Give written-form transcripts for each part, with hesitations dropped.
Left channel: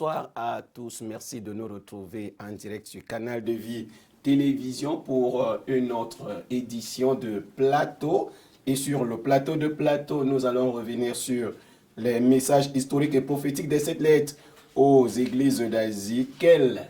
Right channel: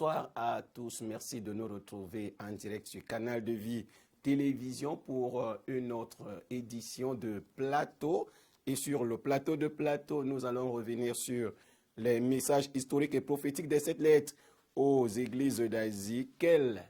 Bonsoir à tous. Merci de nous retrouver en direct sur Canal de Vie Télévision pour une autre édition de Plateau. Et sur le plateau de Plateau, nous allons revenir sur les messages historiques et prophétiques des 7 lettres aux églises d'Asie. Quelles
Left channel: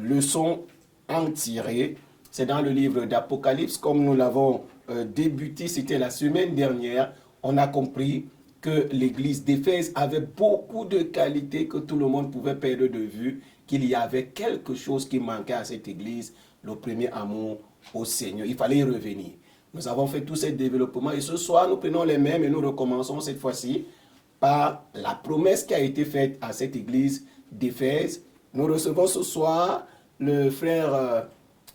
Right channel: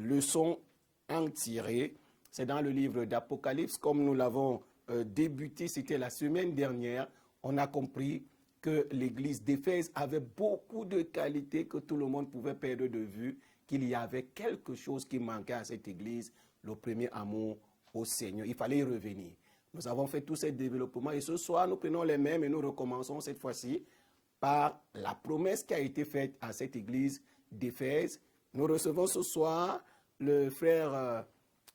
leçons en tirer? C'est dans le livre d'Apocalypse, comme nous l'avons débuté, c'était la semaine dernière. On a compris que l'église d'Éphèse avait beaucoup de qualités que tout le monde pouvait perdre de vue, qu'il y avait quelque chose qui manquait à cette église, le premier amour au Seigneur. Il fallait y revenir. Nous avons fait tous ces développements et ce soir, nous prenons les mêmes et nous recommençons cette fois-ci par la promesse qui a été faite à cette église d'Éphèse. Nous recevons ce soir le frère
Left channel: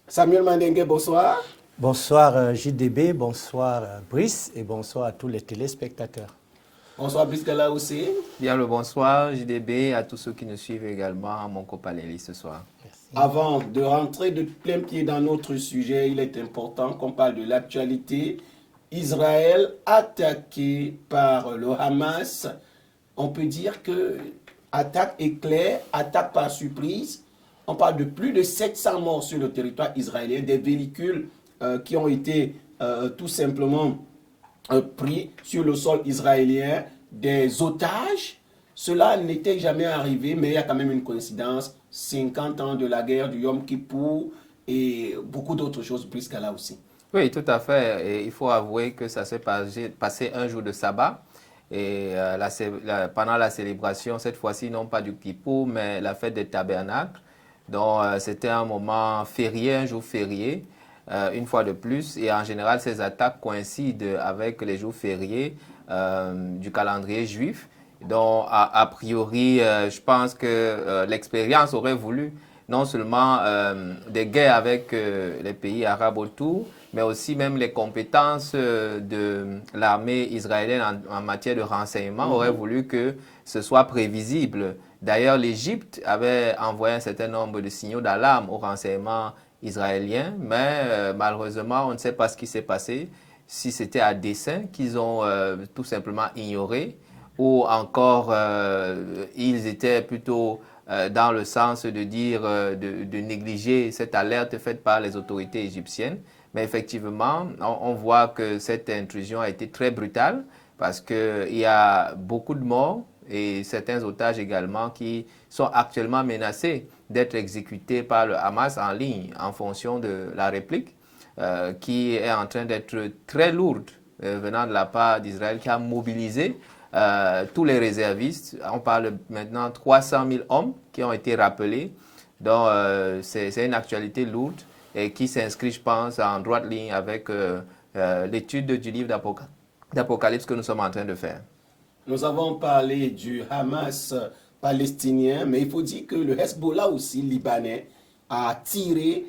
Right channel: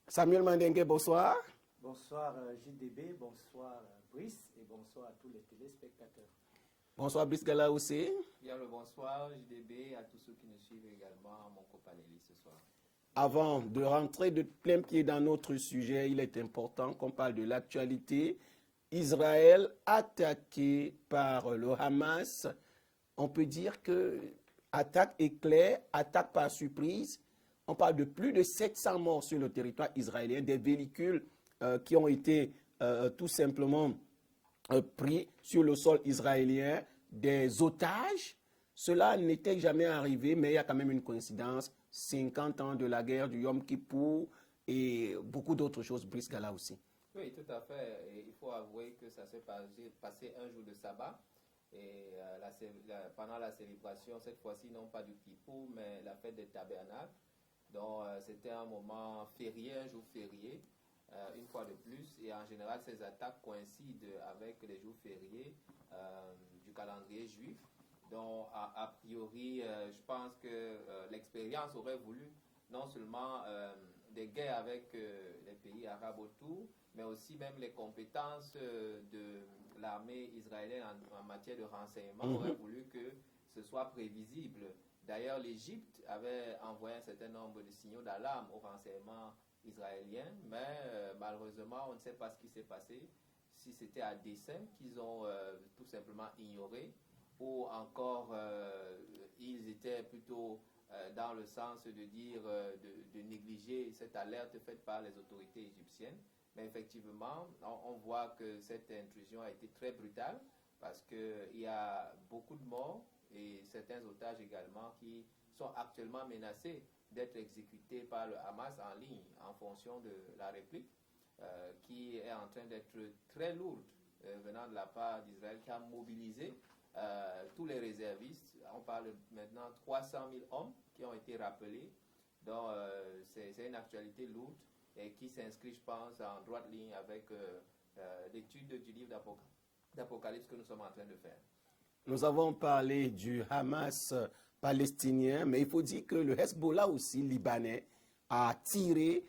Samuel Mandengue. Bonsoir. Bonsoir JDB, bonsoir Brice et bonsoir à tous les téléspectateurs. Bonsoir Brice Gala aussi. Bien le bonsoir JDB, à tous ceux qui nous suivent également à mon copalélie ce soir. Merci. Avant de rentrer de plein pied dans notre sujet, il est important qu'on parle de l'actualité. Israël attaqué par le Hamas. On peut dire que attaque éclair, attaque par surprise. On parle de plus de 700 morts sur le territoire israélien, des véhicules qui ont été tout simplement pris sur le sol israélien, des otages. Cela n'était jamais arrivé, mais il y a quand même une coïncidence. 50 ans de la guerre du Yom Kippour et beaucoup d'autres choses, Brice Gala aussi. Oui, tout à fait. Et il faut avouer que ça s'est passé un jour de sabbat. Et pendant la célébration, cette fois-ci, non pas du Kippour, mais la fête des tabernacles. Donc, c'était un moment férié, un jour férié. Une fois de plus, et en général, ces attaques coïncident avec les jours fériés du calendrier juif. Donc, a priori, je pense que l'expérience aurait voulu non seulement des guerres avec les pays arabes autour, mais aussi même les compétences de l'armée israélienne en matière de renseignement auraient voulu que ce soit prévisible. D'ailleurs, l'Égypte avait envoyé un certain nombre de signaux d'alarme au renseignement israéliens, mais malheureusement, on ne sait pas ce qui s'est passé, si c'était à dessein qu'ils ont tout simplement ignoré, ou encore ils étaient plutôt dans le sens de dire, de négliger cette alerte faite par les autorités égyptiennes. Mais effectivement, on voit que cette intrusion a été très brutale, parce qu'il y a beaucoup de morts et certains otages également qui sont actuellement menacés d'être exécutés par le Hamas en ligne en fonction de la réplique qui est en train d'être très lourde venant de la part d'Israël, qui a mobilisé tous les réservistes. On parle maintenant de 300 000 hommes qui ont été rappelés. Donc c'est une actualité lourde et qui s'inscrit, je pense, en droite ligne avec l'étude du livre d'Apocalypse que nous sommes en train de faire. Nous avons parlé du Hamas palestinien, mais il faut dire que le Hezbollah aussi libanais a tiré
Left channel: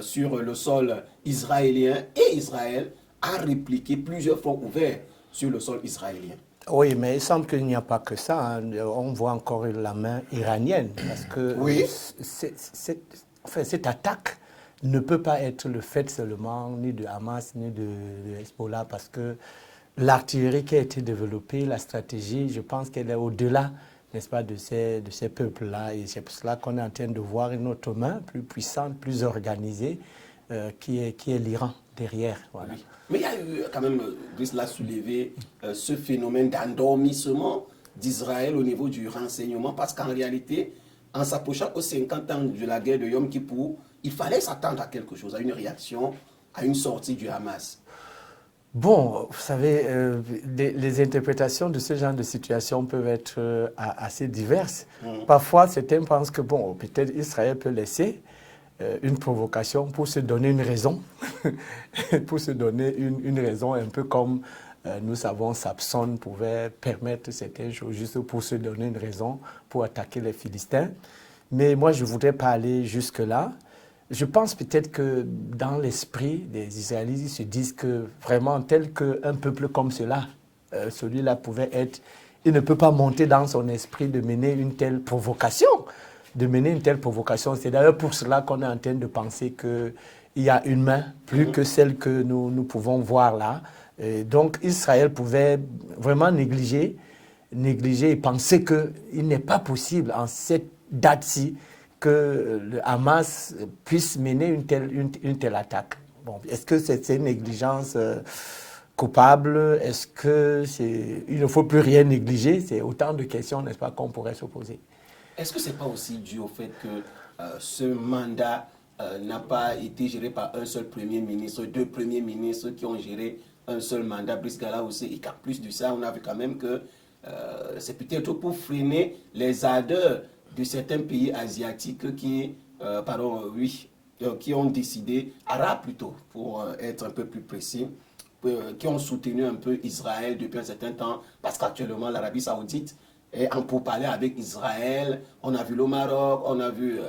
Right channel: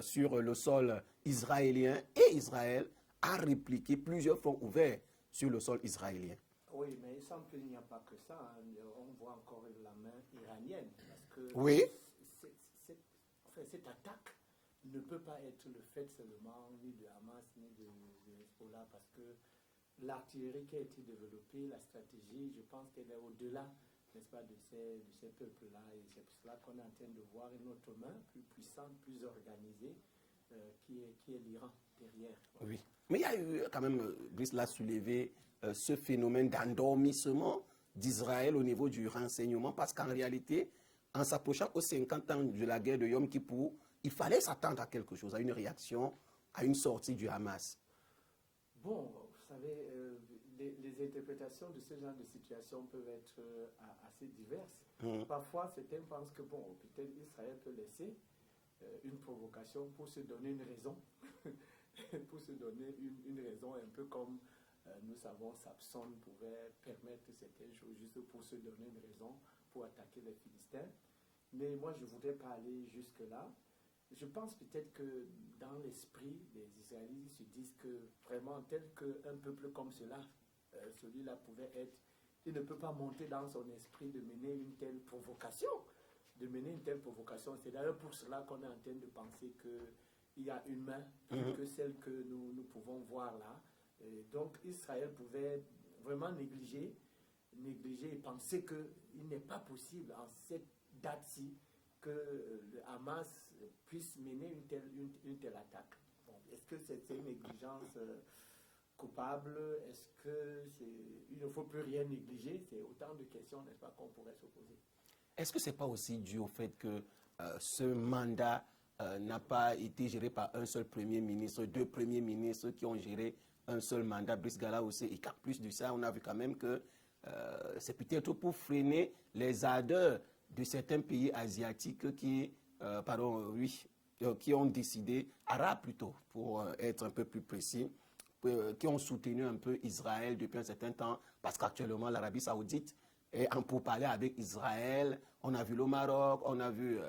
sur le sol israélien et Israël a répliqué plusieurs fois ouverts sur le sol israélien. Oui, mais il semble qu'il n'y a pas que ça. Hein. On voit encore la main iranienne parce que oui. Cette attaque ne peut pas être le fait seulement ni de Hamas ni de Hezbollah parce que l'artillerie qui a été développée, la stratégie, je pense qu'elle est au-delà, n'est-ce pas, de ces peuples-là. Et c'est pour cela qu'on est en train de voir une autre main plus puissante, plus organisée, qui est l'Iran derrière. Voilà. Oui. Mais il y a eu quand même, Brice l'a soulevé, ce phénomène d'endormissement d'Israël au niveau du renseignement, parce qu'en réalité, en s'approchant aux 50 ans de la guerre de Yom Kippour, il fallait s'attendre à quelque chose, à une réaction, à une sortie du Hamas. Bon, vous savez, les interprétations de ce genre de situation peuvent être assez diverses. Parfois, certains pensent que, bon, peut-être Israël peut laisser une provocation pour se donner une raison, pour se donner une raison, un peu comme nous savons Samson pouvait permettre certaines choses juste pour se donner une raison pour attaquer les Philistins. Mais moi, je ne voudrais pas aller jusque-là. Je pense peut-être que dans l'esprit des Israélites, ils se disent que vraiment tel qu'un peuple comme cela, celui-là pouvait être, il ne peut pas monter dans son esprit de mener une telle provocation. C'est d'ailleurs pour cela qu'on est en train de penser qu'il y a une main plus que celle que nous pouvons voir là. Et donc Israël pouvait vraiment négliger négliger et penser qu'il n'est pas possible en cette date-ci que le Hamas puisse mener une telle attaque. Bon, est-ce que c'est une négligence coupable? Est-ce qu'il ne faut plus rien négliger? C'est autant de questions, n'est-ce pas, qu'on pourrait se poser. Est-ce que ce n'est pas aussi dû au fait que ce mandat n'a pas été géré par un seul Premier ministre, deux Premiers ministres qui ont géré un seul mandat, Brice Gala aussi, et qu'en plus de ça, on a vu quand même que c'est peut-être pour freiner les ardeurs de certains pays asiatiques qui ont décidé, arabes plutôt, pour être un peu plus précis, qui ont soutenu un peu Israël depuis un certain temps, parce qu'actuellement l'Arabie Saoudite est en pourparlers avec Israël. On a vu le Maroc, on a vu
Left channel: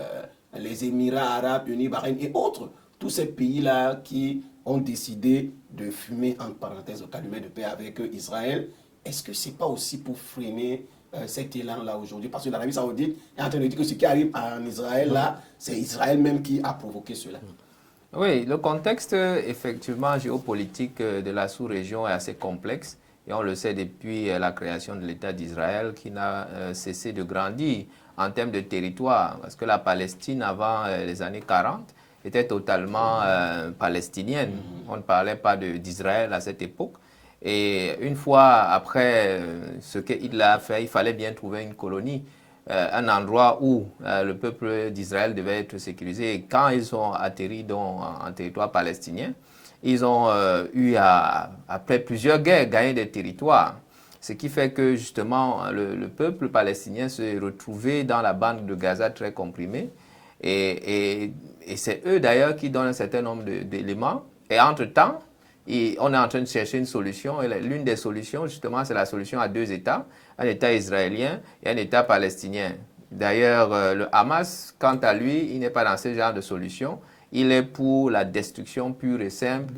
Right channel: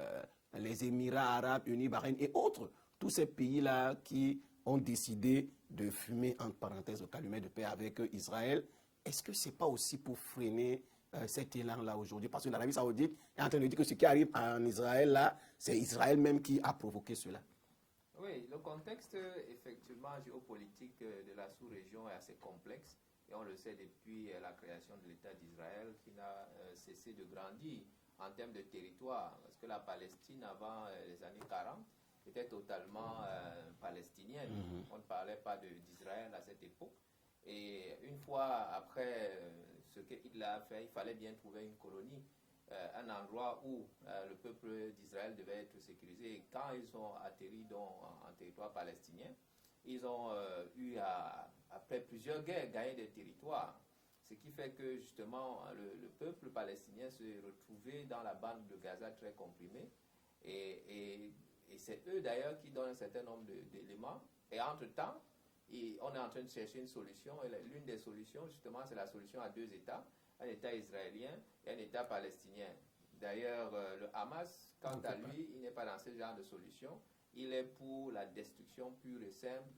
les Émirats Arabes Unis, Bahreïn et autres. Tous ces pays-là qui ont décidé de fumer, entre parenthèses, au calumet de paix avec Israël. Est-ce que ce n'est pas aussi pour freiner cet élan-là aujourd'hui? Parce que l'Arabie Saoudite est en train de dire que ce qui arrive en Israël, là, c'est Israël même qui a provoqué cela. Oui, le contexte, effectivement, géopolitique de la sous-région est assez complexe. Et on le sait depuis la création de l'État d'Israël qui n'a cessé de grandir en termes de territoire. Parce que la Palestine, avant les années 40, était totalement palestinienne. On ne parlait pas d'Israël à cette époque. Et une fois après ce qu'il a fait, il fallait bien trouver une colonie, un endroit où le peuple d'Israël devait être sécurisé. Et quand ils ont atterri en territoire palestinien, ils ont après plusieurs guerres, gagné des territoires. Ce qui fait que justement le peuple palestinien se retrouvait dans la bande de Gaza très comprimée. Et c'est eux d'ailleurs qui donnent un certain nombre d'éléments. Et entre-temps, on est en train de chercher une solution. Et l'une des solutions, justement, c'est la solution à deux États. Un État israélien et un État palestinien. D'ailleurs, le Hamas, quant à lui, il n'est pas dans ce genre de solution. Il est pour la destruction pure et simple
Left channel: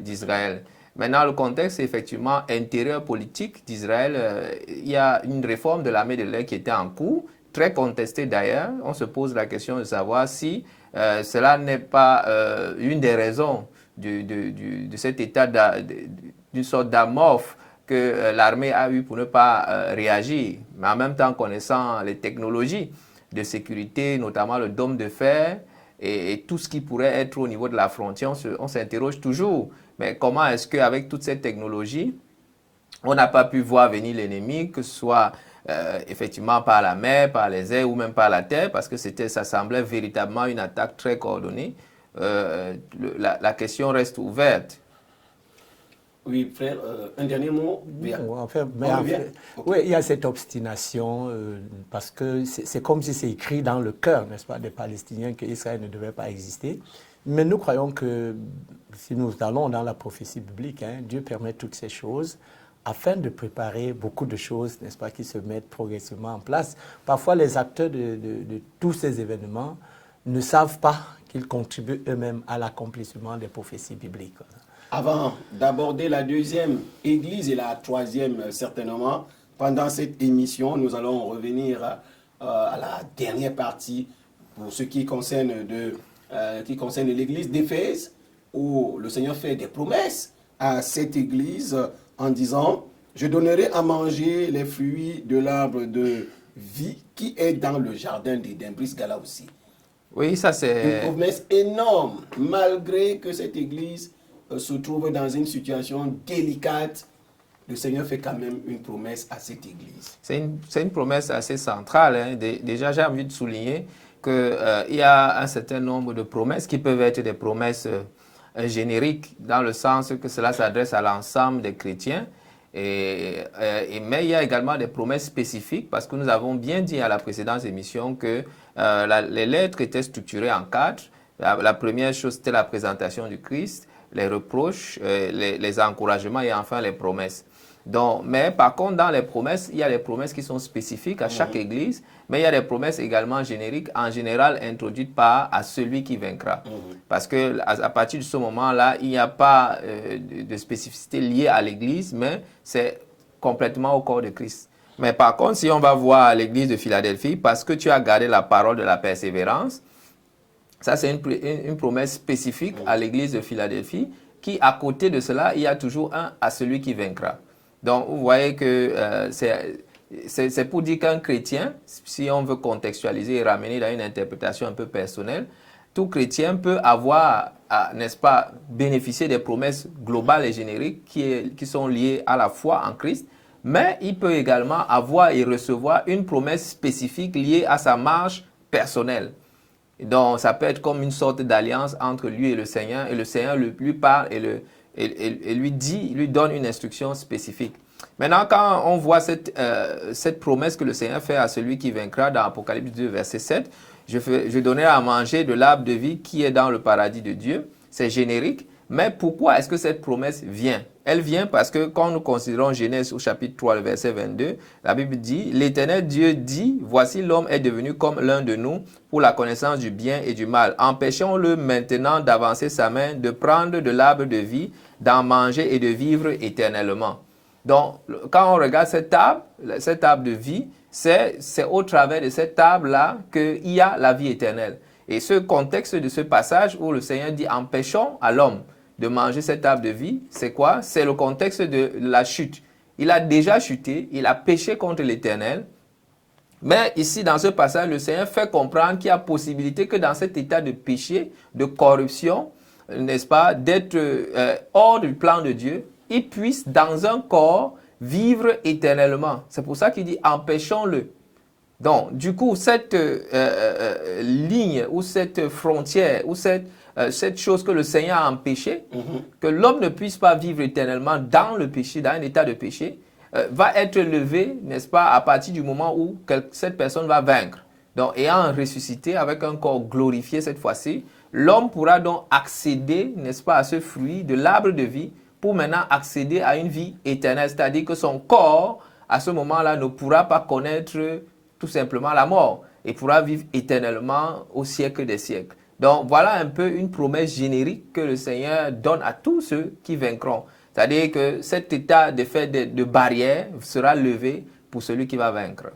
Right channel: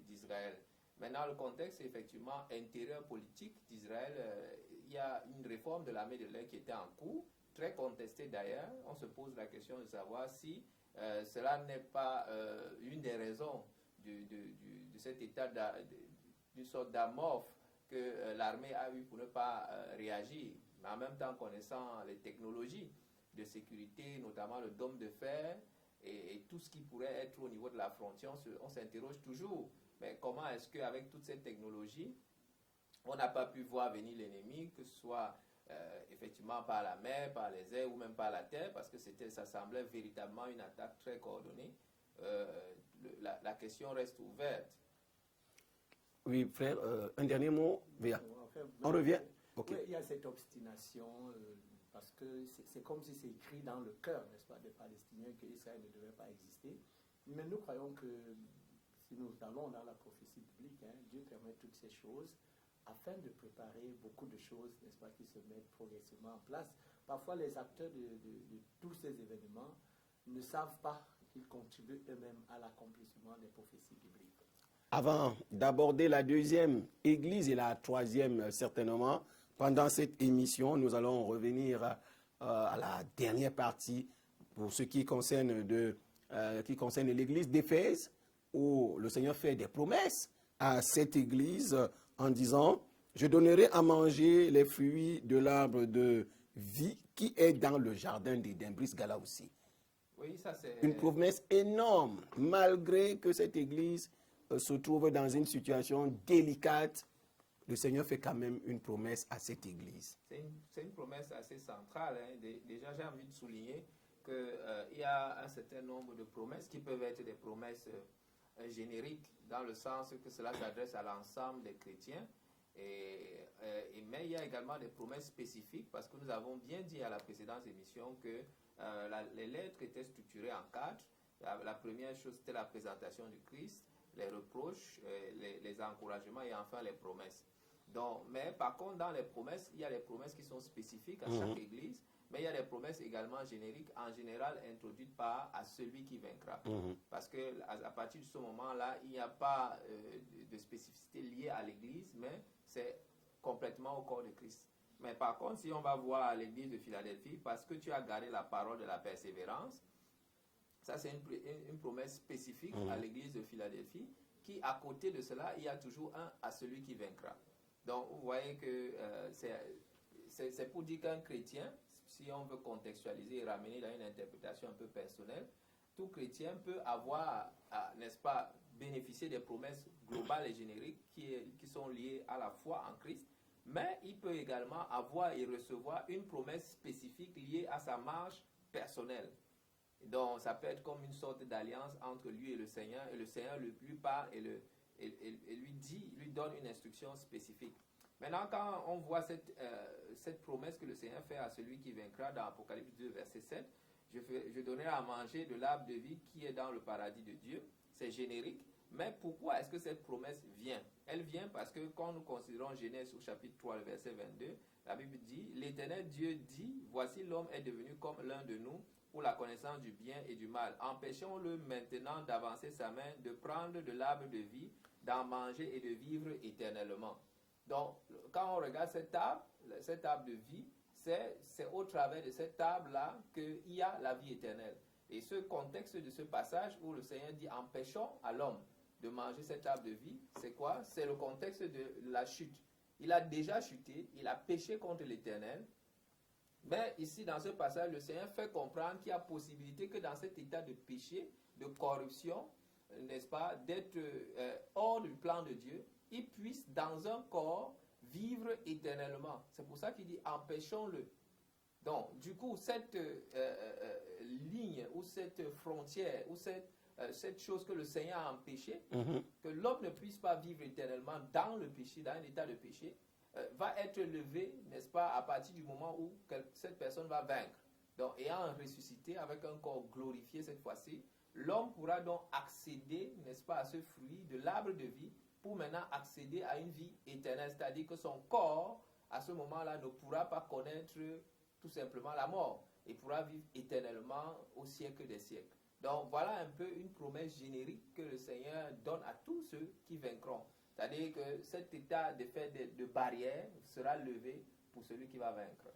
d'Israël. Maintenant, le contexte, effectivement, intérieur politique d'Israël, il y a une réforme de l'armée de l'air qui était en cours, très contestée d'ailleurs. On se pose la question de savoir si cela n'est pas une des raisons de cet état d'une sorte d'amorphe que l'armée a eu pour ne pas réagir. Mais en même temps, connaissant les technologies de sécurité, notamment le dôme de fer et tout ce qui pourrait être au niveau de la frontière, on s'interroge toujours. Mais comment est-ce qu'avec toute cette technologie, on n'a pas pu voir venir l'ennemi, que ce soit effectivement par la mer, par les airs ou même par la terre, parce que ça semblait véritablement une attaque très coordonnée. La question reste ouverte. Oui, frère, un dernier mot. Oui, il y a cette obstination parce que c'est comme si c'est écrit dans le cœur, n'est-ce pas, des Palestiniens qu'Israël ne devait pas exister. Mais nous croyons que si nous allons dans la prophétie biblique, Dieu permet toutes ces choses afin de préparer beaucoup de choses, n'est-ce pas, qui se mettent progressivement en place. Parfois, les acteurs de tous ces événements ne savent pas qu'ils contribuent eux-mêmes à l'accomplissement des prophéties bibliques. Avant d'aborder la deuxième église et la troisième, certainement, pendant cette émission, nous allons revenir à la dernière partie pour ce qui concerne l'église d'Éphèse, où le Seigneur fait des promesses à cette église en disant « Je donnerai à manger les fruits de l'arbre de vie qui est dans le jardin d'Éden. » Brice Gala aussi. Oui, ça c'est... Une promesse énorme, malgré que cette église se trouve dans une situation délicate. Le Seigneur fait quand même une promesse à cette église. C'est une promesse assez centrale. Déjà, j'ai envie de souligner qu'il y a un certain nombre de promesses qui peuvent être des promesses génériques, dans le sens que cela s'adresse à l'ensemble des chrétiens. Mais il y a également des promesses spécifiques, parce que nous avons bien dit à la précédente émission que les lettres étaient structurées en quatre. La première chose, c'était la présentation du Christ, les reproches, les encouragements et enfin les promesses. Donc, mais par contre, dans les promesses, il y a des promesses qui sont spécifiques à chaque église, mais il y a des promesses également génériques, en général introduites à celui qui vaincra. Parce qu'à partir de ce moment-là, il n'y a pas de spécificité liée à l'église, mais c'est complètement au corps de Christ. Mais par contre, si on va voir l'église de Philadelphie, parce que tu as gardé la parole de la persévérance, ça, c'est une promesse spécifique à l'église de Philadelphie, qui, à côté de cela, il y a toujours un à celui qui vaincra. Donc, vous voyez que c'est pour dire qu'un chrétien, si on veut contextualiser et ramener dans une interprétation un peu personnelle, tout chrétien peut avoir, n'est-ce pas, bénéficier des promesses globales et génériques qui sont liées à la foi en Christ, mais il peut également avoir et recevoir une promesse spécifique liée à sa marche personnelle. Donc, ça peut être comme une sorte d'alliance entre lui et le Seigneur lui parle et lui donne une instruction spécifique. Maintenant, quand on voit cette promesse que le Seigneur fait à celui qui vaincra dans Apocalypse 2, verset 7, je donnerai à manger de l'arbre de vie qui est dans le paradis de Dieu. C'est générique, mais pourquoi est-ce que cette promesse vient? Elle vient parce que quand nous considérons Genèse au chapitre 3, le verset 22, la Bible dit, l'Éternel Dieu dit, voici l'homme est devenu comme l'un de nous pour la connaissance du bien et du mal. Empêchons-le maintenant d'avancer sa main, de prendre de l'arbre de vie, d'en manger et de vivre éternellement. Donc, quand on regarde cette arbre de vie, c'est au travers de cette arbre-là qu'il y a la vie éternelle. Et ce contexte de ce passage où le Seigneur dit « empêchons à l'homme de manger cet arbre de vie », c'est quoi? C'est le contexte de la chute. Il a déjà chuté, il a péché contre l'Éternel. Mais ici, dans ce passage, le Seigneur fait comprendre qu'il y a possibilité que dans cet état de péché, de corruption, n'est-ce pas, d'être hors du plan de Dieu, il puisse dans un corps vivre éternellement. C'est pour ça qu'il dit empêchons-le. Donc, du coup, cette ligne ou cette frontière ou cette chose que le Seigneur a empêchée, que l'homme ne puisse pas vivre éternellement dans le péché, dans un état de péché, va être levée, n'est-ce pas, à partir du moment où cette personne va vaincre. Donc, ayant ressuscité avec un corps glorifié cette fois-ci, l'homme pourra donc accéder, n'est-ce pas, à ce fruit de l'arbre de vie pour maintenant accéder à une vie éternelle. C'est-à-dire que son corps, à ce moment-là, ne pourra pas connaître tout simplement la mort et pourra vivre éternellement au siècle des siècles. Donc, voilà un peu une promesse générique que le Seigneur donne à tous ceux qui vaincront. C'est-à-dire que cet état de barrière sera levé pour celui qui va vaincre.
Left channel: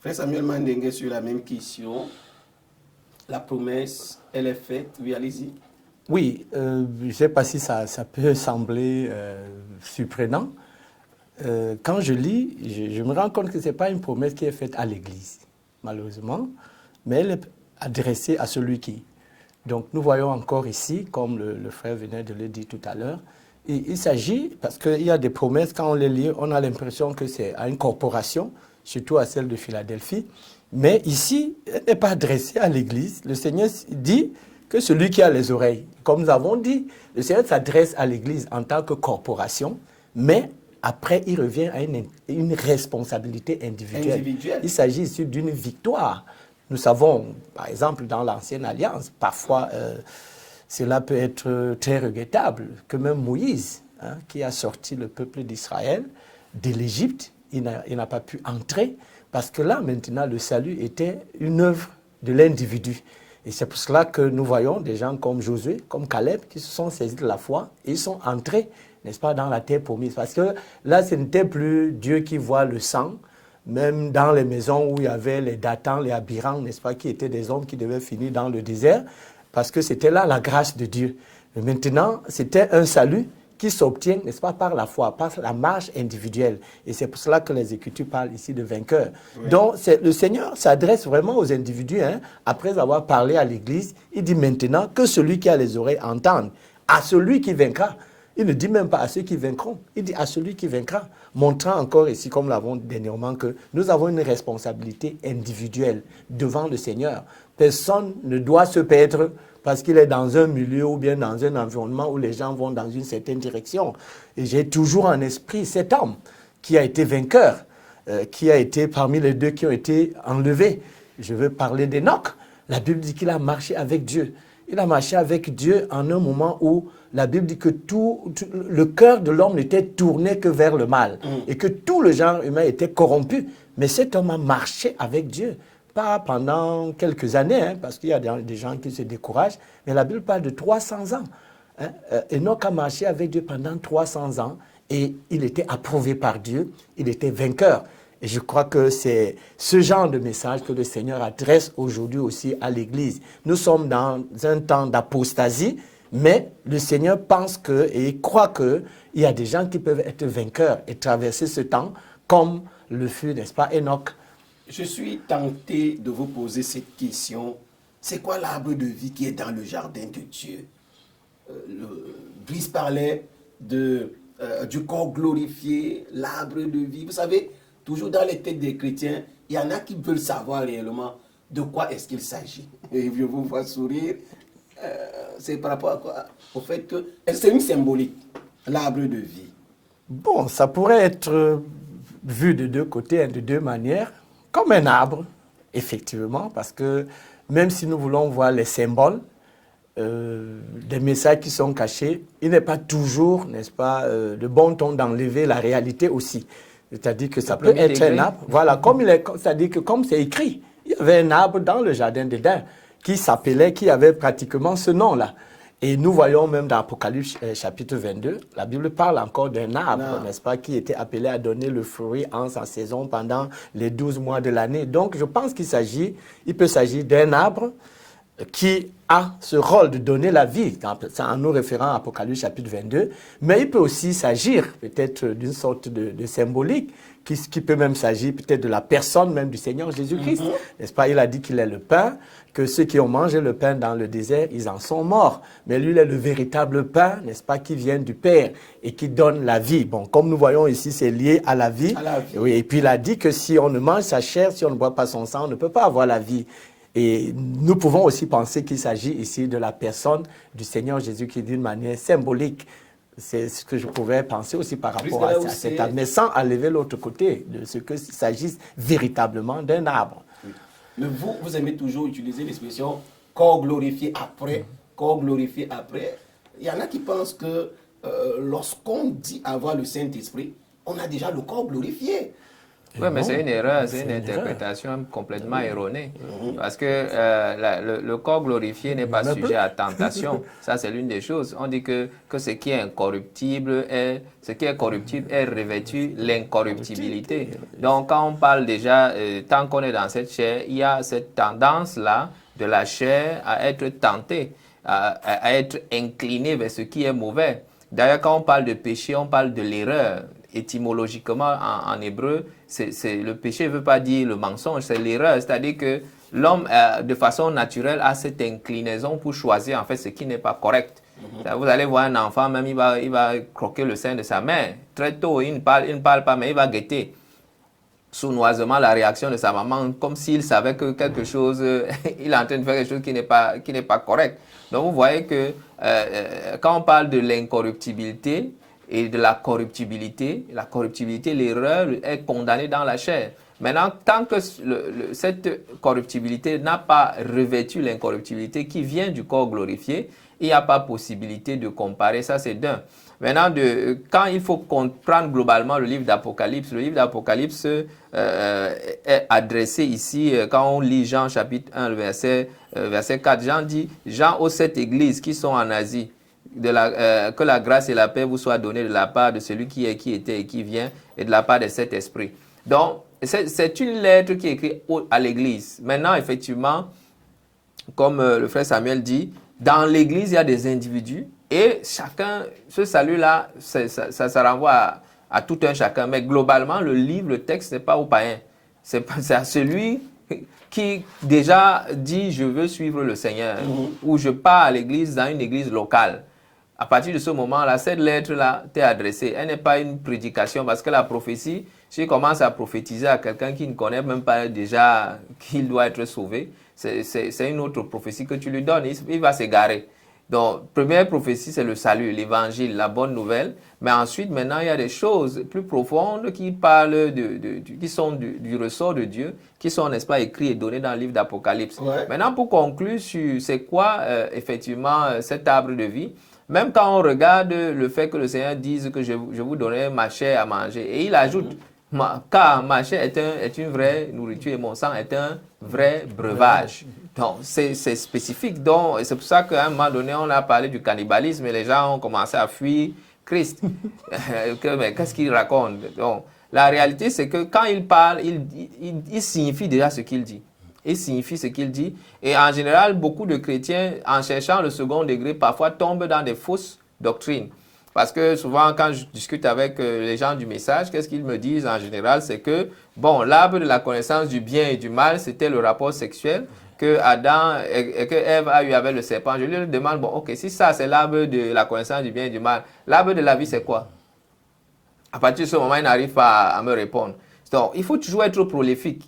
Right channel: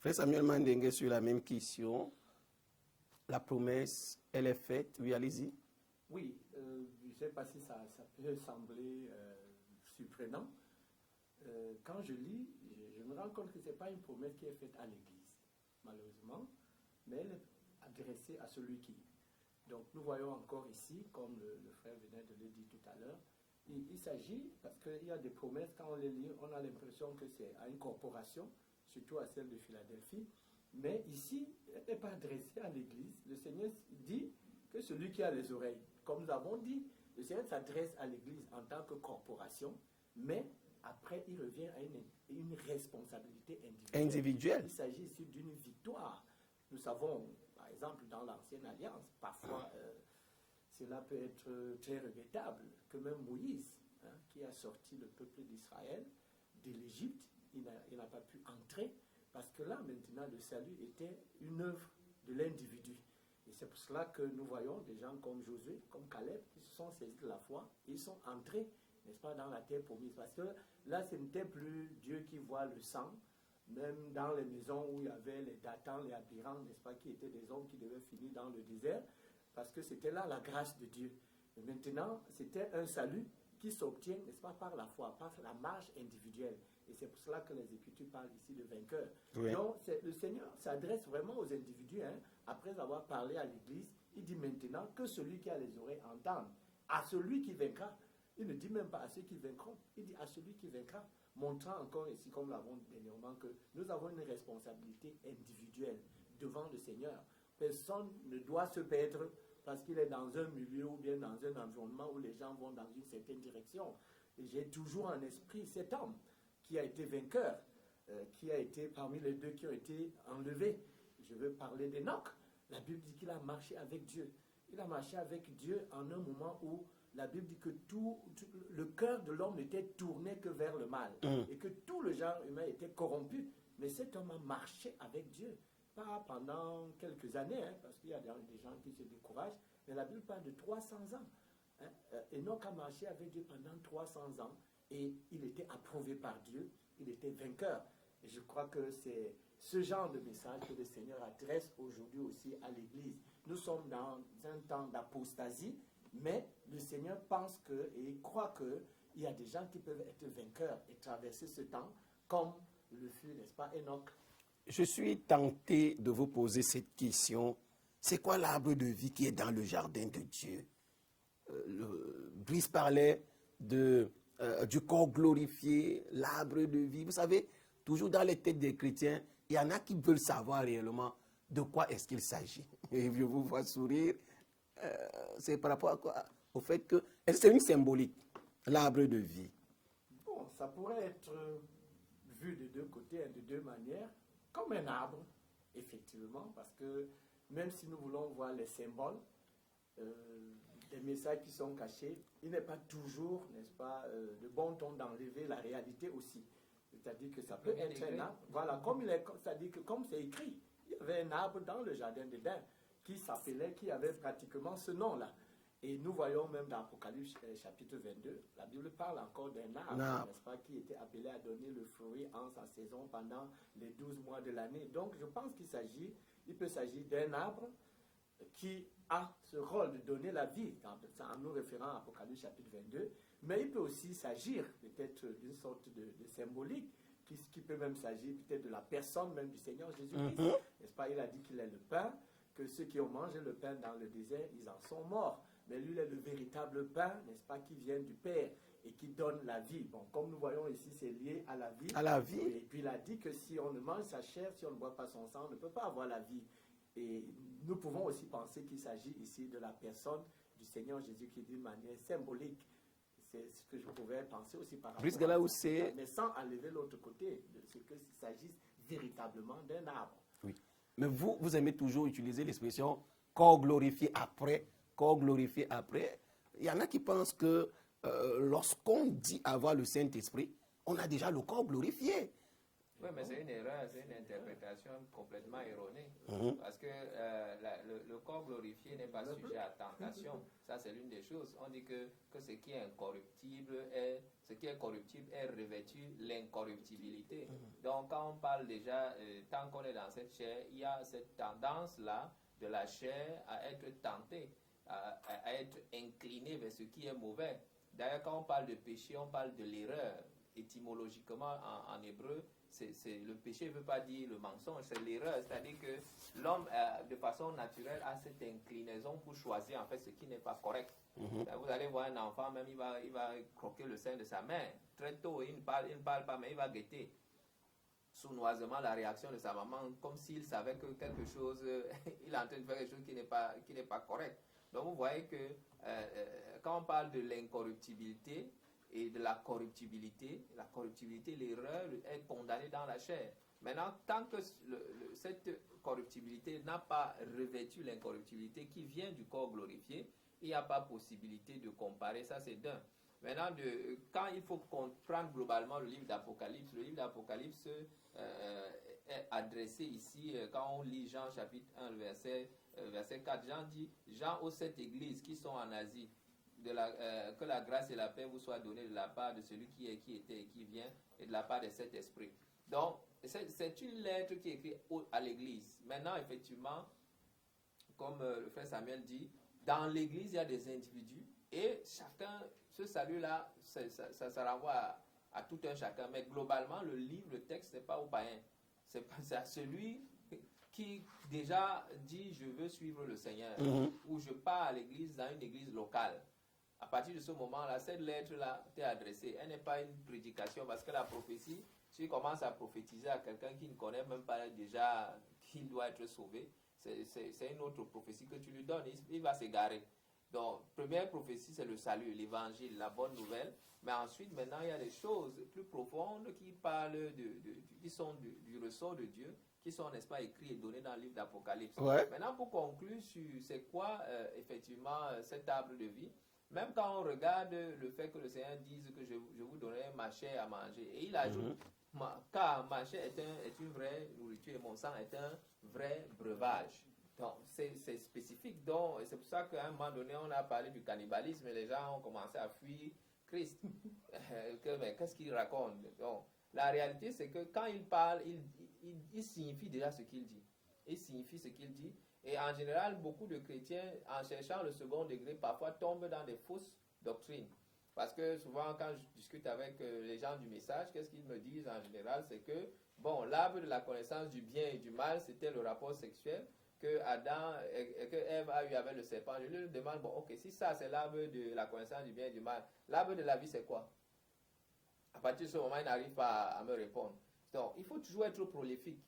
Frère Samuel Mandengue, sur la même question, la promesse, elle est faite. Oui, allez-y. Oui, je ne sais pas si ça peut sembler surprenant. Quand je lis, je me rends compte que ce n'est pas une promesse qui est faite à l'Église, malheureusement, mais elle est adressée à celui qui. Donc nous voyons encore ici, comme le frère venait de le dire tout à l'heure, il s'agit, parce qu'il y a des promesses, quand on les lit, on a l'impression que c'est à une corporation, surtout à celle de Philadelphie, mais ici, elle n'est pas adressée à l'Église. Le Seigneur dit que celui qui a les oreilles, comme nous avons dit, le Seigneur s'adresse à l'Église en tant que corporation, mais après, il revient à une responsabilité individuelle. Il s'agit ici d'une victoire. Nous savons, par exemple, dans l'Ancienne Alliance, parfois, cela peut être très regrettable, que même Moïse, qui a sorti le peuple d'Israël de l'Égypte, il n'a pas pu entrer, parce que là, maintenant, le salut était une œuvre de l'individu. Et c'est pour cela que nous voyons des gens comme Josué, comme Caleb, qui se sont saisis de la foi, et ils sont entrés, n'est-ce pas, dans la terre promise. Parce que là, ce n'était plus Dieu qui voit le sang, même dans les maisons où il y avait les Dathans, les Abiram, n'est-ce pas, qui étaient des hommes qui devaient finir dans le désert, parce que c'était là la grâce de Dieu. Mais maintenant, c'était un salut qui s'obtient, n'est-ce pas, par la foi, par la marche individuelle. Et c'est pour cela que les Écritures parlent ici de vainqueurs. Oui. Donc, le Seigneur s'adresse vraiment aux individus, après avoir parlé à l'Église. Il dit maintenant que celui qui a les oreilles entende, à celui qui vaincra. Il ne dit même pas à ceux qui vaincront, il dit à celui qui vaincra, montrant encore ici, comme l'avons dit dernièrement, que nous avons une responsabilité individuelle devant le Seigneur. Personne ne doit se perdre parce qu'il est dans un milieu ou bien dans un environnement où les gens vont dans une certaine direction. Et j'ai toujours en esprit cet homme qui a été vainqueur, qui a été parmi les deux qui ont été enlevés. Je veux parler d'Enoch. La Bible dit qu'il a marché avec Dieu. Il a marché avec Dieu en un moment où la Bible dit que le cœur de l'homme n'était tourné que vers le mal et que tout le genre humain était corrompu. Mais cet homme a marché avec Dieu. Pas pendant quelques années, parce qu'il y a des gens qui se découragent, mais la Bible parle de 300 ans. Enoch a marché avec Dieu pendant 300 ans et il était approuvé par Dieu, il était vainqueur. Et je crois que c'est ce genre de message que le Seigneur adresse aujourd'hui aussi à l'Église. Nous sommes dans un temps d'apostasie, mais le Seigneur pense et croit qu'il y a des gens qui peuvent être vainqueurs et traverser ce temps comme le fut, n'est-ce pas, Enoch. Je suis tenté de vous poser cette question. C'est quoi l'arbre de vie qui est dans le jardin de Dieu? Brice parlait du corps glorifié, l'arbre de vie. Vous savez, toujours dans les têtes des chrétiens, il y en a qui veulent savoir réellement de quoi est-ce qu'il s'agit. Et je vous vois sourire. C'est par rapport à quoi? Au fait que c'est une symbolique, l'arbre de vie. Bon, ça pourrait être vu de deux côtés, de deux manières, comme un arbre, effectivement, parce que même si nous voulons voir les symboles, des messages qui sont cachés, il n'est pas toujours, n'est-ce pas, de bon ton d'enlever la réalité aussi. C'est-à-dire que ça peut être un arbre. Voilà, c'est-à-dire que comme c'est écrit, il y avait un arbre dans le jardin d'Éden qui avait pratiquement ce nom-là. Et nous voyons même dans Apocalypse chapitre 22, la Bible parle encore d'un arbre, n'est-ce pas, qui était appelé à donner le fruit en sa saison pendant les 12 mois de l'année. Donc je pense il peut s'agir d'un arbre qui a ce rôle de donner la vie, en nous référant à Apocalypse chapitre 22, mais il peut aussi s'agir peut-être d'une sorte de symbolique, qui peut même s'agir peut-être de la personne même du Seigneur Jésus-Christ. N'est-ce pas? Il a dit qu'il est le pain, que ceux qui ont mangé le pain dans le désert, ils en sont morts. Mais lui, il est le véritable pain, n'est-ce pas, qui vient du Père et qui donne la vie. Bon, comme nous voyons ici, c'est lié à la vie. Oui, et puis il a dit que si on ne mange sa chair, si on ne boit pas son sang, on ne peut pas avoir la vie. Et nous pouvons aussi penser qu'il s'agit ici de la personne du Seigneur Jésus qui, d'une manière symbolique, c'est ce que je pouvais penser aussi par rapport à cet arbre, mais sans enlever l'autre côté de ce qu'il s'agisse véritablement d'un arbre. Oui. Mais vous aimez toujours utiliser l'expression corps glorifié après, corps glorifié après. Il y en a qui pensent que lorsqu'on dit avoir le Saint-Esprit, on a déjà le corps glorifié. Oui, mais c'est une erreur, c'est une interprétation complètement erronée. Parce que le corps glorifié n'est pas sujet à tentation. Ça, c'est l'une des choses. On dit que ce qui est incorruptible est revêtu l'incorruptibilité. Donc, quand on parle déjà, tant qu'on est dans cette chair, il y a cette tendance-là de la chair à être tentée, à être inclinée vers ce qui est mauvais. D'ailleurs, quand on parle de péché, on parle de l'erreur. Étymologiquement, en hébreu, le péché ne veut pas dire le mensonge, c'est l'erreur. C'est-à-dire que l'homme, de façon naturelle, a cette inclinaison pour choisir en fait ce qui n'est pas correct. Vous allez voir un enfant, même il va croquer le sein de sa mère. Très tôt, il ne parle pas, mais il va guetter sournoisement la réaction de sa maman, comme s'il savait que quelque chose, il est en train de faire quelque chose qui n'est pas correct. Donc vous voyez que quand on parle de l'incorruptibilité, et de la corruptibilité, l'erreur est condamnée dans la chair. Maintenant, tant que cette corruptibilité n'a pas revêtu l'incorruptibilité qui vient du corps glorifié, il n'y a pas possibilité de comparer, ça c'est d'un. Maintenant, quand il faut comprendre globalement le livre d'Apocalypse est adressé ici, quand on lit Jean chapitre 1, verset 4, Jean dit, Jean aux 7 églises qui sont en Asie, que la grâce et la paix vous soient données de la part de celui qui est, qui était et qui vient, et de la part de cet esprit. Donc, c'est une lettre qui est écrite à l'église. Maintenant, effectivement, comme le frère Samuel dit, dans l'église, il y a des individus et chacun, ce salut-là, ça renvoie à tout un chacun. Mais globalement, le texte n'est pas aux païens. C'est à celui qui déjà dit « je veux suivre le Seigneur » ou « je pars à l'église dans une église locale ». À partir de ce moment-là, cette lettre-là t'est adressée. Elle n'est pas une prédication parce que la prophétie, si tu commences à prophétiser à quelqu'un qui ne connaît même pas déjà qu'il doit être sauvé, c'est une autre prophétie que tu lui donnes. Il va s'égarer. Donc, première prophétie, c'est le salut, l'évangile, la bonne nouvelle. Mais ensuite, maintenant, il y a des choses plus profondes qui parlent qui sont du ressort de Dieu, qui sont, n'est-ce pas, écrits et donnés dans le livre d'Apocalypse. Ouais. Maintenant, pour conclure sur c'est quoi, effectivement, cet arbre de vie, même quand on regarde le fait que le Seigneur dise que je vous donnerai ma chair à manger, et il ajoute, car ma chair est une vraie nourriture et mon sang est un vrai breuvage. Donc, c'est spécifique. Donc, c'est pour ça qu'à un moment donné, on a parlé du cannibalisme et les gens ont commencé à fuir Christ. Mais qu'est-ce qu'il raconte? Donc, la réalité, c'est que quand il parle, il signifie déjà ce qu'il dit. Il signifie ce qu'il dit. Et en général, beaucoup de chrétiens, en cherchant le second degré, parfois tombent dans des fausses doctrines. Parce que souvent, quand je discute avec les gens du message, qu'est-ce qu'ils me disent en général? C'est que, bon, l'arbre de la connaissance du bien et du mal, c'était le rapport sexuel que Adam et que Ève a eu avec le serpent. Je lui demande, bon, ok, si ça, c'est l'arbre de la connaissance du bien et du mal, l'arbre de la vie, c'est quoi? À partir de ce moment, il n'arrive pas à me répondre. Donc, il faut toujours être prolifique.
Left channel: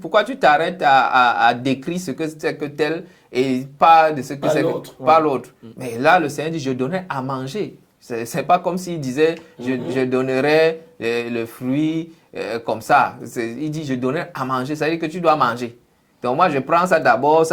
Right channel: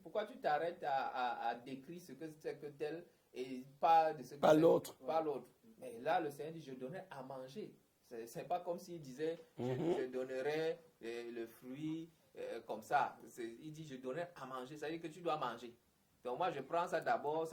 Pourquoi tu t'arrêtes à décrire ce que c'est que tel et pas de ce que c'est pas l'autre? Mais là, le Seigneur dit, je donnerai à manger. C'est pas comme s'il disait, je donnerai le fruit comme ça. Il dit, je donnerai à manger. Ça veut dire que tu dois manger. Donc moi, je prends ça d'abord,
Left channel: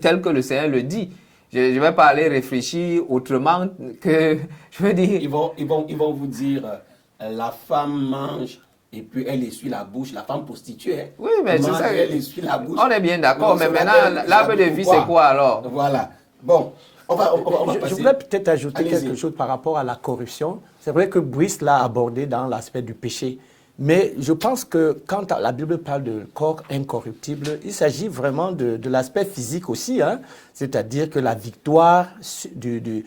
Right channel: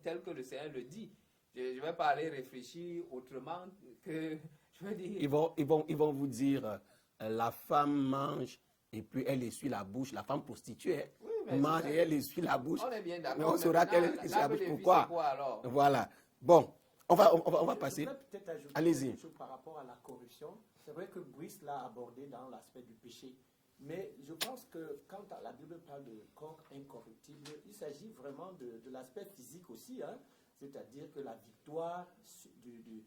tel que le Seigneur le dit. Je ne vais pas aller réfléchir autrement que, je veux dire... Ils vont vous dire, la femme mange et puis elle essuie la bouche, la femme prostituée. Hein. Oui, mais c'est ça. Elle essuie la bouche. On est bien d'accord, mais maintenant, l'arbre de vie, c'est quoi alors? Voilà. Bon, on va passer. Je voudrais peut-être ajouter Allez-y. quelque chose par rapport à la corruption. C'est vrai que Brice l'a abordé dans l'aspect du péché. Mais je pense que quand la Bible parle de corps incorruptible, il s'agit vraiment de l'aspect physique aussi. Hein? C'est-à-dire que la victoire du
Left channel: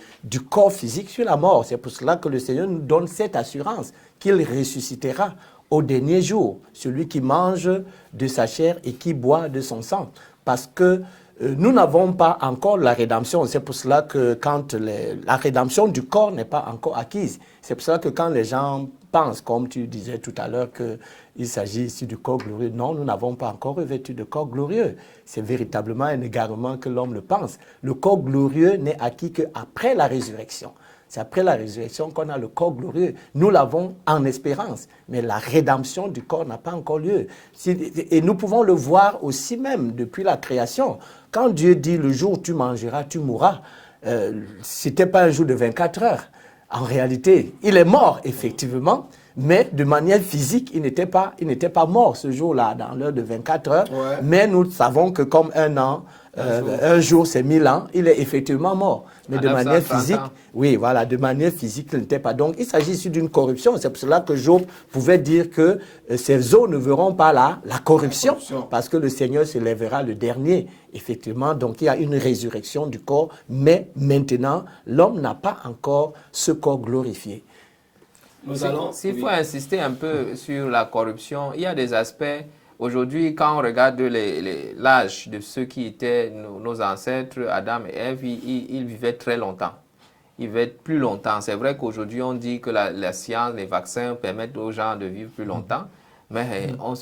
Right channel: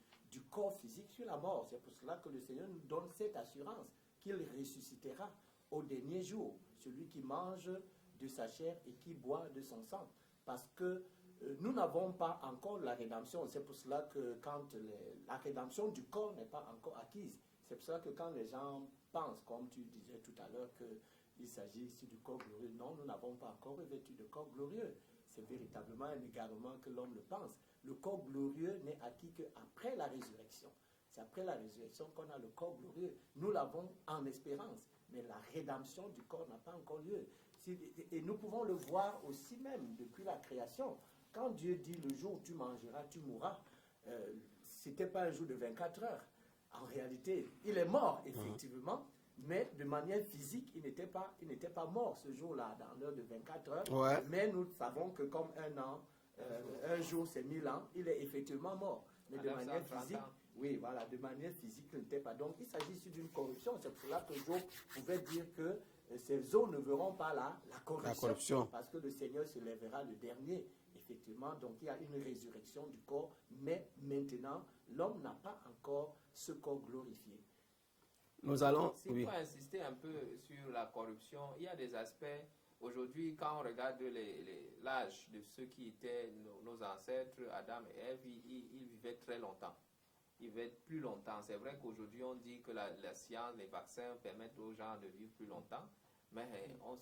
corps physique sur la mort. C'est pour cela que le Seigneur nous donne cette assurance qu'il ressuscitera au dernier jour, celui qui mange de sa chair et qui boit de son sang. Parce que nous n'avons pas encore la rédemption. C'est pour cela que quand la rédemption du corps n'est pas encore acquise, c'est pour cela que quand les gens pensent, comme tu disais tout à l'heure, qu'il s'agit ici du corps glorieux, non, nous n'avons pas encore revêtu de corps glorieux. C'est véritablement un égarement que l'homme le pense. Le corps glorieux n'est acquis qu'après la résurrection. C'est après la résurrection qu'on a le corps glorieux. Nous l'avons en espérance, mais la rédemption du corps n'a pas encore lieu. Et nous pouvons le voir aussi même depuis la création. Quand Dieu dit « le jour où tu mangeras, tu mourras », ce n'était pas un jour de 24 heures. En réalité, il est mort, effectivement, mais de manière physique, il n'était pas mort ce jour-là, dans l'heure de 24 heures. Ouais. Mais nous savons que comme un an, un jour c'est 1000 ans, il est effectivement mort. Mais de manière physique, oui, voilà, de manière physique, il n'était pas. Donc, il s'agit ici d'une corruption. C'est pour cela que Job pouvait dire que ces os ne verront pas la corruption, parce que le Seigneur se lèvera le dernier. Effectivement, donc il y a une résurrection du corps, mais maintenant, l'homme n'a pas encore ce corps glorifié. S'il faut insister un peu sur la corruption, il y a des aspects. Aujourd'hui, quand on regarde l'âge de ceux qui étaient nos ancêtres, Adam et Ève, ils vivaient très longtemps. Ils vivaient plus longtemps. C'est vrai qu'aujourd'hui, on dit que la science, les vaccins permettent aux gens de vivre plus longtemps, mais on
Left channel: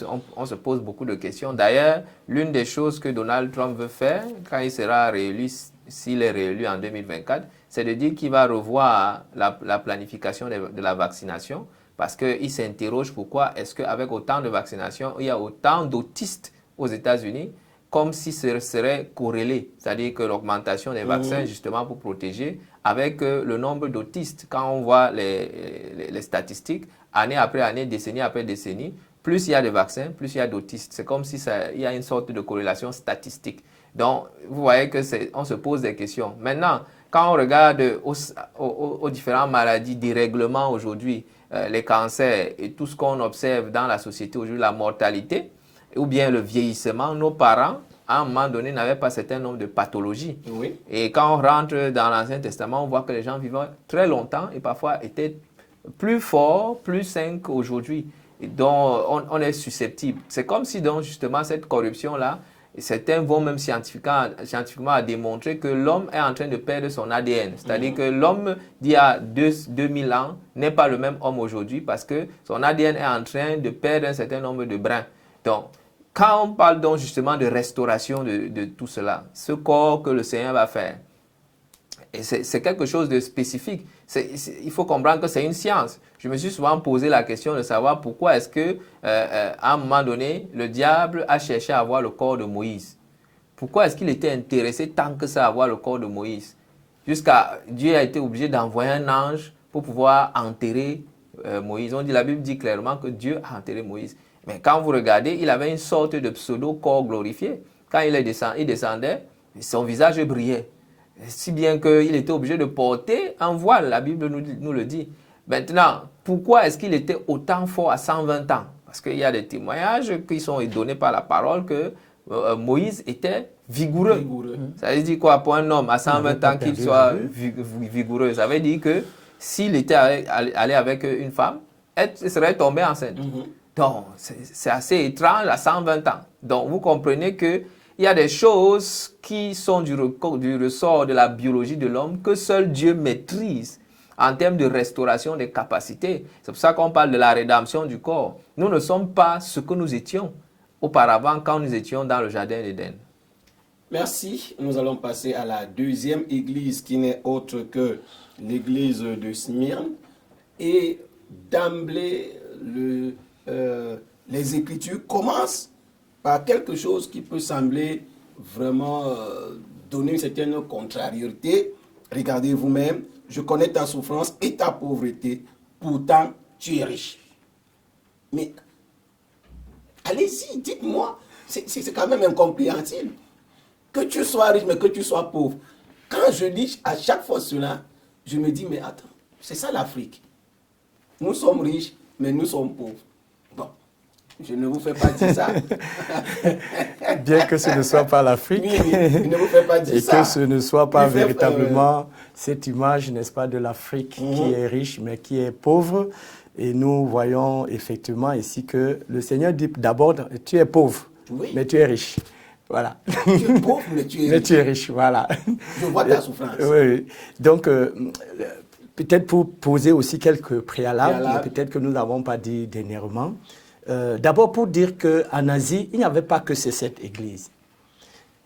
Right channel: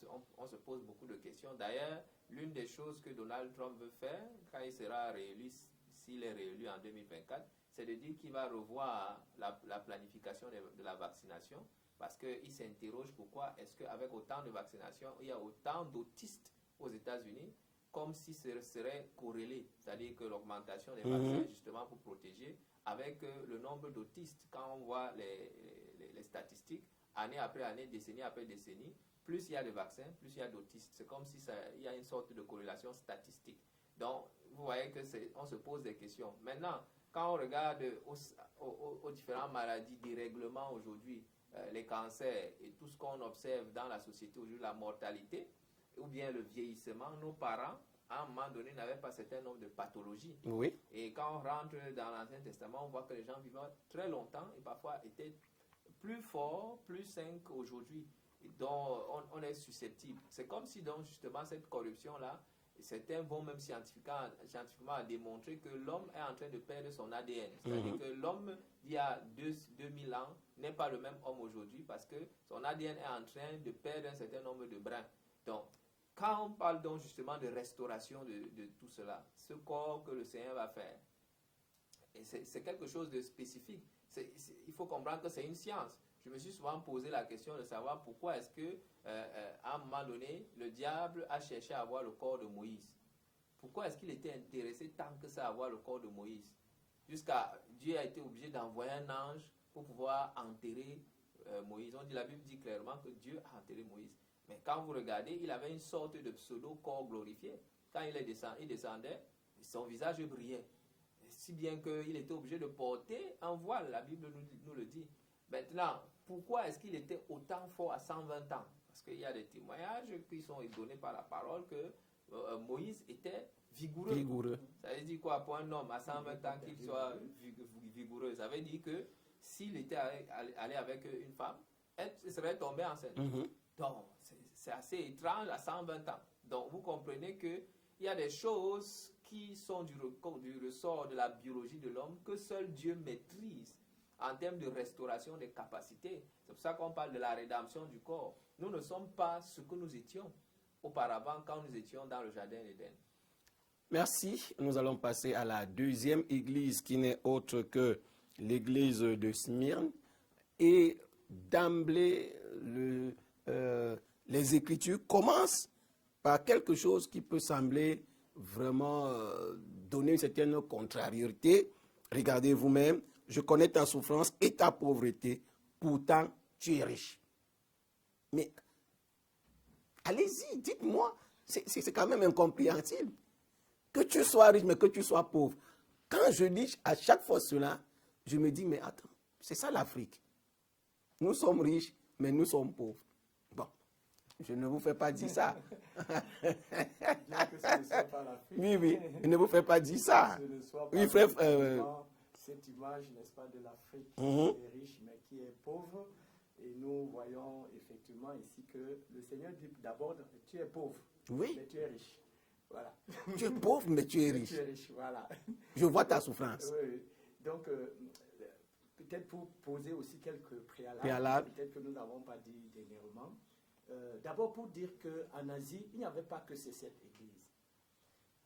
se pose beaucoup de questions. D'ailleurs, l'une des choses que Donald Trump veut faire, quand il sera réélu, s'il est réélu en 2024, c'est de dire qu'il va revoir la planification de la vaccination, parce qu'il s'interroge pourquoi est-ce qu'avec autant de vaccinations, il y a autant d'autistes aux États-Unis, comme si ce serait corrélé. C'est-à-dire que l'augmentation des vaccins, justement pour protéger, avec le nombre d'autistes, quand on voit les statistiques, année après année, décennie après décennie, plus il y a de vaccins, plus il y a d'autistes. C'est comme si il y a une sorte de corrélation statistique. Donc, vous voyez qu'on se pose des questions. Maintenant, quand on regarde aux différentes maladies, dérèglements aujourd'hui, les cancers et tout ce qu'on observe dans la société aujourd'hui, la mortalité ou bien le vieillissement, nos parents, à un moment donné, n'avaient pas un certain nombre de pathologies. Oui. Et quand on rentre dans l'Ancien Testament, on voit que les gens vivaient très longtemps et parfois étaient plus forts, plus sains qu'aujourd'hui. Donc, on est susceptible. C'est comme si, donc, justement, cette corruption-là, certains vont même scientifiquement démontrer que l'homme est en train de perdre son ADN. C'est-à-dire que l'homme d'il y a 2000 ans n'est pas le même homme aujourd'hui parce que son ADN est en train de perdre un certain nombre de brins. Donc, quand on parle donc justement de restauration de tout cela, ce corps que le Seigneur va faire, c'est quelque chose de spécifique. Il faut comprendre que c'est une science. Je me suis souvent posé la question de savoir pourquoi est-ce que, à un moment donné, le diable a cherché à avoir le corps de Moïse. Pourquoi est-ce qu'il était intéressé tant que ça à avoir le corps de Moïse? Jusqu'à Dieu a été obligé d'envoyer un ange pour pouvoir enterrer Moïse. La Bible dit clairement que Dieu a enterré Moïse. Mais quand vous regardez, il avait une sorte de pseudo-corps glorifié. Quand il descendait, son visage brillait. Si bien qu'il était obligé de porter un voile, la Bible nous le dit. Maintenant, pourquoi est-ce qu'il était autant fort à 120 ans? Parce qu'il y a des témoignages qui sont donnés par la parole que Moïse était vigoureux. Vigoureux. Ça veut dire quoi pour un homme à 120 ans qu'il soit vigoureux? Ça veut dire que s'il était allé avec une femme, elle serait tombée enceinte. Donc, c'est assez étrange à 120 ans. Donc, vous comprenez qu'il y a des choses qui sont du ressort de la biologie de l'homme que seul Dieu maîtrise en termes de restauration des capacités. C'est pour ça qu'on parle de la rédemption du corps. Nous ne sommes pas ce que nous étions auparavant quand nous étions dans le jardin d'Éden. Merci. Nous allons passer à la deuxième église qui n'est autre que l'église de Smyrne. Et d'emblée, les Écritures commencent par quelque chose qui peut sembler vraiment donner une certaine contrariété. Regardez vous-même, je connais ta souffrance et ta pauvreté, pourtant tu es riche. Mais allez-y, dites-moi, c'est quand même incompréhensible. Que tu sois riche, mais que tu sois pauvre. Quand je dis à chaque fois cela, je me dis, mais attends, c'est ça l'Afrique. Nous sommes riches, mais nous sommes pauvres. Bon, je ne vous fais pas dire ça. Bien que ce ne soit pas l'Afrique. Oui, je ne vous fais pas dire ça. Et que ce ne soit pas véritablement cette image, n'est-ce pas, de l'Afrique qui est riche, mais qui est pauvre. Et nous voyons effectivement ici que le Seigneur dit d'abord, tu es pauvre, mais tu es riche. Voilà. Tu es pauvre, mais tu es riche. Mais tu es riche, voilà. Je vois ta souffrance. Oui. Donc, peut-être pour poser aussi quelques préalables. Peut-être que nous n'avons pas dit dernièrement. D'abord, pour dire qu'en Asie, il n'y avait pas que cette église.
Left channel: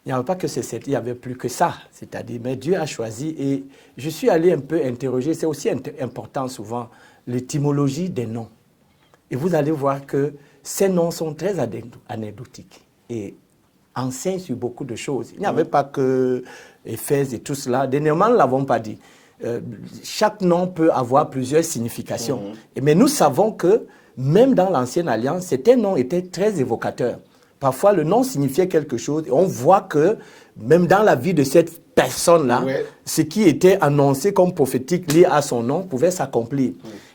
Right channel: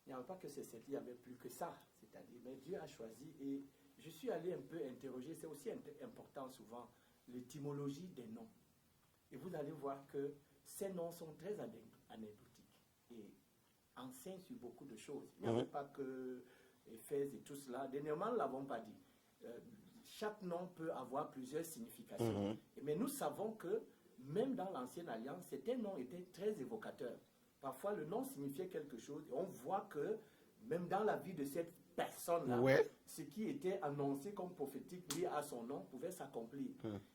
Il n'y avait pas que il n'y avait plus que ça. C'est-à-dire, mais Dieu a choisi. Et je suis allé un peu interroger, c'est aussi important souvent, l'étymologie des noms. Et vous allez voir que ces noms sont très anecdotiques et enseignent sur beaucoup de choses. Il n'y avait pas que Éphèse et tout cela. Dernièrement, nous ne l'avons pas dit. Chaque nom peut avoir plusieurs significations. Mais nous savons que même dans l'Ancienne Alliance, certains noms étaient très évocateurs. Parfois, le nom signifiait quelque chose et on voit que même dans la vie de cette personne-là, ce qui était annoncé comme prophétique lié à son nom pouvait s'accomplir.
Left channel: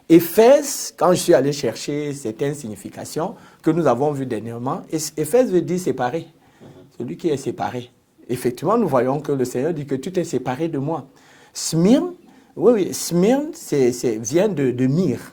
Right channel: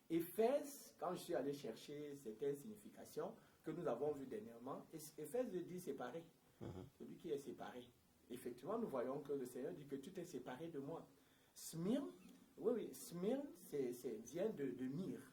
Éphèse, quand je suis allé chercher certaines significations que nous avons vues dernièrement, Éphèse veut dire séparé. Celui qui est séparé. Effectivement, nous voyons que le Seigneur dit que tu t'es séparé de moi. Smyrne, Smyrne vient de myrrhe.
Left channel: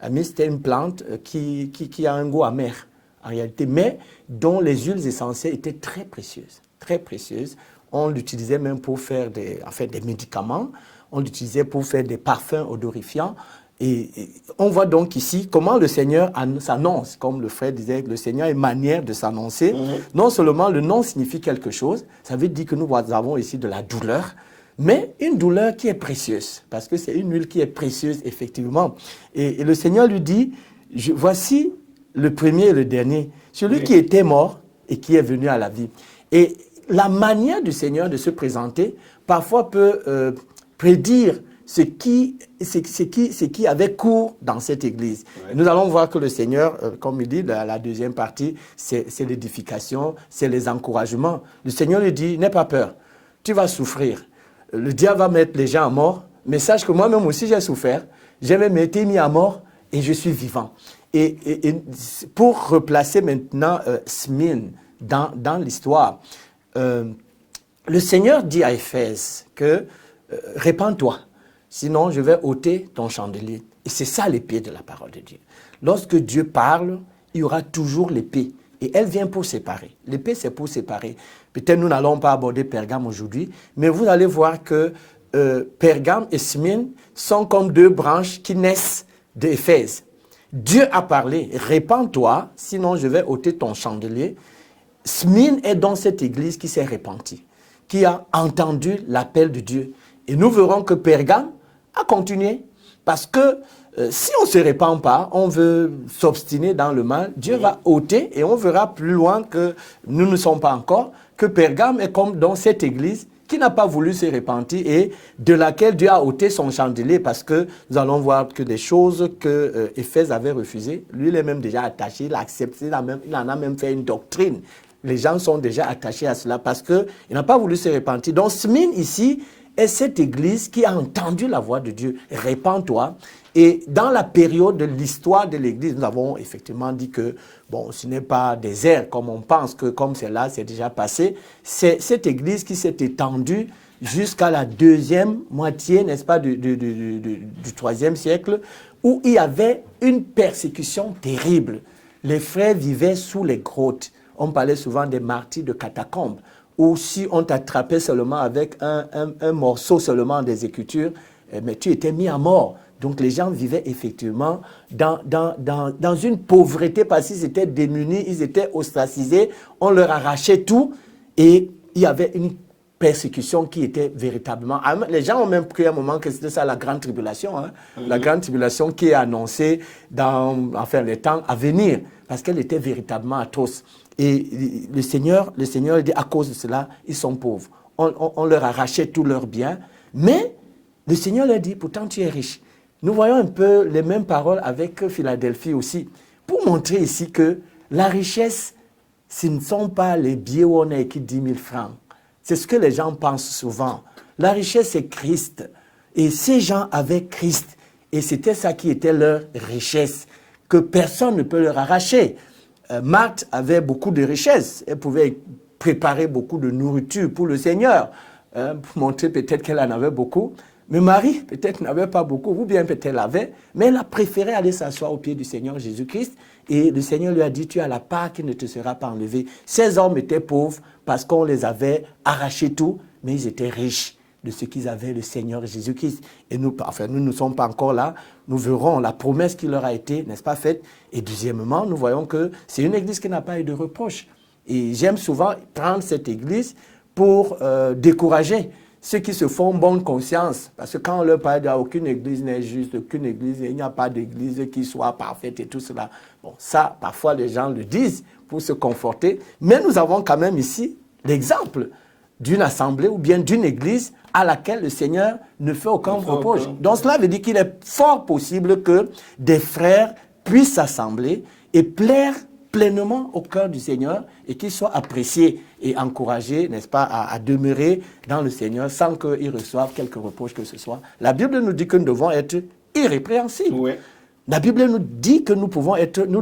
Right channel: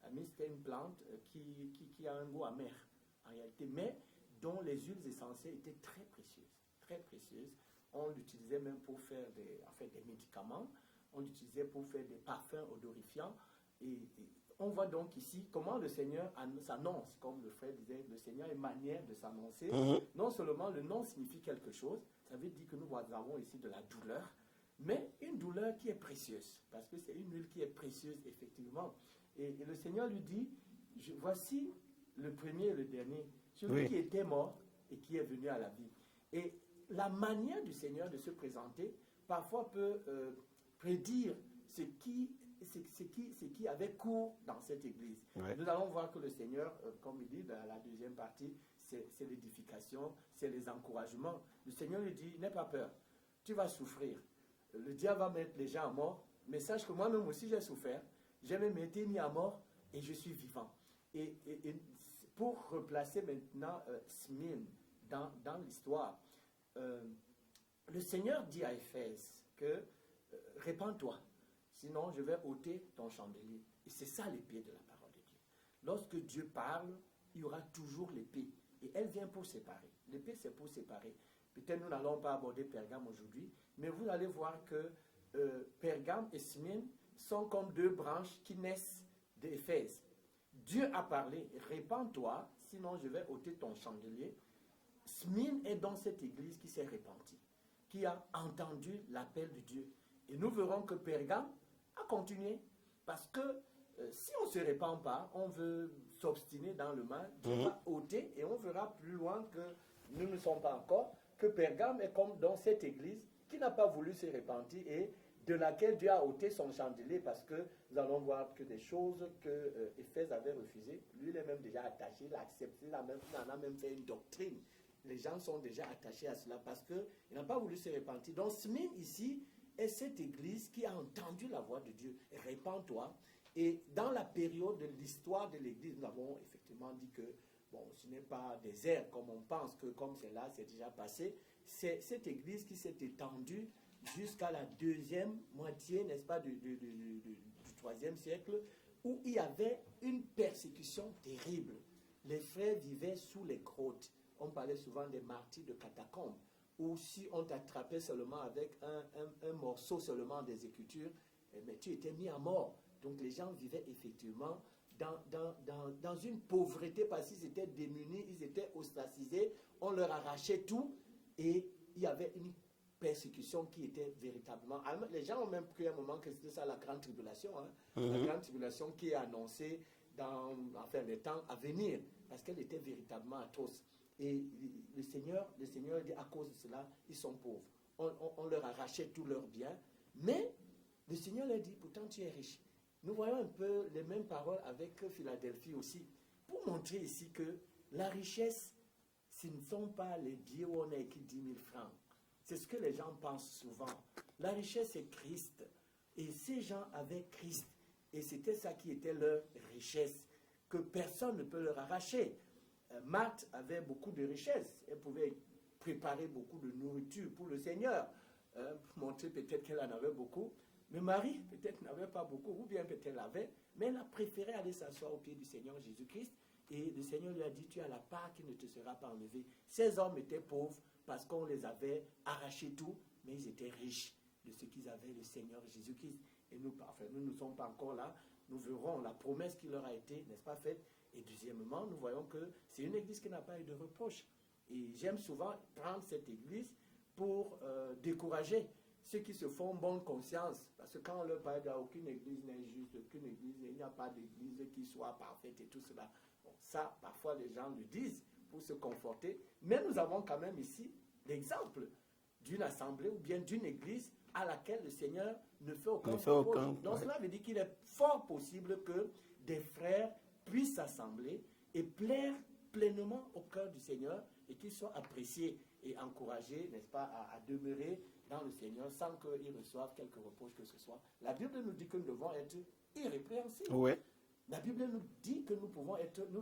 La myrrhe, c'est une plante qui a un goût amer, en réalité, mais dont les huiles essentielles étaient très précieuses. Très précieuses. On l'utilisait même pour faire des médicaments. On l'utilisait pour faire des parfums odorifiants. Et on voit donc ici comment le Seigneur s'annonce. Comme le frère disait, le Seigneur a une manière de s'annoncer. Non seulement le nom signifie quelque chose, ça veut dire que nous avons ici de la douleur, mais une douleur qui est précieuse, parce que c'est une huile qui est précieuse, effectivement. Et le Seigneur lui dit, voici le premier et le dernier, celui qui était mort et qui est venu à la vie. Et la manière du Seigneur de se présenter, parfois peut prédire ce qui avait cours dans cette église. Nous allons voir que le Seigneur, comme il dit, la deuxième partie, c'est l'édification, c'est les encouragements. Le Seigneur lui dit, n'aie pas peur, tu vas souffrir. Le diable va mettre les gens à mort, mais sache que moi-même aussi j'ai souffert, j'ai même été mis à mort et je suis vivant. Et pour replacer maintenant Smyrne dans l'histoire, le Seigneur dit à Éphèse que répands-toi. Sinon, je vais ôter ton chandelier. Et c'est ça l'épée de la parole de Dieu. Lorsque Dieu parle, il y aura toujours l'épée. Et elle vient pour séparer. L'épée, c'est pour séparer. Peut-être nous n'allons pas aborder Pergame aujourd'hui, mais vous allez voir que Pergame et Smyrne sont comme deux branches qui naissent d'Éphèse. Dieu a parlé, répands-toi, sinon je vais ôter ton chandelier. Smyrne est dans cette église qui s'est répandue, qui a entendu l'appel de Dieu. Et nous verrons que Pergame a continué. Parce que si on ne se répand pas, on veut s'obstiner dans le mal, Dieu va ôter et on verra plus loin que nous ne sommes pas encore, que Pergame est comme dans cette église qui n'a pas voulu se repentir et de laquelle Dieu a ôté son chandelier parce que nous allons voir que des choses que Éphèse avait refusées, lui il est même déjà attaché, il a accepté, il en a même fait une doctrine. Les gens sont déjà attachés à cela parce qu'il n'a pas voulu se repentir. Donc Smyrne ici est cette église qui a entendu la voix de Dieu. Répands-toi. Et dans la période de l'histoire de l'église, nous avons effectivement dit que, bon, ce n'est pas désert comme on pense que comme c'est là, c'est déjà passé. C'est cette église qui s'est étendue jusqu'à la deuxième moitié, n'est-ce pas, du IIIe siècle, où il y avait une persécution terrible. Les frères vivaient sous les grottes. On parlait souvent des martyrs de catacombes, où si on t'attrapait seulement avec un morceau seulement des Écritures, mais tu étais mis à mort. Donc les gens vivaient effectivement dans une pauvreté parce qu'ils étaient démunis, ils étaient ostracisés, on leur arrachait tout et il y avait une persécution qui était véritablement... Les gens ont même cru à un moment que c'était ça la grande tribulation, hein? La grande tribulation qui est annoncée dans les temps à venir, parce qu'elle était véritablement atroce. Et le Seigneur dit, à cause de cela, ils sont pauvres. On leur arrachait tous leurs biens, mais le Seigneur leur dit, pourtant tu es riche. Nous voyons un peu les mêmes paroles avec Philadelphie aussi, pour montrer ici que la richesse, ce ne sont pas les billets où on a écrit 10 000 francs. C'est ce que les gens pensent souvent. La richesse, c'est Christ. Et ces gens avaient Christ. Et c'était ça qui était leur richesse, que personne ne peut leur arracher. Marthe avait beaucoup de richesses. Elle pouvait préparer beaucoup de nourriture pour le Seigneur, pour montrer peut-être qu'elle en avait beaucoup. Mais Marie, peut-être, n'avait pas beaucoup, ou bien peut-être elle avait, mais elle a préféré aller s'asseoir au pied du Seigneur Jésus-Christ. Et le Seigneur lui a dit, tu as la part qui ne te sera pas enlevée. Ces hommes étaient pauvres parce qu'on les avait arraché tout, mais ils étaient riches de ce qu'ils avaient, le Seigneur Jésus-Christ. Et nous ne sommes pas encore là. Nous verrons la promesse qui leur a été, n'est-ce pas, faite. Et deuxièmement, nous voyons que c'est une église qui n'a pas eu de reproche. Et j'aime souvent prendre cette église pour décourager ceux qui se font bonne conscience. Parce que quand on leur parle d'aucune église n'est juste, aucune église, il n'y a pas d'église qui soit parfaite et tout cela. Bon, ça, parfois les gens le disent pour se conforter. Mais nous avons quand même ici l'exemple d'une assemblée ou bien d'une église à laquelle le Seigneur ne fait aucun reproche. Donc cela veut dire qu'il est fort possible que des frères puissent s'assembler et plaire pleinement au cœur du Seigneur et qu'ils soient appréciés et encouragés, n'est-ce pas, à demeurer dans le Seigneur sans qu'ils reçoivent quelque reproche que ce soit. La Bible nous dit que nous devons être irrépréhensibles. Oui. La Bible nous dit que nous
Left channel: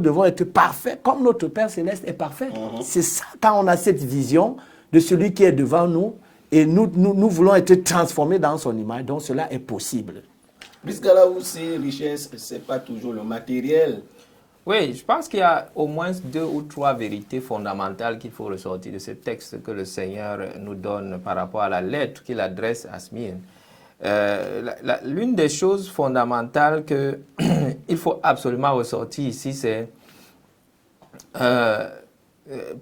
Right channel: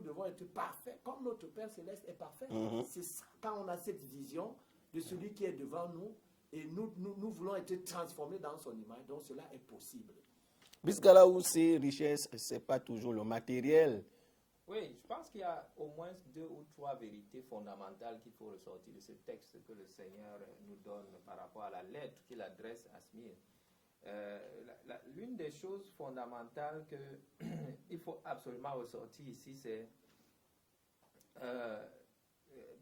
devons être parfaits comme notre Père Céleste est parfait. C'est ça, quand on a cette vision de celui qui est devant nous et nous voulons être transformés dans son image, donc cela est possible. Puisqu'à là où c'est richesse, ce n'est pas toujours le matériel. Oui, je pense qu'il y a au moins 2 ou 3 vérités fondamentales qu'il faut ressortir de ce texte que le Seigneur nous donne par rapport à la lettre qu'il adresse à Smyrne. L'une des choses fondamentales qu'il faut absolument ressortir ici, c'est...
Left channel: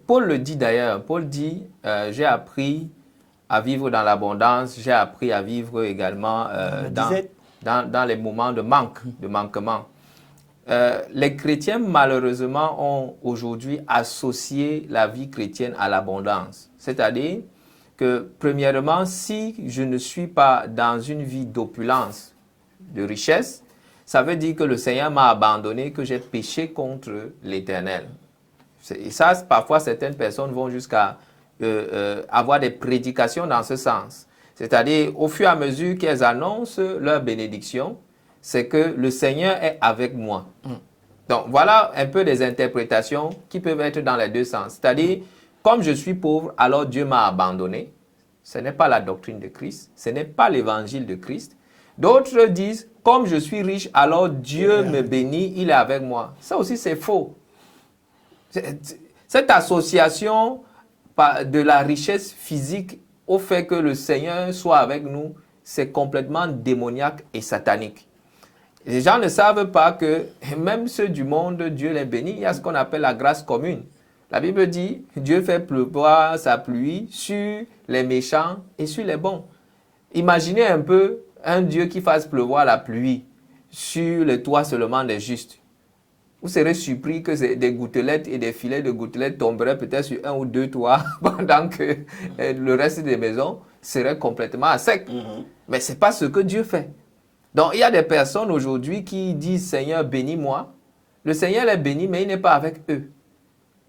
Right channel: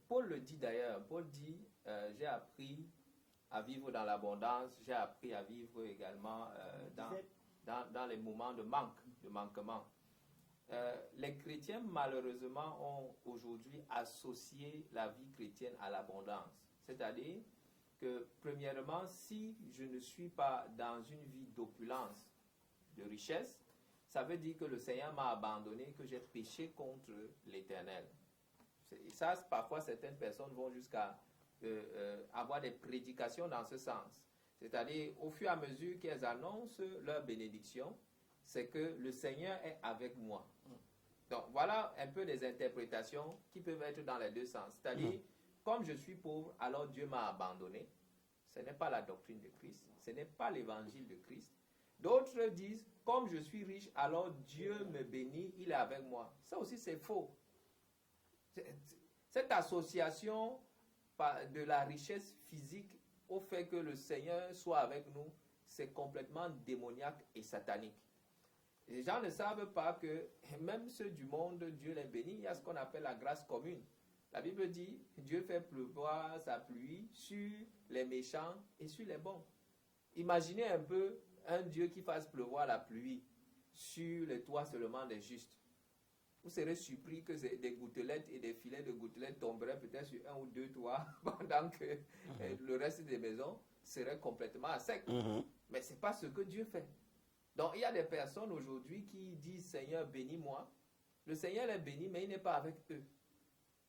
Paul le dit d'ailleurs, Paul dit « J'ai appris à vivre dans l'abondance, j'ai appris à vivre également dans les moments de manque, de manquement. » Les chrétiens, malheureusement, ont aujourd'hui associé la vie chrétienne à l'abondance. C'est-à-dire que, premièrement, si je ne suis pas dans une vie d'opulence, de richesse, ça veut dire que le Seigneur m'a abandonné, que j'ai péché contre l'Éternel. Et ça, parfois, certaines personnes vont jusqu'à avoir des prédications dans ce sens. C'est-à-dire, au fur et à mesure qu'elles annoncent leur bénédiction, c'est que le Seigneur est avec moi. Donc, voilà un peu des interprétations qui peuvent être dans les deux sens. C'est-à-dire, comme je suis pauvre, alors Dieu m'a abandonné. Ce n'est pas la doctrine de Christ. Ce n'est pas l'évangile de Christ. D'autres disent, comme je suis riche, alors Dieu me bénit, il est avec moi. Ça aussi, c'est faux. Cette association de la richesse physique au fait que le Seigneur soit avec nous, c'est complètement démoniaque et satanique. Les gens ne savent pas que même ceux du monde, Dieu les bénit. Il y a ce qu'on appelle la grâce commune. La Bible dit, Dieu fait pleuvoir sa pluie sur les méchants et sur les bons. Imaginez un peu un Dieu qui fasse pleuvoir la pluie sur les toits seulement des justes. Vous serez surpris que des gouttelettes et des filets de gouttelettes tomberaient peut-être sur 1 ou 2 toits pendant que le reste des maisons serait complètement à sec. Mais ce n'est pas ce que Dieu fait. Donc, il y a des personnes aujourd'hui qui disent « Seigneur, bénis-moi ». Le Seigneur les bénit, mais il n'est pas avec eux.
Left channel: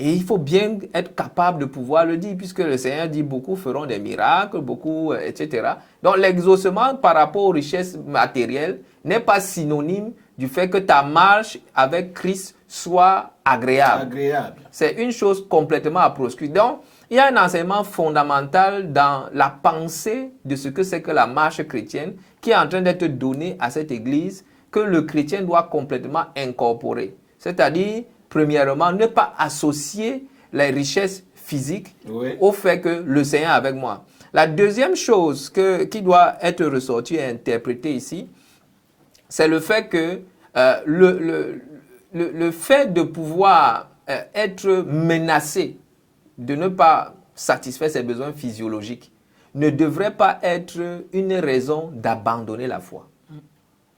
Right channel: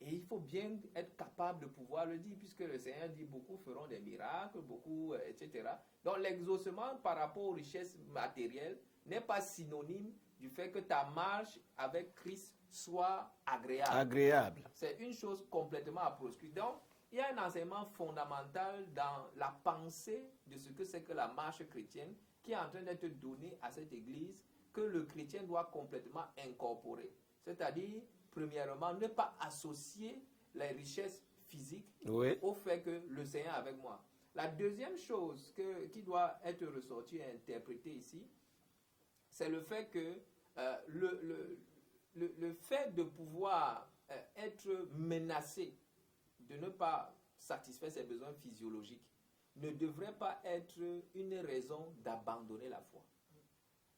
Et il faut bien être capable de pouvoir le dire, puisque le Seigneur dit beaucoup feront des miracles, beaucoup, etc. Donc l'exaucement par rapport aux richesses matérielles n'est pas synonyme du fait que ta marche avec Christ soit agréable. C'est une chose complètement à proscrire. Donc, il y a un enseignement fondamental dans la pensée de ce que c'est que la marche chrétienne qui est en train d'être donnée à cette église, que le chrétien doit complètement incorporer. C'est-à-dire, premièrement, ne pas associer les richesses physiques au fait que le Seigneur est avec moi. La deuxième chose qui doit être ressortie et interprétée ici, c'est le fait que le fait de pouvoir être menacé de ne pas satisfaire ses besoins physiologiques ne devrait pas être une raison d'abandonner la foi.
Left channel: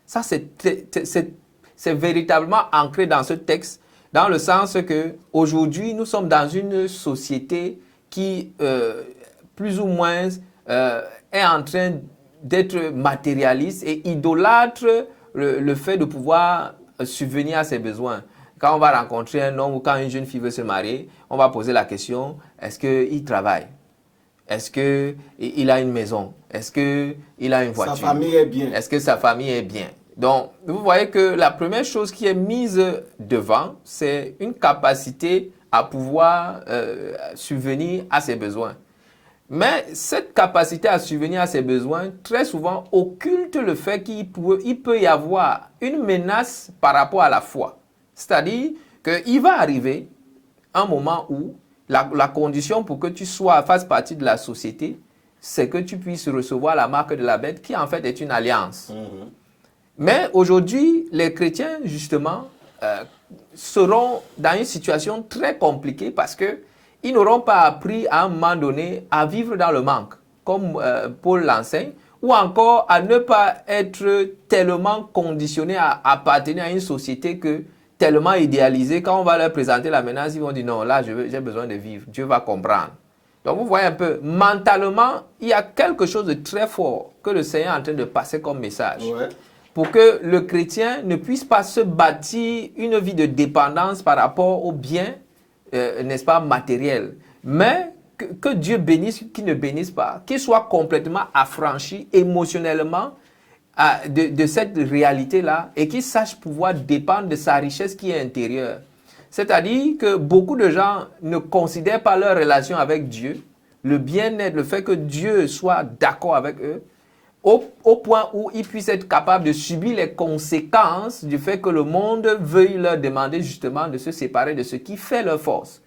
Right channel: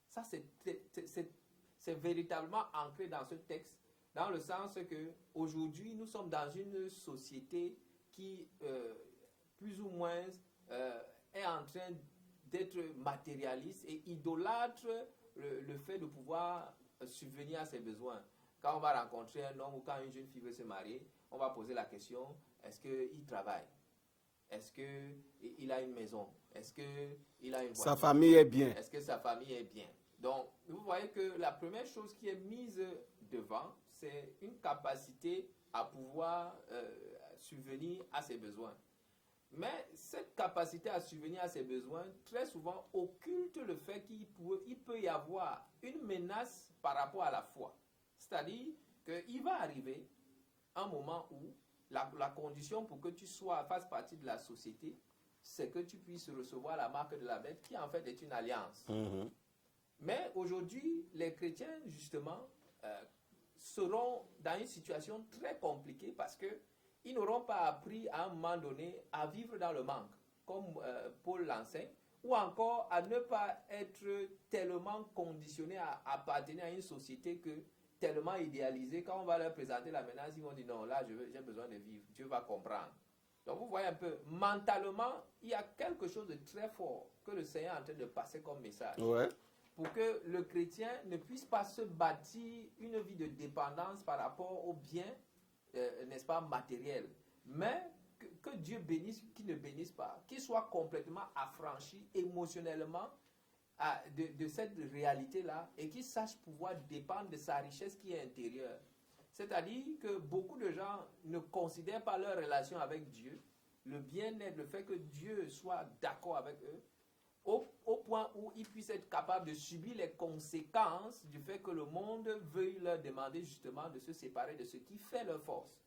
Ça, c'est véritablement ancré dans ce texte, dans le sens que aujourd'hui nous sommes dans une société qui, plus ou moins, est en train d'être matérialiste et idolâtre le fait de pouvoir subvenir à ses besoins. Quand on va rencontrer un homme ou quand une jeune fille veut se marier, on va poser la question, est-ce qu'il travaille? Est-ce qu'il a une maison? Est-ce qu'il a une voiture? Sa famille est bien. Est-ce que sa famille est bien? Donc, vous voyez que la première chose qui est mise devant, c'est une capacité à pouvoir subvenir à ses besoins. Mais cette capacité à subvenir à ses besoins, très souvent, occulte le fait qu'il peut y avoir une menace par rapport à la foi. C'est-à-dire qu'il va arriver un moment où la condition pour que tu fasses partie de la société, c'est que tu puisses recevoir la marque de la bête qui en fait est une alliance. Mais aujourd'hui, les chrétiens, justement, seront dans une situation très compliquée parce qu'ils n'auront pas appris à un moment donné à vivre dans le manque, comme Paul l'enseigne, ou encore à ne pas être tellement conditionnés à appartenir à une société tellement idéalisée. Quand on va leur présenter la menace, ils vont dire non, là j'ai besoin de vivre, Dieu va comprendre. Donc vous voyez un peu, mentalement, il y a quelque chose de très fort que le Seigneur est en train de passer comme message. Pour que le chrétien ne puisse pas se bâtir une vie de dépendance par rapport aux biens, n'est-ce pas, matériels. Mais que Dieu bénisse, qu'il ne bénisse pas, qu'il soit complètement affranchi émotionnellement de cette réalité-là et qu'il sache pouvoir dépendre de sa richesse qui est intérieure. C'est-à-dire que beaucoup de gens ne considèrent pas leur relation avec Dieu, le bien-être, le fait que Dieu soit d'accord avec eux, au point où ils puissent être capables de subir les conséquences du fait que le monde veuille leur demander justement de se séparer de ce qui fait leur force.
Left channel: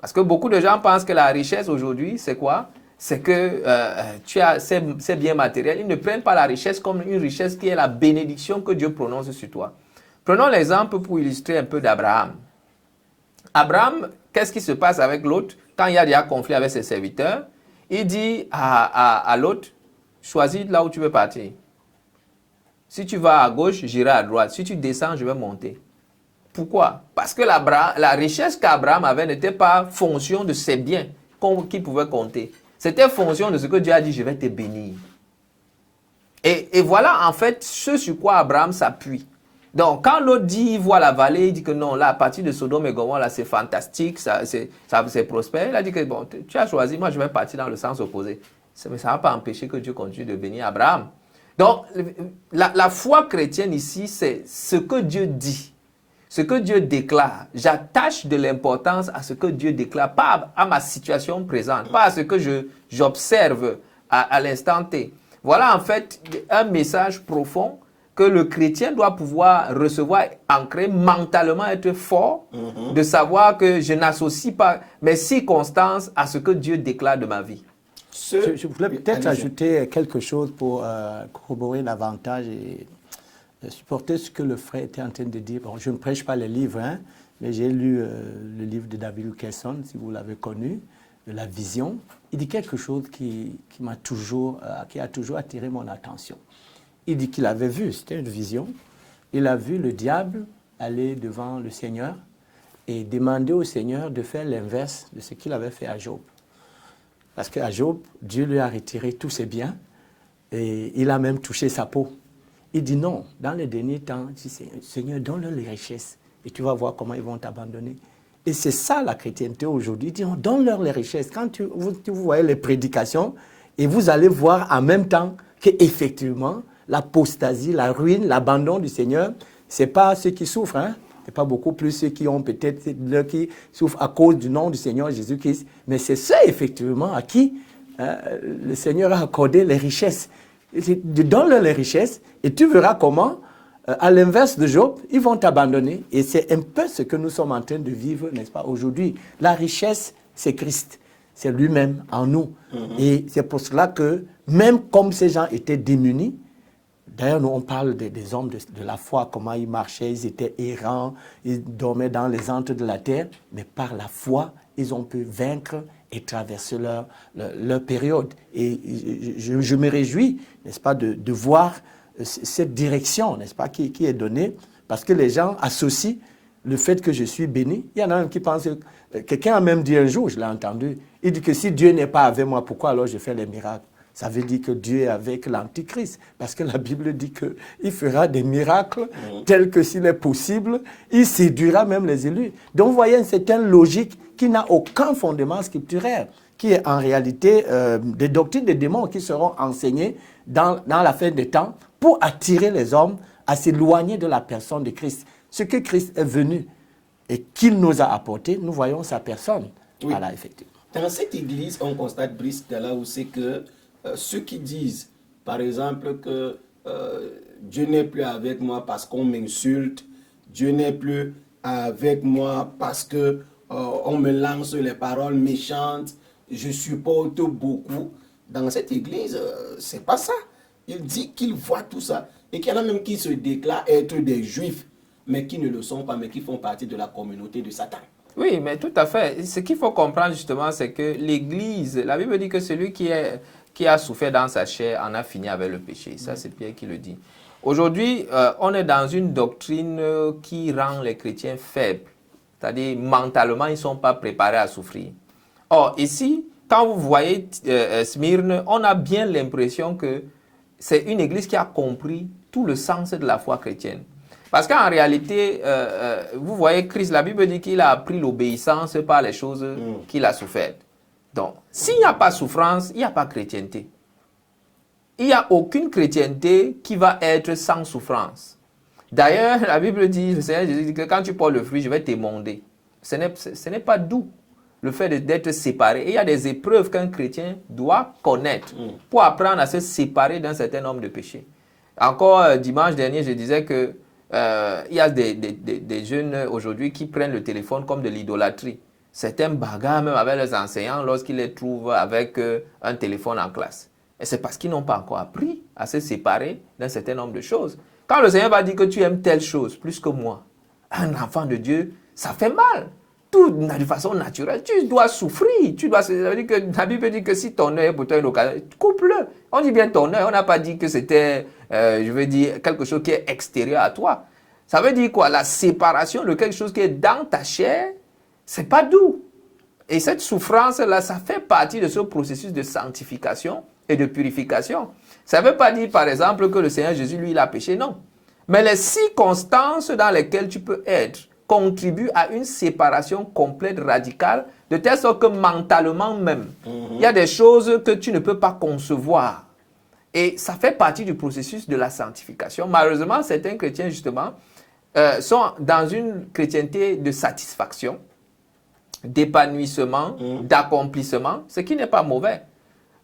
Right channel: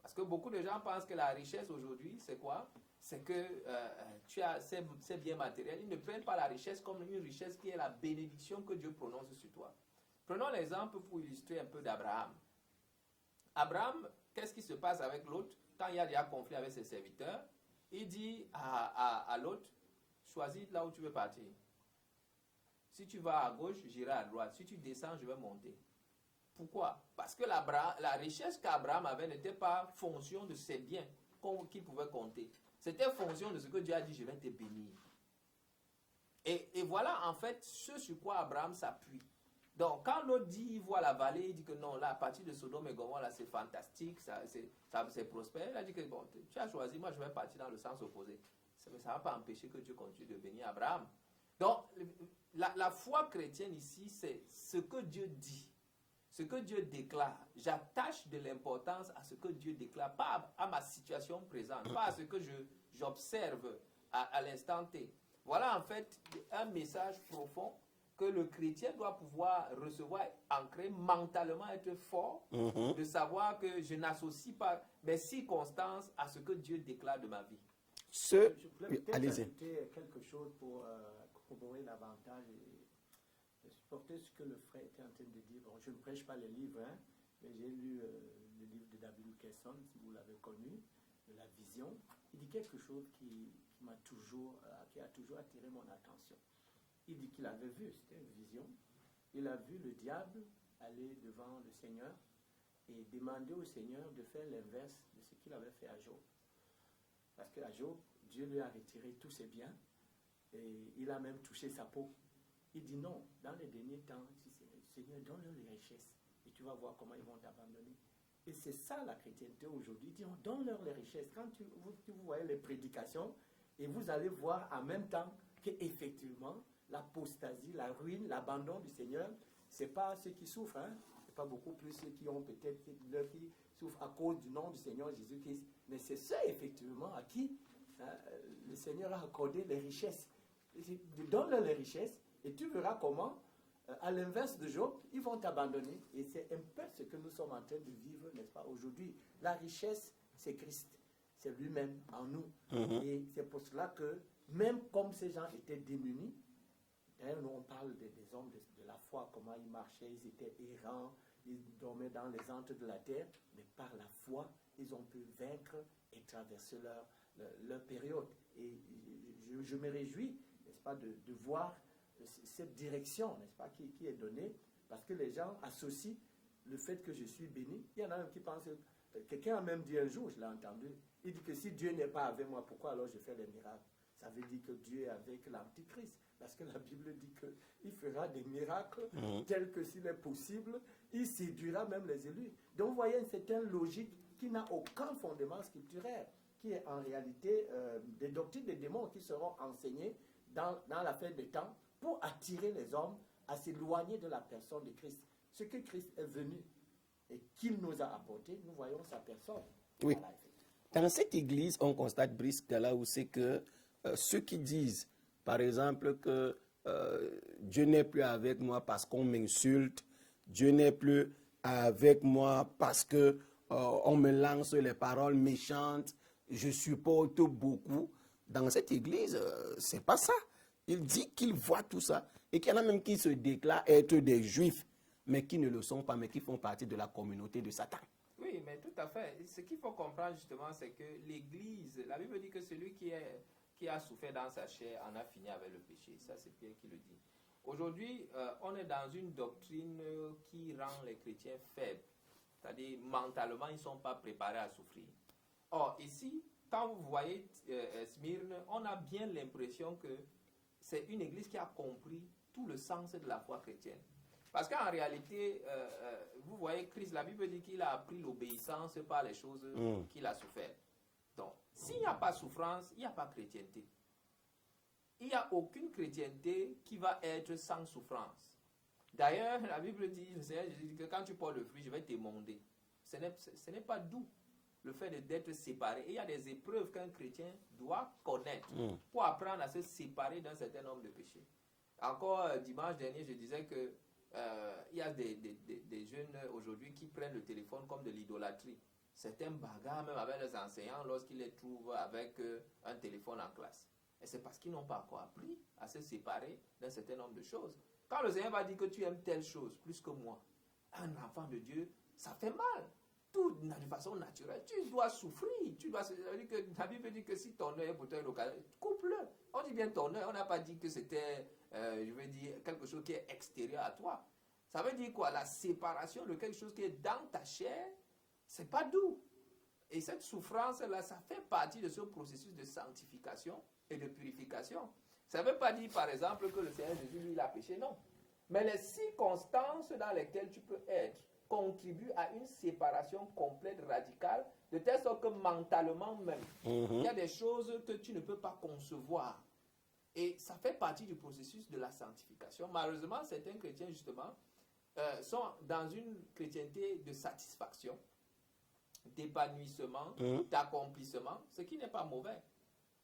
Parce que beaucoup de gens pensent que la richesse aujourd'hui, c'est quoi? C'est que tu as ces biens matériels. Ils ne prennent pas la richesse comme une richesse qui est la bénédiction que Dieu prononce sur toi. Prenons l'exemple pour illustrer un peu d'Abraham. Abraham, qu'est-ce qui se passe avec l'autre? Quand il y a déjà conflit avec ses serviteurs, il dit à l'autre, choisis là où tu veux partir. Si tu vas à gauche, j'irai à droite. Si tu descends, je vais monter. Pourquoi? Parce que la richesse qu'Abraham avait n'était pas fonction de ses biens qu'il pouvait compter. C'était fonction de ce que Dieu a dit, je vais te bénir. Et voilà en fait ce sur quoi Abraham s'appuie. Donc quand l'autre dit, il voit la vallée, il dit que non, là à partir de Sodome et Gomorrhe, là c'est fantastique, c'est prospère. Il a dit que bon, tu as choisi, moi je vais partir dans le sens opposé. Mais ça ne va pas empêcher que Dieu continue de bénir Abraham. Donc, la foi chrétienne ici, c'est ce que Dieu dit, ce que Dieu déclare. J'attache de l'importance à ce que Dieu déclare, pas à ma situation présente, pas à ce que j'observe à l'instant T. Voilà en fait un message profond que le chrétien doit pouvoir recevoir, ancrer mentalement, être fort, de savoir que je n'associe pas mes circonstances à ce que Dieu déclare de ma vie. Je voulais peut-être ajouter quelque chose pour corroborer davantage et supporter ce que le frère était en train de dire. Bon, je ne prêche pas les livres, hein, mais j'ai lu le livre de David Wilkerson, si vous l'avez connu, de La Vision. Il dit quelque chose qui a toujours attiré mon attention. Il dit qu'il avait vu, c'était une vision, il a vu le diable aller devant le Seigneur et demander au Seigneur de faire l'inverse de ce qu'il avait fait à Job. Parce qu'à Job, Dieu lui a retiré tous ses biens et il a même touché sa peau. Il dit non, dans les derniers temps, Seigneur, donne-leur les richesses et tu vas voir comment ils vont t'abandonner. Et c'est ça la chrétienté aujourd'hui. Donne-leur les richesses. Quand vous voyez les prédications, et vous allez voir en même temps qu'effectivement, l'apostasie, la ruine, l'abandon du Seigneur, ce n'est pas ceux qui souffrent, hein? Ce n'est pas beaucoup plus ceux qui ont peut-être qui souffrent à cause du nom du Seigneur Jésus-Christ, mais c'est ceux effectivement à qui le Seigneur a accordé les richesses. Donne-leur les richesses et tu verras comment, à l'inverse de Job, ils vont t'abandonner. Et c'est un peu ce que nous sommes en train de vivre, n'est-ce pas, aujourd'hui. La richesse, c'est Christ. C'est lui-même en nous. Et c'est pour cela que, même comme ces gens étaient démunis, d'ailleurs, nous, on parle des hommes de la foi, comment ils marchaient, ils étaient errants, ils dormaient dans les antres de la terre, mais par la foi, ils ont pu vaincre et traverser leur période. Et je me réjouis, n'est-ce pas, de voir cette direction, n'est-ce pas, qui est donnée, parce que les gens associent le fait que je suis béni. Il y en a même qui pensent, quelqu'un a même dit un jour, je l'ai entendu, il dit que si Dieu n'est pas avec moi, pourquoi alors je fais les miracles? Ça veut dire que Dieu est avec l'Antichrist, parce que la Bible dit qu'il fera des miracles tels que s'il est possible, il séduira même les élus. Donc vous voyez une certaine logique qui n'a aucun fondement scripturaire, qui est en réalité des doctrines des démons qui seront enseignées dans la fin des temps pour attirer les hommes à s'éloigner de la personne de Christ. Ce que Christ est venu et qu'il nous a apporté, nous voyons sa personne. Oui. Voilà, effectivement. Dans cette église, on constate, Brice, là où c'est que ceux qui disent, par exemple, que Dieu n'est plus avec moi parce qu'on m'insulte, Dieu n'est plus avec moi parce que on me lance les paroles méchantes, je supporte beaucoup. Dans cette église, c'est pas ça. Il dit qu'il voit tout ça et qu'il y en a même qui se déclarent être des juifs, mais qui ne le sont pas, mais qui font partie de la communauté de Satan. Oui, mais tout à fait. Ce qu'il faut comprendre justement, c'est que l'Église, la Bible dit que celui qui a souffert dans sa chair en a fini avec le péché. Ça, c'est Pierre qui le dit. Aujourd'hui, on est dans une doctrine qui rend les chrétiens faibles. C'est-à-dire, mentalement, ils ne sont pas préparés à souffrir. Or, ici, quand vous voyez Smyrne, on a bien l'impression que c'est une église qui a compris tout le sens de la foi chrétienne. Parce qu'en réalité, vous voyez, Christ, la Bible dit qu'il a appris l'obéissance par les choses qu'il a souffert. Donc, s'il n'y a pas souffrance, il n'y a pas chrétienté. Il n'y a aucune chrétienté qui va être sans souffrance. D'ailleurs, la Bible dit, le Seigneur Jésus dit que quand tu portes le fruit, je vais t'émonder. Ce n'est pas doux, le fait d'être séparé. Et il y a des épreuves qu'un chrétien doit connaître pour apprendre à se séparer d'un certain nombre de péchés. Encore dimanche dernier, je disais que il y a des jeunes aujourd'hui qui prennent le téléphone comme de l'idolâtrie. Certains bagarrent même avec les enseignants lorsqu'ils les trouvent avec un téléphone en classe. Et c'est parce qu'ils n'ont pas encore appris à se séparer d'un certain nombre de choses. Quand le Seigneur va dire que tu aimes telle chose plus que moi, un enfant de Dieu, ça fait mal. Tout de façon naturelle, tu dois souffrir. Ça veut dire que la Bible dit que si ton œil est pour toi une occasion, coupe-le. On dit bien ton œil, on n'a pas dit que c'était, quelque chose qui est extérieur à toi. Ça veut dire quoi? La séparation de quelque chose qui est dans ta chair, c'est pas doux. Et cette souffrance-là, ça fait partie de ce processus de sanctification et de purification. Ça ne veut pas dire, par exemple, que le Seigneur Jésus, lui, il a péché, non. Mais les circonstances dans lesquelles tu peux être contribuent à une séparation complète, radicale, de telle sorte que mentalement même, il y a des choses que tu ne peux pas concevoir. Et ça fait partie du processus de la sanctification. Malheureusement, certains chrétiens, justement, sont dans une chrétienté de satisfaction, d'épanouissement, d'accomplissement, ce qui n'est pas mauvais.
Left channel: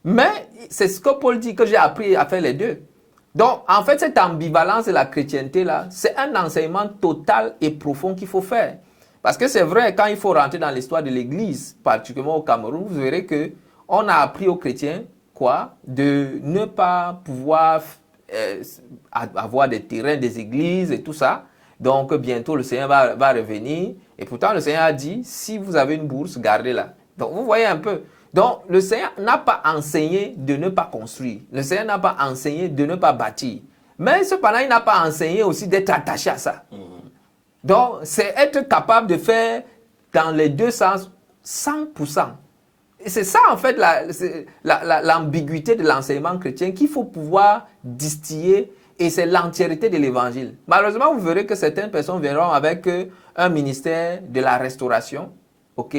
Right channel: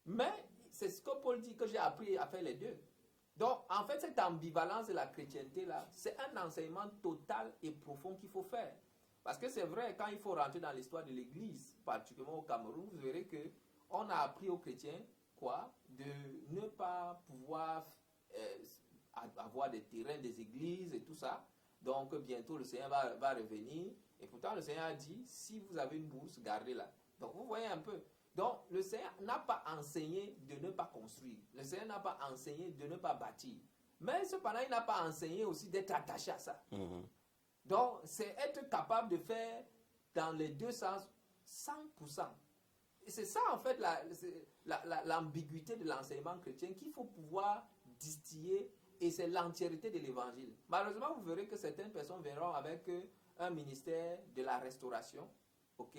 Mais c'est ce que Paul dit, que j'ai appris à faire les deux. Donc, en fait, cette ambivalence de la chrétienté-là, c'est un enseignement total et profond qu'il faut faire. Parce que c'est vrai, quand il faut rentrer dans l'histoire de l'Église, particulièrement au Cameroun, vous verrez qu'on a appris aux chrétiens, de ne pas pouvoir avoir des terrains, des églises et tout ça. Donc, bientôt, le Seigneur va revenir. Et pourtant, le Seigneur a dit, si vous avez une bourse, gardez-la. Donc, vous voyez un peu. Donc, le Seigneur n'a pas enseigné de ne pas construire. Le Seigneur n'a pas enseigné de ne pas bâtir. Mais cependant, il n'a pas enseigné aussi d'être attaché à ça. Donc, c'est être capable de faire dans les deux sens 100%. Et c'est ça, en fait, l'ambiguïté de l'enseignement chrétien qu'il faut pouvoir distiller Et c'est l'entièreté de l'évangile. Malheureusement, vous verrez que certaines personnes viendront avec un ministère de la restauration. Ok?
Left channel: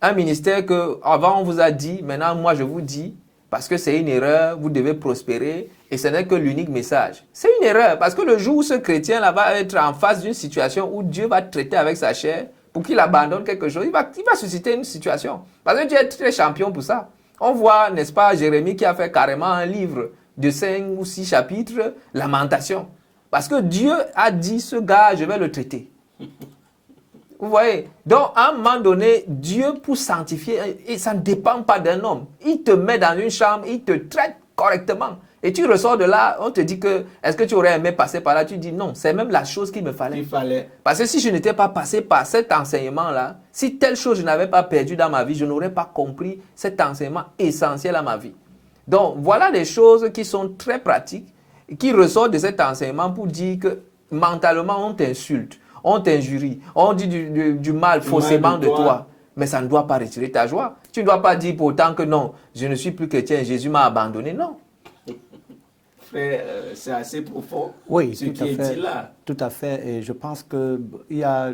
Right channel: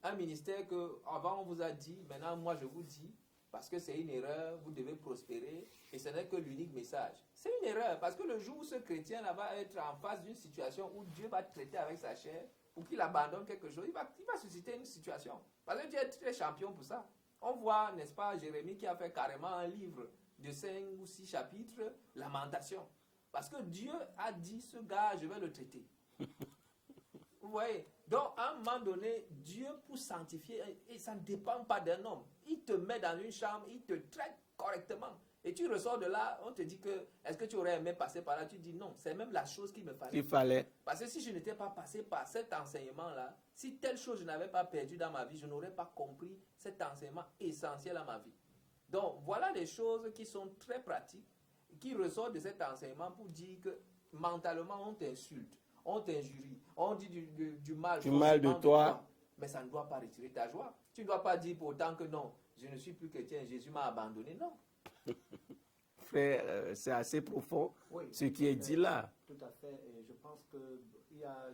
Un ministère que avant on vous a dit, maintenant moi je vous dis, parce que c'est une erreur, vous devez prospérer. Et ce n'est que l'unique message. C'est une erreur, parce que le jour où ce chrétien-là va être en face d'une situation où Dieu va traiter avec sa chair, pour qu'il abandonne quelque chose, il va susciter une situation. Parce que Dieu est très champion pour ça. On voit, n'est-ce pas, Jérémie qui a fait carrément un livre de 5 ou 6 chapitres, Lamentation. Parce que Dieu a dit, ce gars, je vais le traiter. Vous voyez? Donc, à un moment donné, Dieu, pour sanctifier, et ça ne dépend pas d'un homme. Il te met dans une chambre, il te traite correctement. Et tu ressors de là, on te dit que, est-ce que tu aurais aimé passer par là? Tu dis non, c'est même la chose qu'il me fallait. Il fallait. Parce que si je n'étais pas passé par cet enseignement-là, si telle chose je n'avais pas perdu dans ma vie, je n'aurais pas compris cet enseignement essentiel à ma vie. Donc, voilà des choses qui sont très pratiques, qui ressortent de cet enseignement pour dire que mentalement, on t'insulte, on t'injurie, on dit du mal faussement de toi. Mais ça ne doit pas retirer ta joie. Tu ne dois pas dire pourtant que non, je ne suis plus chrétien, Jésus m'a abandonné. Non. Frère, c'est assez profond, oui, ce qui est dit là. Tout à fait. Et je pense qu'il y a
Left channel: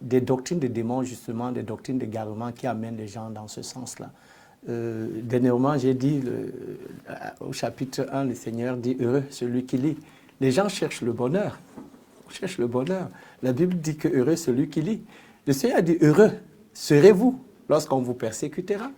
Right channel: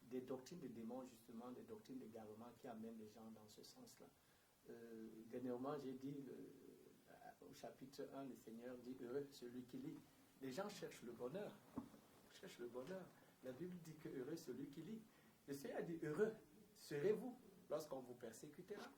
des doctrines de démons, justement, des doctrines d'égarement qui amènent les gens dans ce sens-là. Dernièrement, j'ai dit au chapitre 1, le Seigneur dit « Heureux celui qui lit ». Les gens cherchent le bonheur. On cherche le bonheur. La Bible dit que « Heureux celui qui lit ». Le Seigneur a dit « Heureux serez-vous lorsqu'on vous persécutera,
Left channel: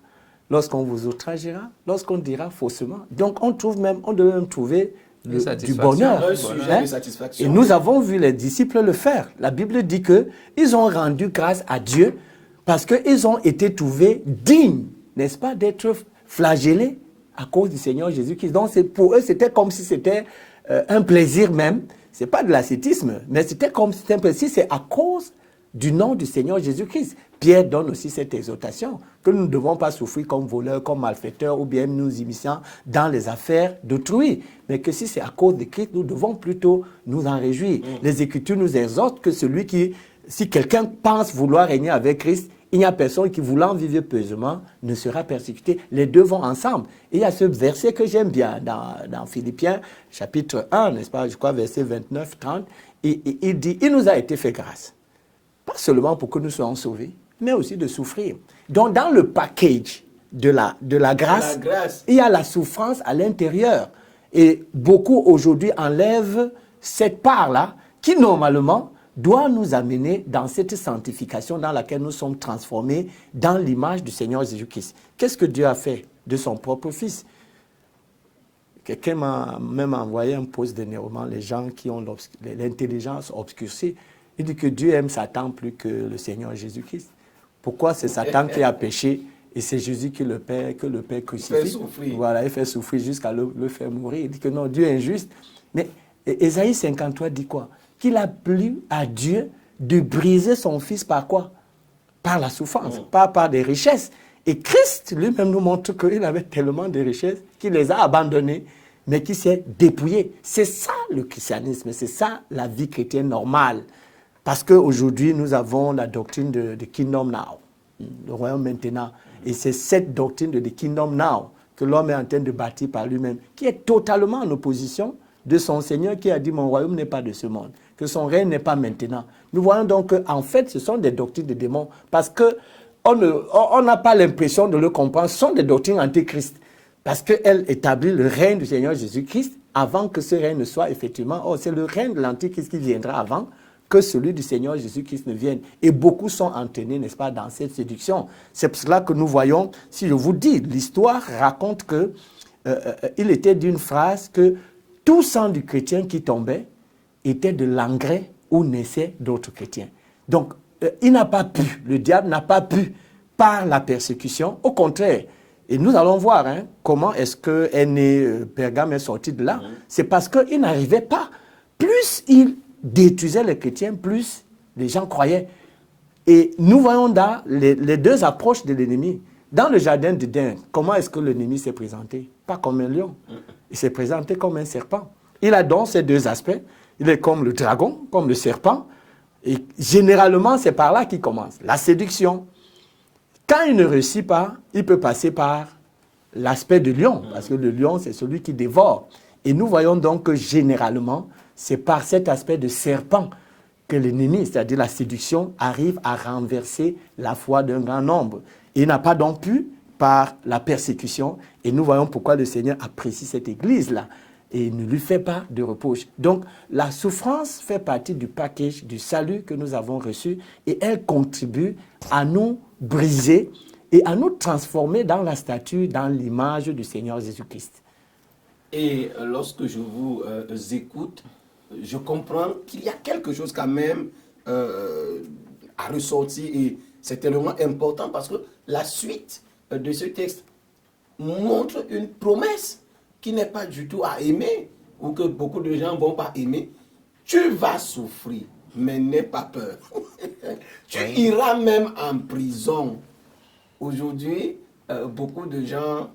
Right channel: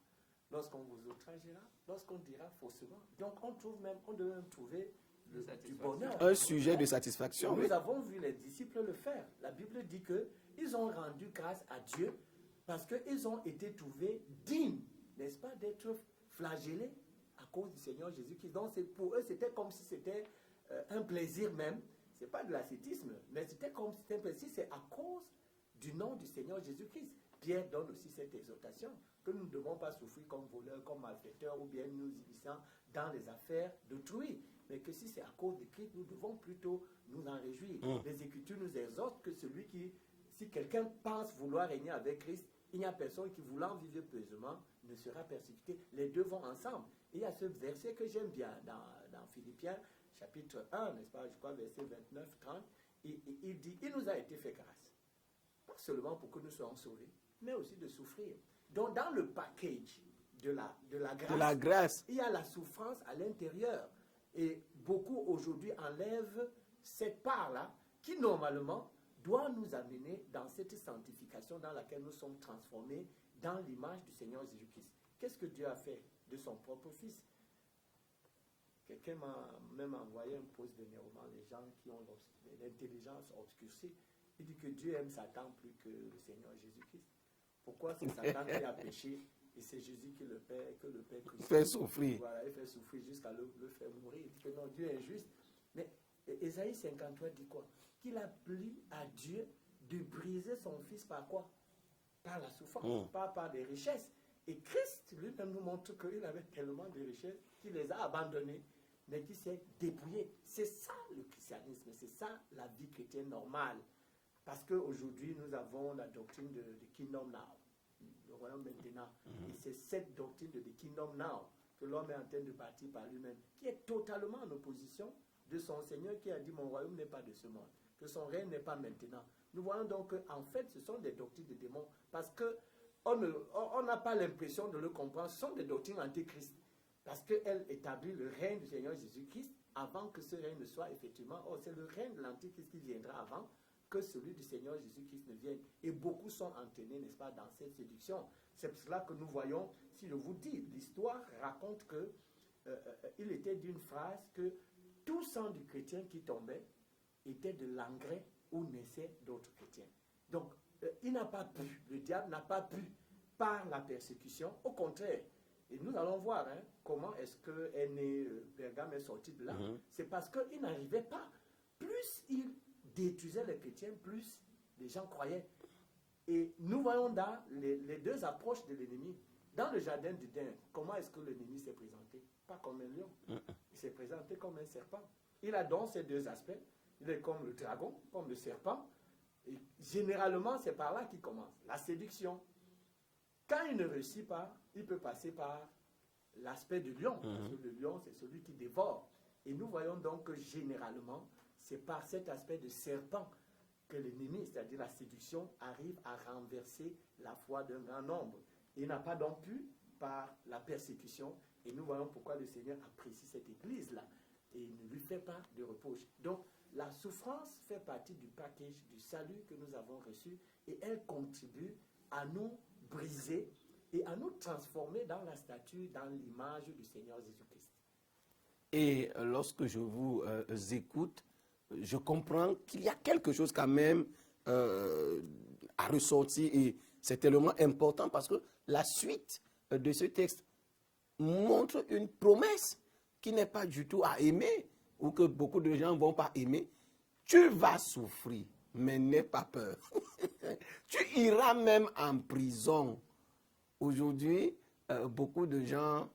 lorsqu'on vous outragera, lorsqu'on dira faussement ». Donc, on devait même trouver du bonheur. Un sujet de satisfaction. Et nous avons vu les disciples le faire. La Bible dit qu'ils ont rendu grâce à Dieu parce qu'ils ont été trouvés dignes, n'est-ce pas, d'être flagellés à cause du Seigneur Jésus-Christ. Donc, pour eux, c'était comme si c'était un plaisir même. Ce n'est pas de l'ascétisme, mais c'était comme si c'était un plaisir. C'est à cause du nom du Seigneur Jésus-Christ. Pierre donne aussi cette exhortation que nous ne devons pas souffrir comme voleurs, comme malfaiteurs ou bien nous immisçant dans les affaires d'autrui. Mais que si c'est à cause de Christ, nous devons plutôt nous en réjouir. Les Écritures nous exhortent que si quelqu'un pense vouloir régner avec Christ, il n'y a personne qui, voulant vivre pieusement, ne sera persécuté. Les deux vont ensemble. Et il y a ce verset que j'aime bien dans Philippiens, chapitre 1, n'est-ce pas, je crois, verset 29-30. Il dit, il nous a été fait grâce. Pas seulement pour que nous soyons sauvés, mais aussi de souffrir. Donc, dans le package de la grâce, il y a la souffrance à l'intérieur. Et beaucoup aujourd'hui enlèvent cette part-là qui, normalement, doit nous amener dans cette sanctification dans laquelle nous sommes transformés dans l'image du Seigneur Jésus-Christ. Qu'est-ce que Dieu a fait de son propre Fils? Quelqu'un m'a même envoyé un post d'énervement, les gens qui ont l'intelligence obscurcie. Il dit que Dieu aime Satan plus que le Seigneur Jésus-Christ. Pourquoi c'est Satan qui a péché et c'est Jésus que le Père crucifie? Il fait souffrir. Voilà, il fait souffrir jusqu'à le faire mourir. Il dit que non, Dieu est injuste. Mais Ésaïe 53 dit quoi? Qu'il a plu à Dieu de briser son Fils par quoi? Par la souffrance, pas par des richesses. Et Christ lui-même nous montre qu'il avait tellement de richesses qu'il les a abandonnées, mais qu'il s'est dépouillé. C'est ça le christianisme, c'est ça la vie chrétienne normale. Parce qu'aujourd'hui, nous avons la doctrine de Kingdom Now, le royaume maintenant. Et c'est cette doctrine de Kingdom Now que l'homme est en train de bâtir par lui-même, qui est totalement en opposition de son Seigneur qui a dit « Mon royaume n'est pas de ce monde », que son règne n'est pas maintenant. Nous voyons donc qu'en fait, ce sont des doctrines de démons parce qu'on n'a pas l'impression de le comprendre. Ce sont des doctrines antichrist parce qu'elles établissent le règne du Seigneur Jésus-Christ avant que ce règne ne soit effectivement... Oh, c'est le règne de l'antichrist qui viendra avant que celui du Seigneur Jésus-Christ ne vienne. Et beaucoup sont entraînés, n'est-ce pas, dans cette séduction. C'est pour cela que nous voyons, si je vous dis, l'histoire raconte qu'il était d'une phrase que tout sang du chrétien qui tombait était de l'engrais où naissaient d'autres chrétiens. Donc, il n'a pas pu, le diable n'a pas pu, par la persécution, au contraire. Et nous allons voir comment est-ce que Pergame est sorti de là. C'est parce qu'il n'arrivait pas. Plus il détruisait les chrétiens, plus les gens croyaient. Et nous voyons dans les deux approches de l'ennemi. Dans le jardin d'Éden, comment est-ce que l'ennemi s'est présenté? Pas comme un lion. Il s'est présenté comme un serpent. Il a donc ces deux aspects. Il est comme le dragon, comme le serpent. Et généralement, c'est par là qu'il commence. La séduction. Quand il ne réussit pas, il peut passer par l'aspect de lion. Parce que le lion, c'est celui qui dévore. Et nous voyons donc que généralement, c'est par cet aspect de serpent que l'ennemi, c'est-à-dire la séduction, arrive à renverser la foi d'un grand nombre. Il n'a pas donc pu par la persécution. Et nous voyons pourquoi le Seigneur apprécie cette église-là et ne lui fait pas de reproche. Donc, la souffrance fait partie du package du salut que nous avons reçu et elle contribue à nous briser et à nous transformer dans la statue, dans l'image du Seigneur Jésus-Christ. Et lorsque je vous écoute, je comprends qu'il y a quelque chose quand même à ressortir et c'est tellement important parce que la suite de ce texte montre une promesse qui n'est pas du tout à aimer ou que beaucoup de gens ne vont pas aimer. Tu vas souffrir, mais n'aie pas peur. Tu iras même en prison. Aujourd'hui, beaucoup de gens,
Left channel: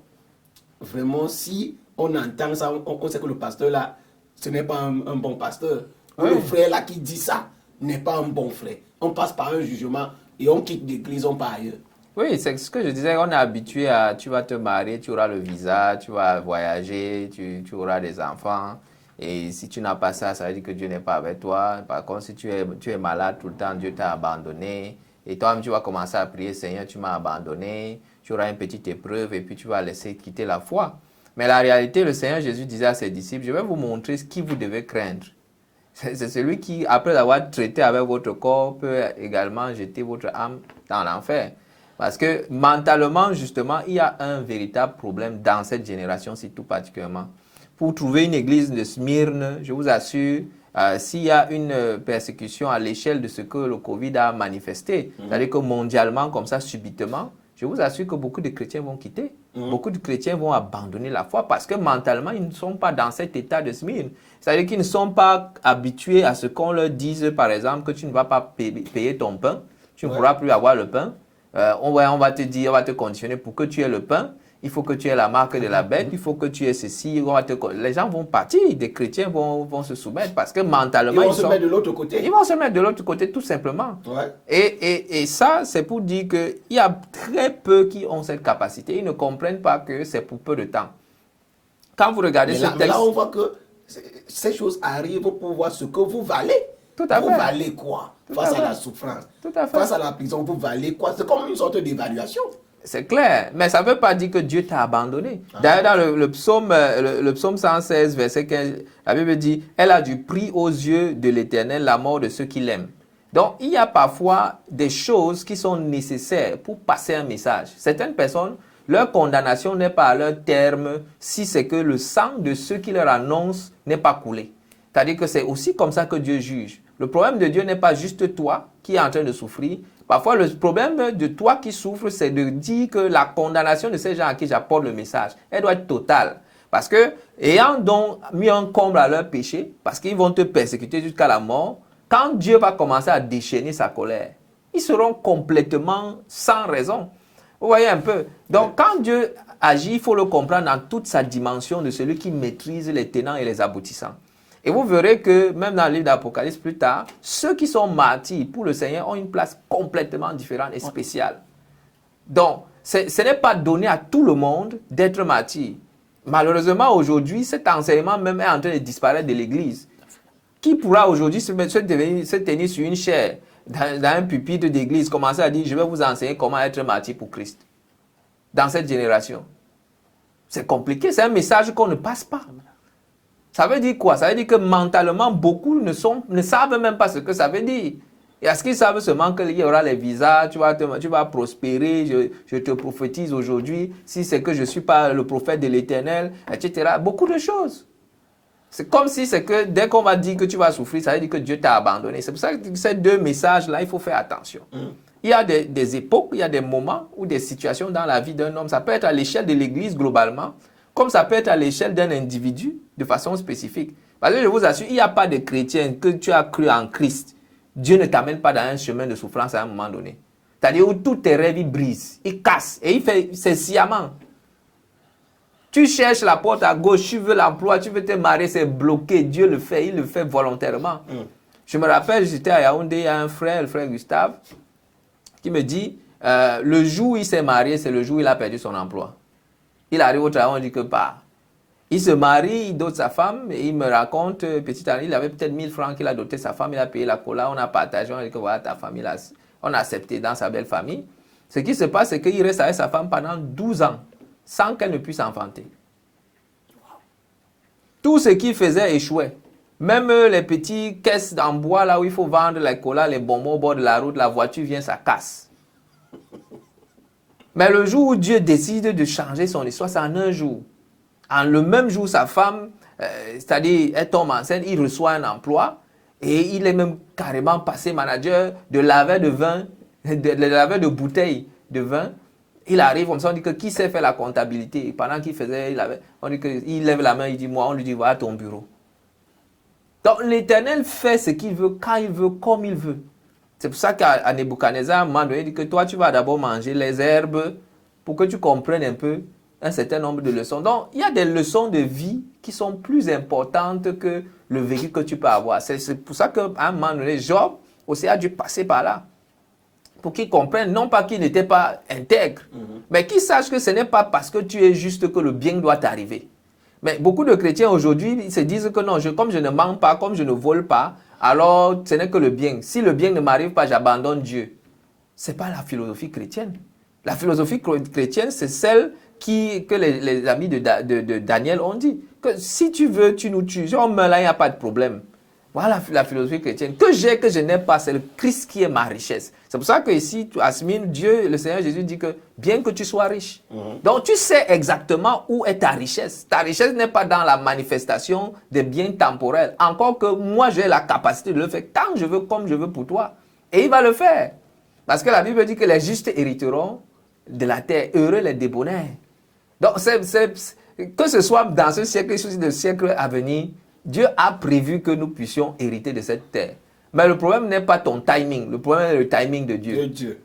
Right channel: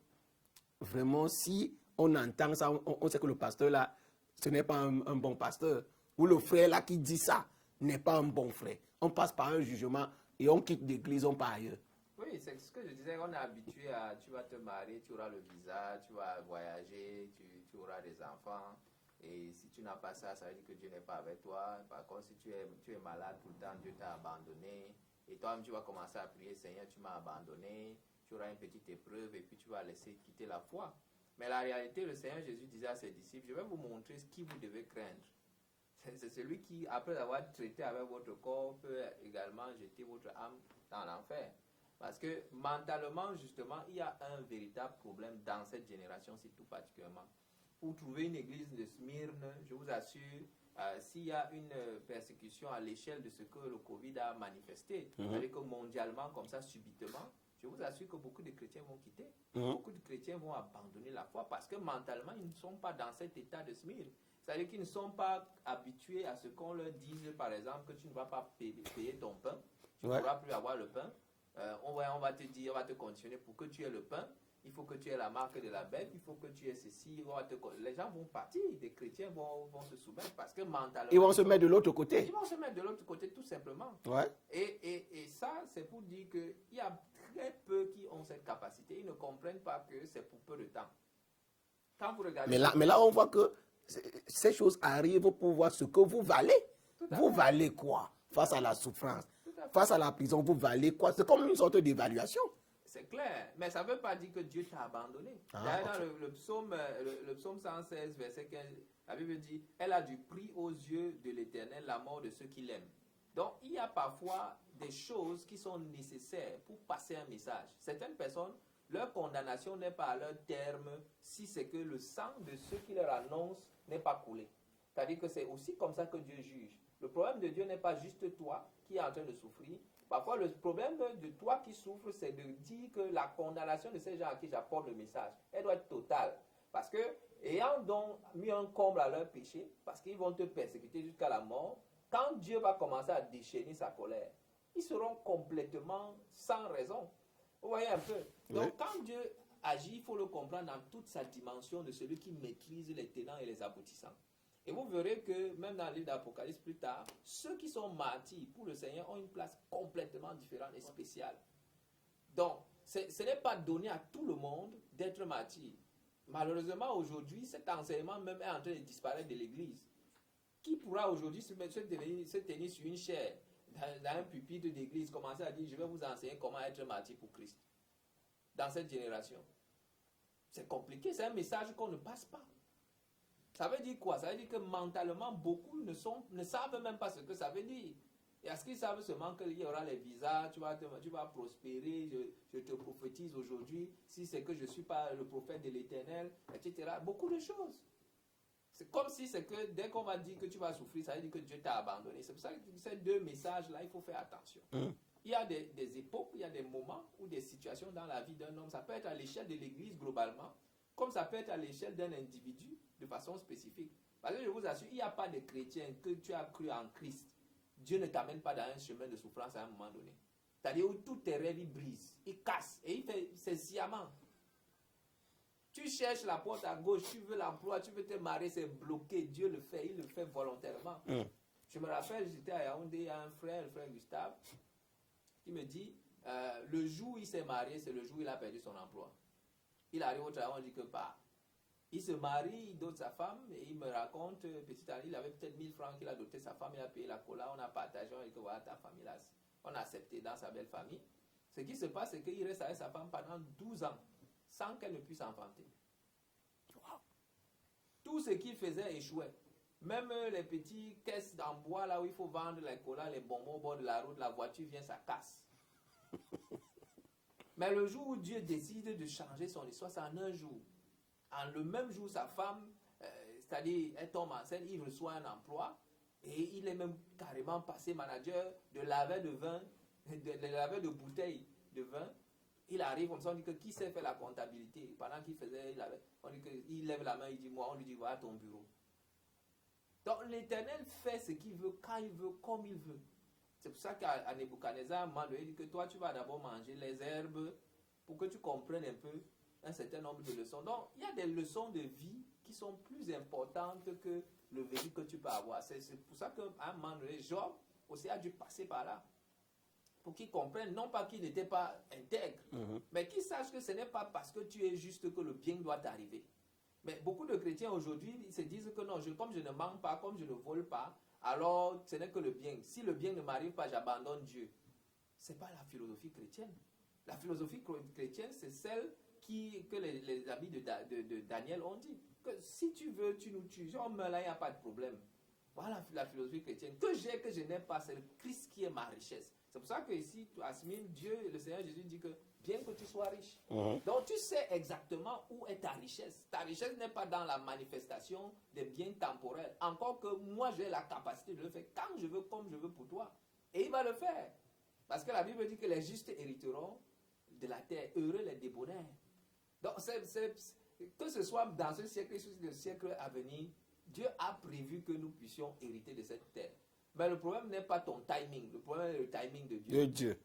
vraiment, si on entend ça, on sait que le pasteur là, ce n'est pas un bon pasteur. Ou le frère là qui dit ça n'est pas un bon frère. On passe par un jugement et on quitte l'église, on part ailleurs. Oui, c'est ce que je disais, on est habitué à, tu vas te marier, tu auras le visa, tu vas voyager, tu auras des enfants. Et si tu n'as pas ça, ça veut dire que Dieu n'est pas avec toi. Par contre, si tu es malade tout le temps, Dieu t'a abandonné. Et toi-même, tu vas commencer à prier, Seigneur, tu m'as abandonné. Tu auras une petite épreuve et puis tu vas laisser quitter la foi. Mais la réalité, le Seigneur Jésus disait à ses disciples, je vais vous montrer ce qui vous devez craindre. C'est celui qui, après avoir traité avec votre corps, peut également jeter votre âme dans l'enfer. Parce que mentalement, justement, il y a un véritable problème dans cette génération-ci tout particulièrement. Pour trouver une église de Smyrne, je vous assure, s'il y a une persécution à l'échelle de ce que le Covid a manifesté, c'est-à-dire que mondialement, comme ça, subitement, je vous assure que beaucoup de chrétiens vont quitter. Beaucoup de chrétiens vont abandonner la foi parce que mentalement, ils ne sont pas dans cet état de Smyrne. C'est-à-dire qu'ils ne sont pas habitués à ce qu'on leur dise, par exemple, que tu ne vas pas payer ton pain, tu ne pourras plus avoir le pain. On va te dire, on va te conditionner pour que tu aies le pain. Il faut que tu aies la marque de la bête, il faut que tu aies ceci. Les gens vont partir, des chrétiens vont se soumettre parce que mentalement... Ils vont se mettre de l'autre côté. Ils vont se mettre de l'autre côté, tout simplement. Ouais. Et ça, c'est pour dire qu'il y a très peu qui ont cette capacité. Ils ne comprennent pas que c'est pour peu de temps. Quand vous regardez ce texte... Mais là, on voit que ces choses arrivent pour voir ce que vous valez. Tout à fait. Vous valez quoi face à la souffrance? Tout à fait. Face à la prison, vous valez quoi? C'est comme une sorte d'évaluation. C'est clair, mais ça ne veut pas dire que Dieu t'a abandonné. D'ailleurs, dans le psaume 116, verset 15, la Bible dit « Elle a du prix aux yeux de l'Éternel la mort de ceux qui l'aiment. » Donc, il y a parfois des choses qui sont nécessaires pour passer un message. Certaines personnes, leur condamnation n'est pas à leur terme si c'est que le sang de ceux qui leur annoncent n'est pas coulé. C'est-à-dire que c'est aussi comme ça que Dieu juge. Le problème de Dieu n'est pas juste toi qui es en train de souffrir. Parfois, le problème de toi qui souffres, c'est de dire que la condamnation de ces gens à qui j'apporte le message, elle doit être totale. Parce que, ayant donc mis un comble à leur péché, parce qu'ils vont te persécuter jusqu'à la mort, quand Dieu va commencer à déchaîner sa colère, ils seront complètement sans raison. Vous voyez un peu? Donc, quand Dieu agit, il faut le comprendre dans toute sa dimension de celui qui maîtrise les tenants et les aboutissants. Et vous verrez que même dans le livre d'Apocalypse plus tard, ceux qui sont martyrs pour le Seigneur ont une place complètement différente et spéciale. Donc, ce n'est pas donné à tout le monde d'être martyr. Malheureusement, aujourd'hui, cet enseignement même est en train de disparaître de l'Église. Qui pourra aujourd'hui se tenir sur une chaire, dans un pupitre d'église, commencer à dire « Je vais vous enseigner comment être martyr pour Christ » dans cette génération? C'est compliqué, c'est un message qu'on ne passe pas. Ça veut dire quoi? Ça veut dire que mentalement, beaucoup ne savent même pas ce que ça veut dire. Et est-ce qu'ils savent seulement qu'il y aura les visas, tu vas prospérer, je te prophétise aujourd'hui, si c'est que je ne suis pas le prophète de l'Éternel, etc. Beaucoup de choses. C'est comme si c'est que dès qu'on va dire que tu vas souffrir, ça veut dire que Dieu t'a abandonné. C'est pour ça que ces deux messages-là, il faut faire attention. Il y a des époques, il y a des moments ou des situations dans la vie d'un homme. Ça peut être à l'échelle de l'Église globalement, comme ça peut être à l'échelle d'un individu de façon spécifique. Parce que je vous assure, il n'y a pas de chrétien que tu as cru en Christ. Dieu ne t'amène pas dans un chemin de souffrance à un moment donné. C'est-à-dire où tous tes rêves, ils brisent, ils cassent. Et c'est sciemment. Tu cherches la porte à gauche, tu veux l'emploi, tu veux te marier, c'est bloqué. Dieu le fait, il le fait volontairement. Je me rappelle, j'étais à Yaoundé, il y a un frère, le frère Gustave, qui me dit, le jour où il s'est marié, c'est le jour où il a perdu son emploi. Il arrive au travail, on dit que pas. Il se marie, il dote sa femme, et il me raconte, petit à petit, il avait peut-être 1000 francs qu'il a doté sa femme, il a payé la cola, on a partagé, on a dit que voilà, ta famille, on a accepté dans sa belle famille. Ce qui se passe, c'est qu'il reste avec sa femme pendant 12 ans, sans qu'elle ne puisse enfanter. Tout ce qu'il faisait échouait. Même les petites caisses en bois, là où il faut vendre les colas, les bonbons au bord de la route, la voiture vient, ça casse. Mais le jour où Dieu décide de changer son histoire, c'est en un jour. En le même jour, sa femme, c'est-à-dire, elle tombe enceinte, il reçoit un emploi et il est même carrément passé manager de laveur de vin, de laveur de bouteilles de vin. Il arrive, on dit que qui sait faire la comptabilité? Et pendant qu'il faisait, on dit qu'il lève la main, il dit moi, on lui dit voilà ton bureau. Donc l'Éternel fait ce qu'il veut, quand il veut, comme il veut. C'est pour ça qu'à Nebuchadnezzar, à un moment donné, il dit que toi, tu vas d'abord manger les herbes pour que tu comprennes un peu un certain nombre de leçons. Donc, il y a des leçons de vie qui sont plus importantes que le vécu que tu peux avoir. C'est pour ça qu'à un moment donné, Job aussi a dû passer par là. Pour qu'il comprenne, non pas qu'il n'était pas intègre, mais qu'il sache que ce n'est pas parce que tu es juste que le bien doit t'arriver. Mais beaucoup de chrétiens aujourd'hui, ils se disent que non, comme je ne mens pas, comme je ne vole pas, alors ce n'est que le bien. Si le bien ne m'arrive pas, j'abandonne Dieu. Ce n'est pas la philosophie chrétienne. La philosophie chrétienne, c'est celle que les amis de Daniel ont dit. Que si tu veux, tu nous tues. Si on meurt là, il n'y a pas de problème. Voilà la philosophie chrétienne. Que j'ai, que je n'ai pas, c'est le Christ qui est ma richesse. C'est pour ça que ici, Asmine, Dieu, le Seigneur Jésus dit que bien que tu sois riche. Donc tu sais exactement où est ta richesse. Ta richesse n'est pas dans la manifestation des biens temporels. Encore que moi, j'ai la capacité de le faire tant je veux, comme je veux pour toi. Et il va le faire. Parce que la Bible dit que les justes hériteront de la terre. Heureux les débonnaires. Donc, que ce soit dans ce siècle ou dans le siècle à venir, Dieu a prévu que nous puissions hériter de cette terre. Mais le problème n'est pas ton timing, le problème est le timing de Dieu. De Dieu.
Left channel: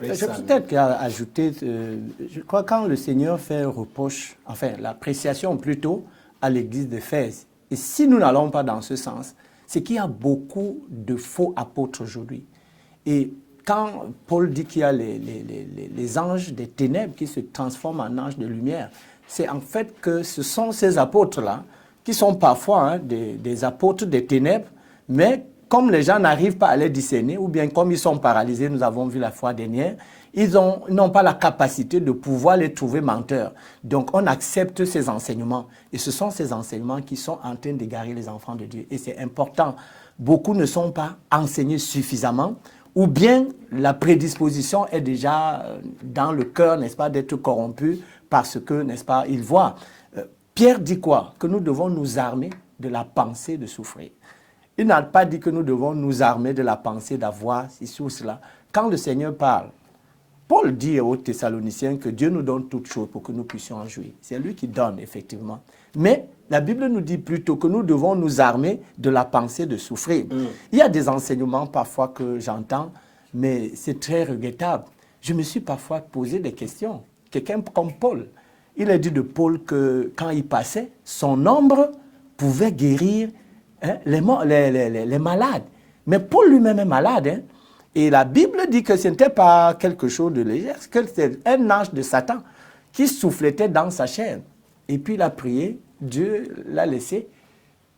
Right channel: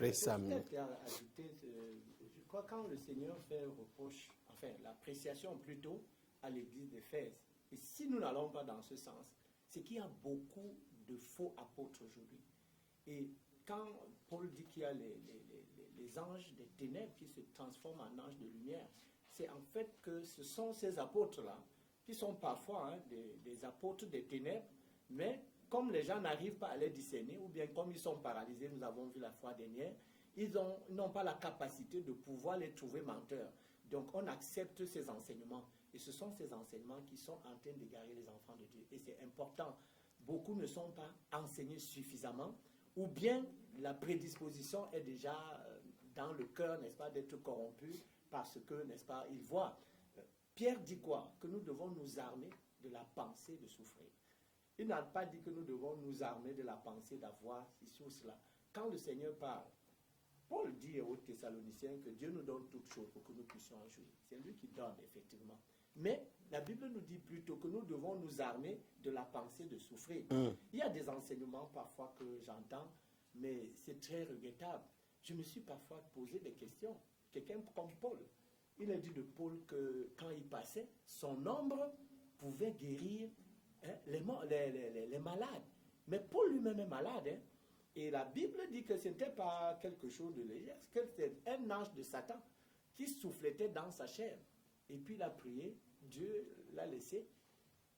Je peux peut-être ajouter, je crois quand le Seigneur fait un reproche, enfin l'appréciation plutôt à l'église d'Éphèse, et si nous n'allons pas dans ce sens, c'est qu'il y a beaucoup de faux apôtres aujourd'hui. Et quand Paul dit qu'il y a les anges des ténèbres qui se transforment en anges de lumière, c'est en fait que ce sont ces apôtres-là qui sont parfois des apôtres des ténèbres, mais comme les gens n'arrivent pas à les discerner, ou bien comme ils sont paralysés, nous avons vu la fois dernière, ils n'ont pas la capacité de pouvoir les trouver menteurs. Donc on accepte ces enseignements. Et ce sont ces enseignements qui sont en train d'égarer les enfants de Dieu. Et c'est important. Beaucoup ne sont pas enseignés suffisamment, ou bien la prédisposition est déjà dans le cœur, n'est-ce pas, d'être corrompu parce que, n'est-ce pas, ils voient. Pierre dit quoi? Que nous devons nous armer de la pensée de souffrir. Il n'a pas dit que nous devons nous armer de la pensée d'avoir ceci ou cela. Quand le Seigneur parle, Paul dit aux Thessaloniciens que Dieu nous donne toutes choses pour que nous puissions en jouir. C'est lui qui donne, effectivement. Mais la Bible nous dit plutôt que nous devons nous armer de la pensée de souffrir. Il y a des enseignements parfois que j'entends, mais c'est très regrettable. Je me suis parfois posé des questions. Quelqu'un comme Paul, il a dit de Paul que quand il passait, son ombre pouvait guérir les malades. Mais Paul lui-même est malade. Hein? Et la Bible dit que ce n'était pas quelque chose de léger, que c'était un ange de Satan qui souffletait dans sa chair. Et puis il a prié, Dieu l'a laissé.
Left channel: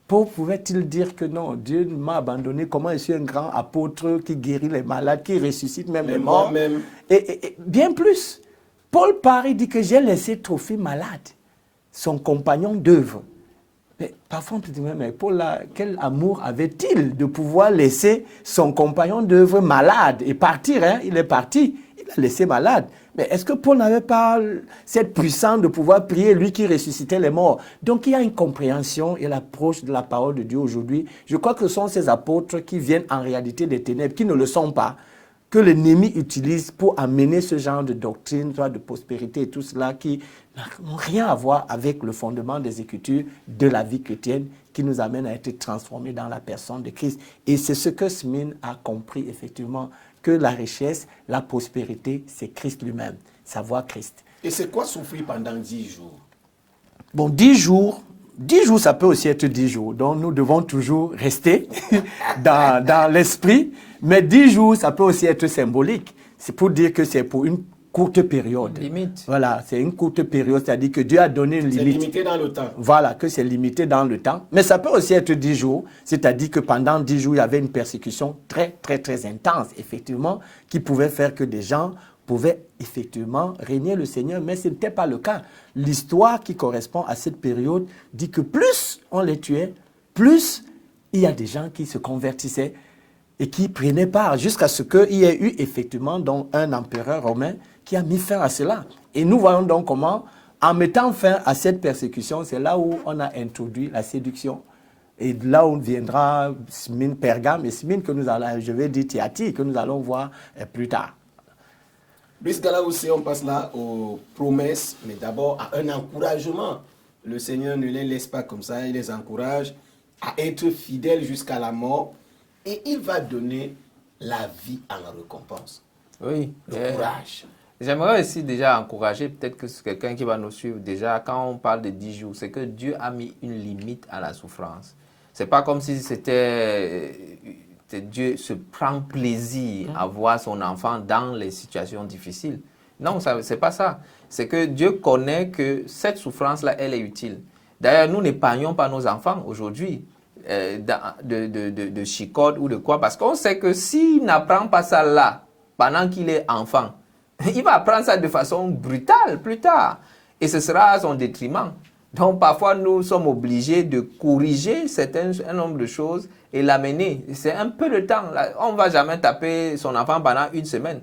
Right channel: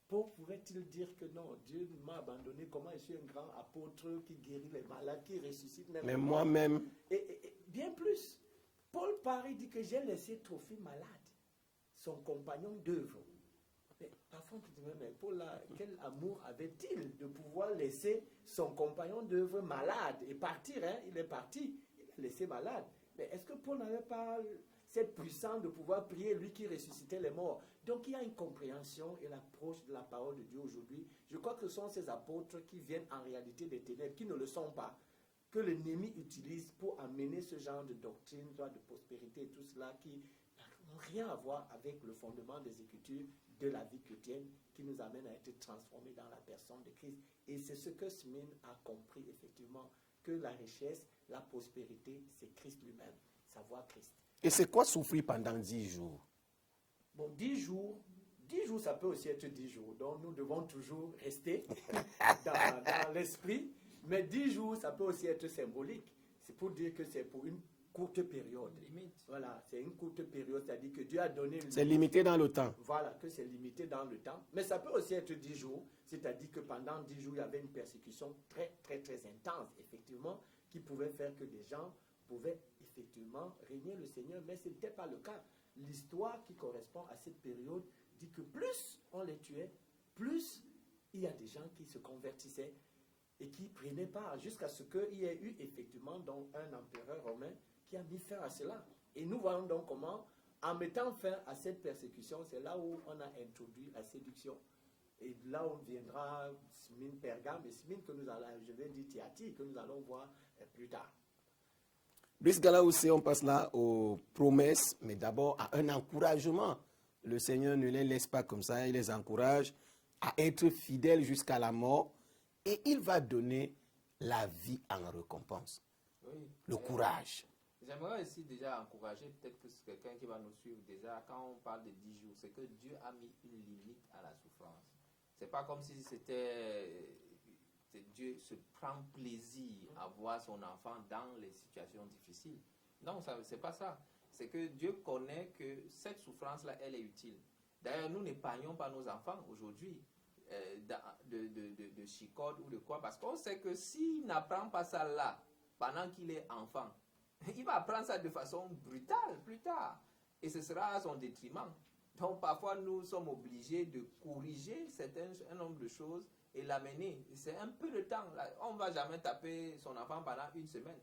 Paul pouvait-il dire que non, Dieu m'a abandonné, comment je suis un grand apôtre qui guérit les malades, qui ressuscite même les morts. Et bien plus, Paul part, il dit que j'ai laissé Trophime malade, son compagnon d'œuvre. Mais parfois on peut dire, mais Paul, là, quel amour avait-il de pouvoir laisser son compagnon d'œuvre malade et partir, hein? Il est parti, il l'a laissé malade. Mais est-ce que Paul n'avait pas cette puissance de pouvoir prier, lui qui ressuscitait les morts? Donc il y a une compréhension et l'approche de la parole de Dieu aujourd'hui. Je crois que ce sont ces apôtres qui viennent en réalité des ténèbres, qui ne le sont pas, que l'ennemi utilise pour amener ce genre de doctrine, de prospérité et tout cela qui n'ont rien à voir avec le fondement des Écritures de la vie chrétienne qui nous amène à être transformés dans la personne de Christ. Et c'est ce que Smith a compris effectivement, que la richesse, la prospérité, c'est Christ lui-même, savoir Christ. Et c'est quoi souffrir pendant 10 jours? Bon, 10 jours, ça peut aussi être 10 jours. Donc, nous devons toujours rester dans l'esprit. Mais 10 jours, ça peut aussi être symbolique. C'est pour dire que c'est pour une courte période. Limite. Voilà, c'est une courte période, c'est-à-dire que Dieu a donné une limite. C'est limité dans le temps. Voilà, que c'est limité dans le temps. Mais ça peut aussi être 10 jours, c'est-à-dire que pendant 10 jours, il y avait une persécution très, très, très intense, effectivement, qui pouvait faire que des gens pouvaient effectivement régner le Seigneur, mais ce n'était pas le cas. L'histoire qui correspond à cette période dit que plus on les tuait, plus il y a des gens qui se convertissaient et qui prenaient part jusqu'à ce qu'il y ait eu effectivement donc un empereur romain qui a mis fin à cela. Et nous voyons donc comment, en mettant fin à cette persécution, c'est là où on a introduit la séduction. Et là où viendra Smyrne, Pergame et Smyrne que nous allons, je vais dire Thyatire, que nous allons voir plus tard. Jusqu'à aussi, on passe là aux promesses, mais d'abord à un encouragement. Le Seigneur ne les laisse pas comme ça, il les encourage à être fidèles jusqu'à la mort et il va donner la vie en récompense. Oui. Le courage. J'aimerais aussi déjà encourager, peut-être que c'est quelqu'un qui va nous suivre déjà, quand on parle de 10 jours, c'est que Dieu a mis une limite à la souffrance. C'est pas comme si Dieu se prend plaisir à voir son enfant dans les situations difficiles. Non, c'est pas ça. C'est que Dieu connaît que cette souffrance-là, elle est utile. D'ailleurs, nous n'épargnons pas nos enfants aujourd'hui de chicote ou de quoi, parce qu'on sait que s'il n'apprend pas ça là, pendant qu'il est enfant, il va apprendre ça de façon brutale plus tard. Et ce sera à son détriment. Donc, parfois, nous sommes obligés de corriger un nombre de choses et l'amener. C'est un peu de temps. On ne va jamais taper son enfant pendant une semaine.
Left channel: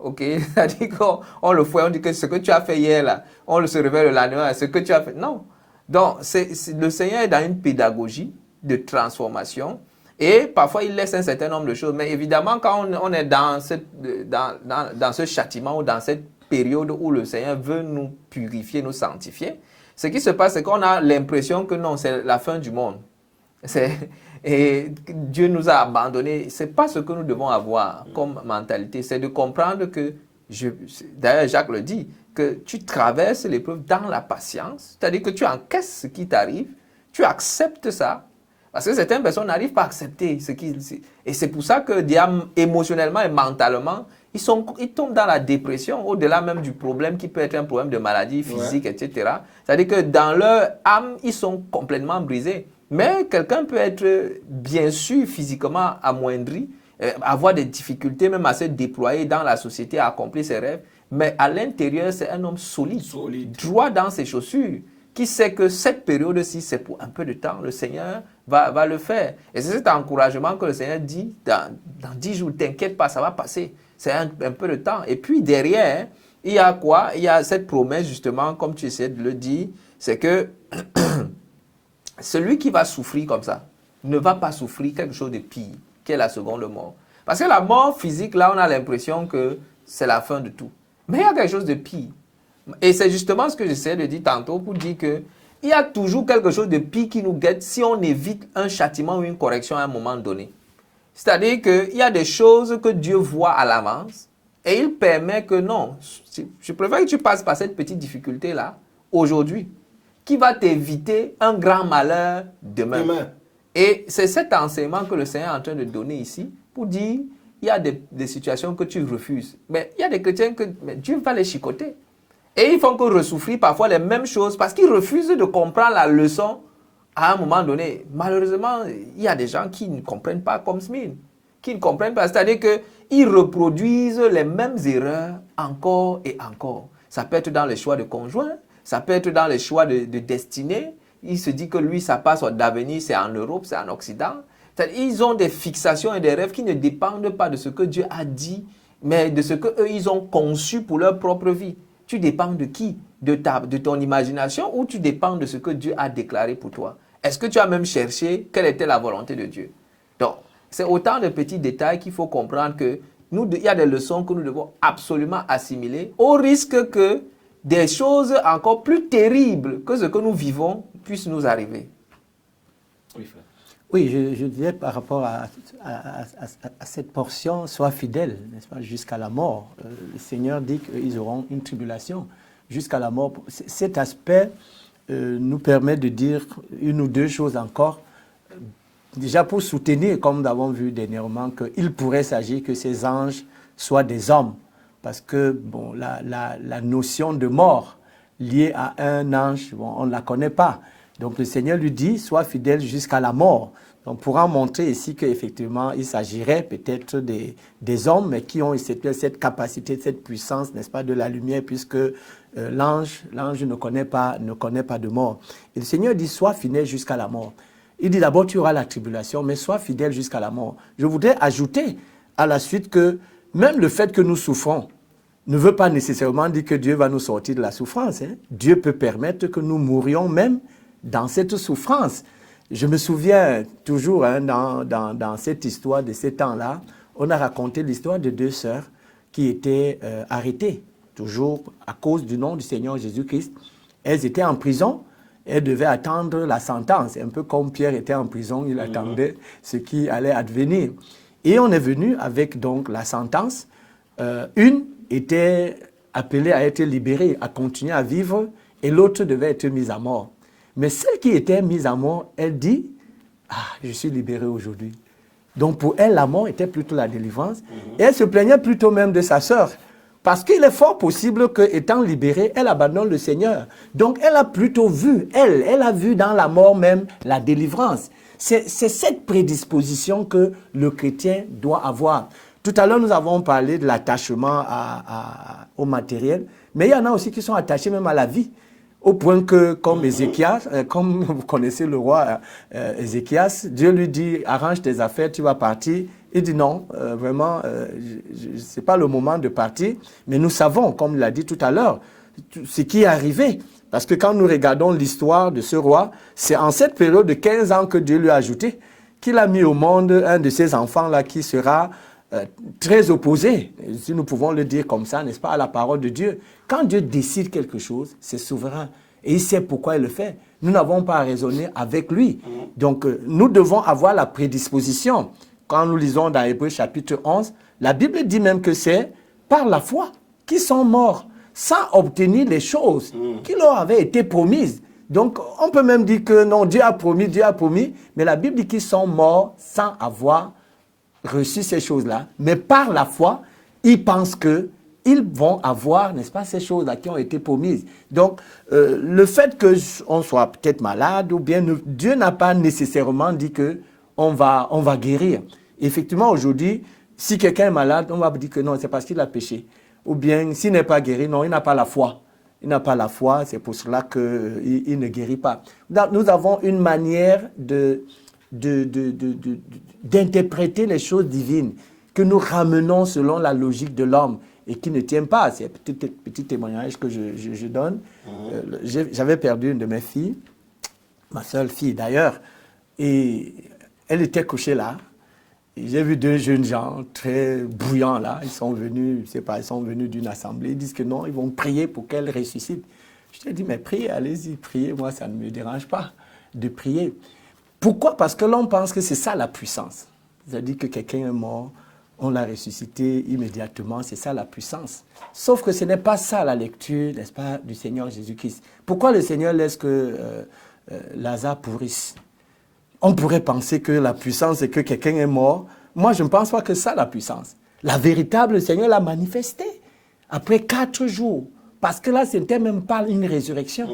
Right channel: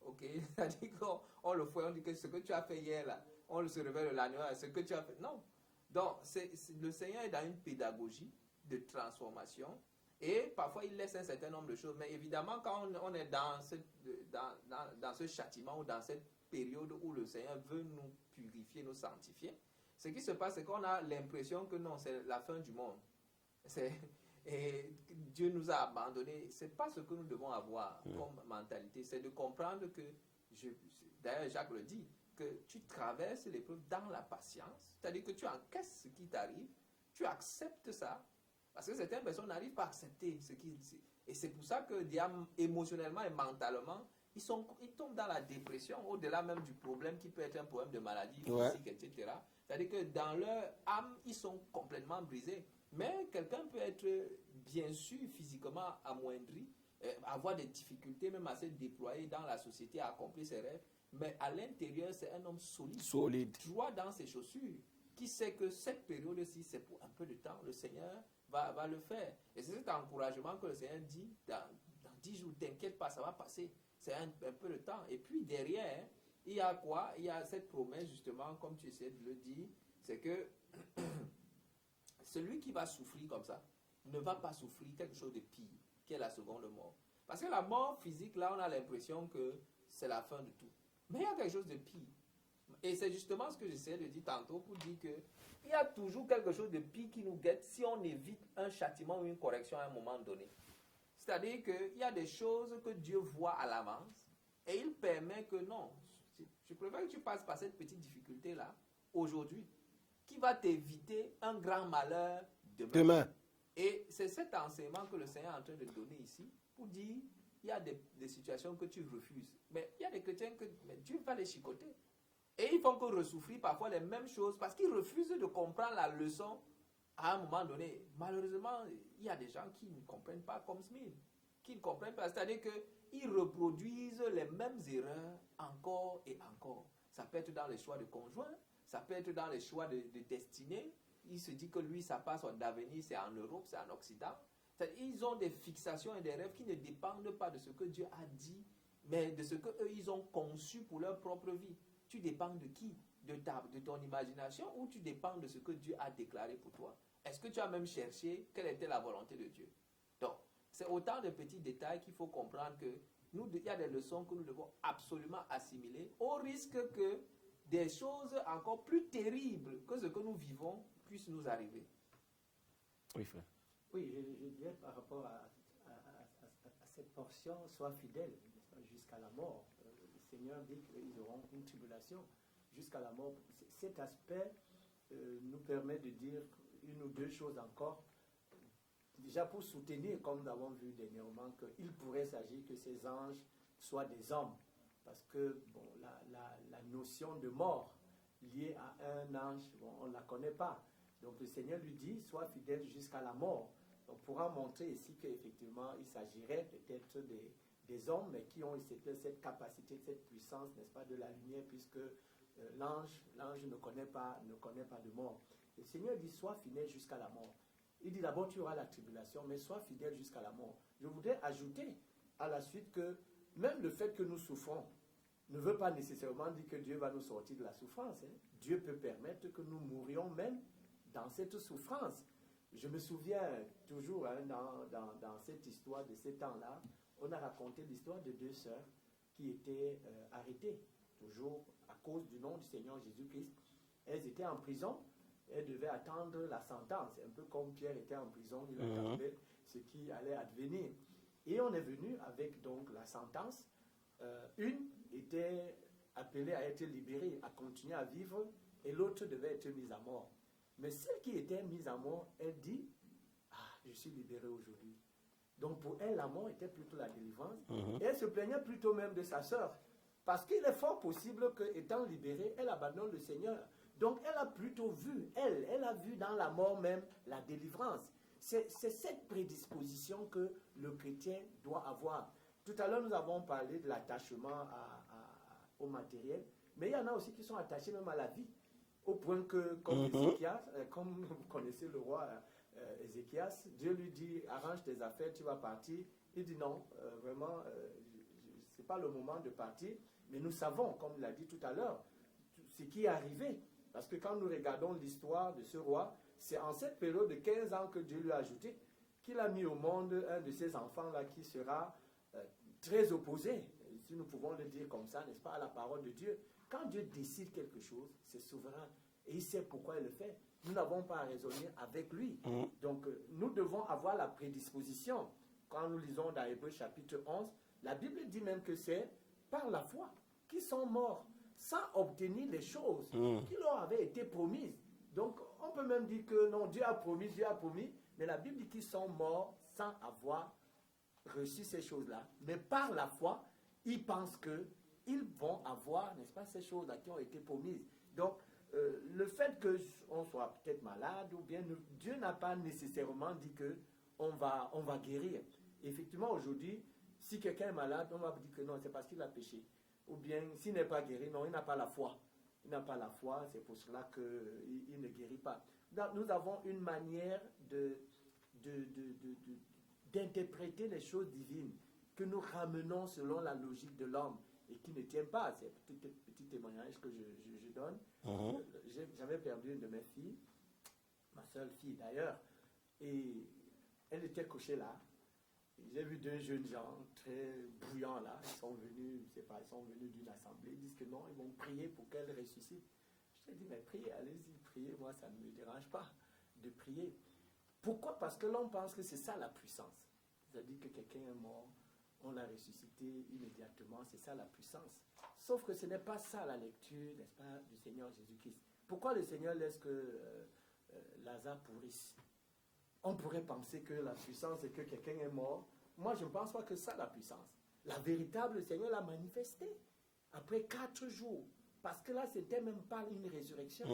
OK? C'est-à-dire qu'on le fait, on dit que ce que tu as fait hier, là, on se réveille le lendemain, ce que tu as fait. Non. Donc, le Seigneur est dans une pédagogie de transformation. Et parfois, il laisse un certain nombre de choses. Mais évidemment, quand on est dans ce châtiment ou dans cette période où le Seigneur veut nous purifier, nous sanctifier, ce qui se passe, c'est qu'on a l'impression que non, c'est la fin du monde. Et Dieu nous a abandonnés. Ce n'est pas ce que nous devons avoir comme mentalité. C'est de comprendre que, d'ailleurs Jacques le dit, que tu traverses l'épreuve dans la patience. C'est-à-dire que tu encaisses ce qui t'arrive, tu acceptes ça. Parce que certaines personnes n'arrivent pas à accepter ce qui... Et c'est pour ça que émotionnellement et mentalement, ils tombent dans la dépression, au-delà même du problème qui peut être un problème de maladie physique, etc. C'est-à-dire que dans leur âme, ils sont complètement brisés. Mais quelqu'un peut être, bien sûr, physiquement amoindri, avoir des difficultés même à se déployer dans la société, à accomplir ses rêves. Mais à l'intérieur, c'est un homme solide, droit dans ses chaussures, qui sait que cette période-ci, c'est pour un peu de temps. Le Seigneur va le faire. Et c'est cet encouragement que le Seigneur dit, dans 10 jours, t'inquiète pas, ça va passer. C'est un peu de temps. Et puis derrière, il y a quoi? Il y a cette promesse, justement, comme tu essaies de le dire, c'est que celui qui va souffrir comme ça ne va pas souffrir quelque chose de pire, qui est la seconde mort. Parce que la mort physique, là, on a l'impression que c'est la fin de tout. Mais il y a quelque chose de pire. Et c'est justement ce que j'essaie de dire tantôt pour dire que il y a toujours quelque chose de pire qui nous guette si on évite un châtiment ou une correction à un moment donné. C'est-à-dire qu'il y a des choses que Dieu voit à l'avance et il permet que non, je préfère que tu passes par cette petite difficulté-là aujourd'hui qui va t'éviter un grand malheur demain. Et c'est cet enseignement que le Seigneur est en train de donner ici pour dire il y a des situations que tu refuses. Mais il y a des chrétiens que Dieu va les chicoter. Et ils font que ressouffrir parfois les mêmes choses parce qu'ils refusent de comprendre la leçon à un moment donné. Malheureusement, il y a des gens qui ne comprennent pas comme Smyrne, qui ne comprennent pas. C'est-à-dire qu'ils reproduisent les mêmes erreurs encore et encore. Ça peut être dans les choix de conjoint, ça peut être dans les choix de destinée. Il se dit que lui, sa passe d'avenir, c'est en Europe, c'est en Occident. Ils ont des fixations et des rêves qui ne dépendent pas de ce que Dieu a dit, mais de ce qu'eux, ils ont conçu pour leur propre vie. Tu dépends de qui? De ton imagination ou tu dépends de ce que Dieu a déclaré pour toi? Est-ce que tu as même cherché quelle était la volonté de Dieu? Donc, c'est autant de petits détails qu'il faut comprendre que il y a des leçons que nous devons absolument assimiler au risque que des choses encore plus terribles que ce que nous vivons puissent nous arriver. Oui, frère. Oui, je disais par rapport à cette portion, sois fidèle, n'est-ce pas, jusqu'à la mort. Le Seigneur dit qu'ils auront une tribulation jusqu'à la mort. Cet aspect nous permet de dire une ou deux choses encore. Déjà pour soutenir, comme nous avons vu dernièrement, qu'il pourrait s'agir que ces anges soient des hommes. parce que bon, la notion de mort liée à un ange, bon, on ne la connaît pas. Donc le Seigneur lui dit, sois fidèle jusqu'à la mort. On pourra montrer ici qu'effectivement, il s'agirait peut-être des hommes, mais qui ont cette capacité, cette puissance, n'est-ce pas, de la lumière, puisque l'ange ne connaît pas de mort. Et le Seigneur dit, sois fidèle jusqu'à la mort. Il dit d'abord, tu auras la tribulation, mais sois fidèle jusqu'à la mort. Je voudrais ajouter à la suite que même le fait que nous souffrons ne veut pas nécessairement dire que Dieu va nous sortir de la souffrance. Hein. Dieu peut permettre que nous mourions même dans cette souffrance. Je me souviens toujours, hein, dans cette histoire de ces temps-là, on a raconté l'histoire de 2 sœurs qui étaient arrêtées, toujours à cause du nom du Seigneur Jésus-Christ. Elles étaient en prison, elles devaient attendre la sentence. Un peu comme Pierre était en prison, il attendait ce qui allait advenir. Et on est venu avec donc la sentence. Une était appelée à être libérée, à continuer à vivre, et l'autre devait être mise à mort. Mais celle qui était mise à mort, elle dit, « Ah, je suis libérée aujourd'hui. » Donc pour elle, la mort était plutôt la délivrance. Et elle se plaignait plutôt même de sa sœur. Parce qu'il est fort possible qu'étant libérée, elle abandonne le Seigneur. Donc elle a plutôt vu, elle a vu dans la mort même la délivrance. C'est cette prédisposition que le chrétien doit avoir. Tout à l'heure, nous avons parlé de l'attachement au matériel, mais il y en a aussi qui sont attachés même à la vie. Au point que, comme Ézéchias, comme vous connaissez le roi Ézéchias, Dieu lui dit, arrange tes affaires, tu vas partir. Il dit non, vraiment, ce n'est pas le moment de partir. Mais nous savons, comme il l'a dit tout à l'heure, ce qui est arrivé. Parce que quand nous regardons l'histoire de ce roi, c'est en cette période de 15 ans que Dieu lui a ajouté, qu'il a mis au monde un de ses enfants-là qui sera très opposé, si nous pouvons le dire comme ça, n'est-ce pas, à la parole de Dieu. Quand Dieu décide quelque chose, c'est souverain. Et il sait pourquoi il le fait. Nous n'avons pas à raisonner avec lui. Donc, nous devons avoir la prédisposition. Quand nous lisons dans Hébreux chapitre 11, la Bible dit même que c'est par la foi qu'ils sont morts, sans obtenir les choses qui leur avaient été promises. Donc, on peut même dire que non, Dieu a promis, mais la Bible dit qu'ils sont morts sans avoir reçu ces choses-là. Mais par la foi, ils pensent qu'ils vont avoir, n'est-ce pas, ces choses-là qui ont été promises. Donc, le fait qu'on soit peut-être malade, ou bien Dieu n'a pas nécessairement dit qu'on va guérir. Effectivement, aujourd'hui, si quelqu'un est malade, on va dire que non, c'est parce qu'il a péché. Ou bien, s'il n'est pas guéri, non, il n'a pas la foi. Il n'a pas la foi, c'est pour cela qu'il ne guérit pas. Donc, nous avons une manière d'interpréter les choses divines que nous ramenons selon la logique de l'homme et qui ne tient pas. C'est un petit témoignage que je donne. J'avais perdu une de mes filles, ma seule fille d'ailleurs, et elle était couchée là. J'ai vu 2 jeunes gens très bouillants là. Ils sont venus, je sais pas, ils sont venus d'une assemblée. Ils disent que non, ils vont prier pour qu'elle ressuscite. Je te dis, mais priez, allez-y, priez. Moi, ça ne me dérange pas de prier. Pourquoi? Parce que l'on pense que c'est ça la puissance. C'est-à-dire que quelqu'un est mort, on l'a ressuscité immédiatement, c'est ça la puissance. Sauf que ce n'est pas ça la lecture, n'est-ce pas, du Seigneur Jésus-Christ. Pourquoi le Seigneur laisse que Lazare pourrisse? On pourrait penser que la puissance, c'est que quelqu'un est mort. Moi, je ne pense pas que ça la puissance. La véritable, le Seigneur l'a manifestée après 4 jours. Parce que là, ce n'était même pas une résurrection.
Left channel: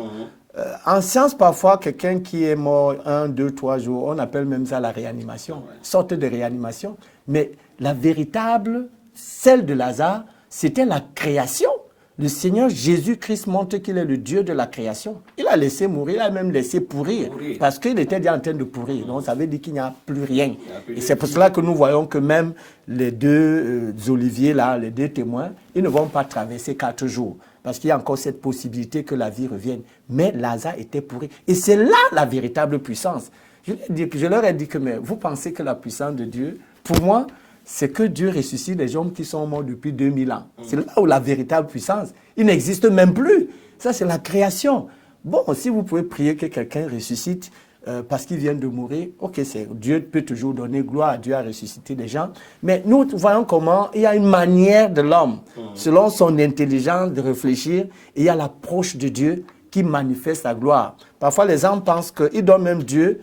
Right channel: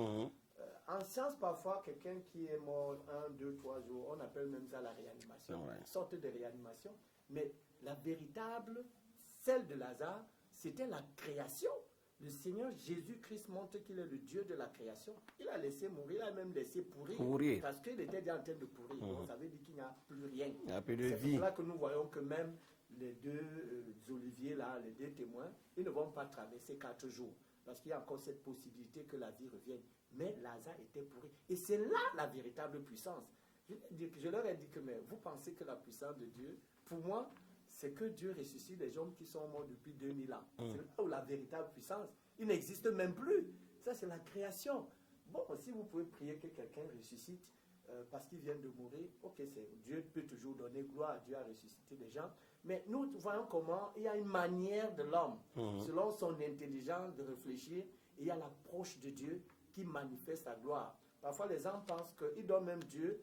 En science, parfois, quelqu'un qui est mort 1, 2, 3 jours, on appelle même ça la réanimation, sorte de réanimation. Mais la véritable, celle de Lazare, c'était la création. Le Seigneur Jésus-Christ montre qu'il est le Dieu de la création. Il a laissé mourir, il a même laissé pourrir, parce qu'il était déjà en train de pourrir. Donc, ça veut dire qu'il n'y a plus rien. Et c'est pour cela que nous voyons que même les 2 oliviers, là, les 2 témoins, ils ne vont pas traverser 4 jours. Parce qu'il y a encore cette possibilité que la vie revienne. Mais Lazare était pourri. Et c'est là la véritable puissance. Je leur ai dit que, mais vous pensez que la puissance de Dieu, pour moi, c'est que Dieu ressuscite les hommes qui sont morts depuis 2000 ans. C'est là où la véritable puissance, il n'existe même plus. Ça, c'est la création. Bon, si vous pouvez prier que quelqu'un ressuscite parce qu'il vient de mourir, ok, Dieu peut toujours donner gloire à Dieu à ressusciter des gens. Mais nous voyons comment il y a une manière de l'homme, selon son intelligence, de réfléchir. Et il y a l'approche de Dieu qui manifeste sa gloire. Parfois, les hommes pensent qu'ils donnent même Dieu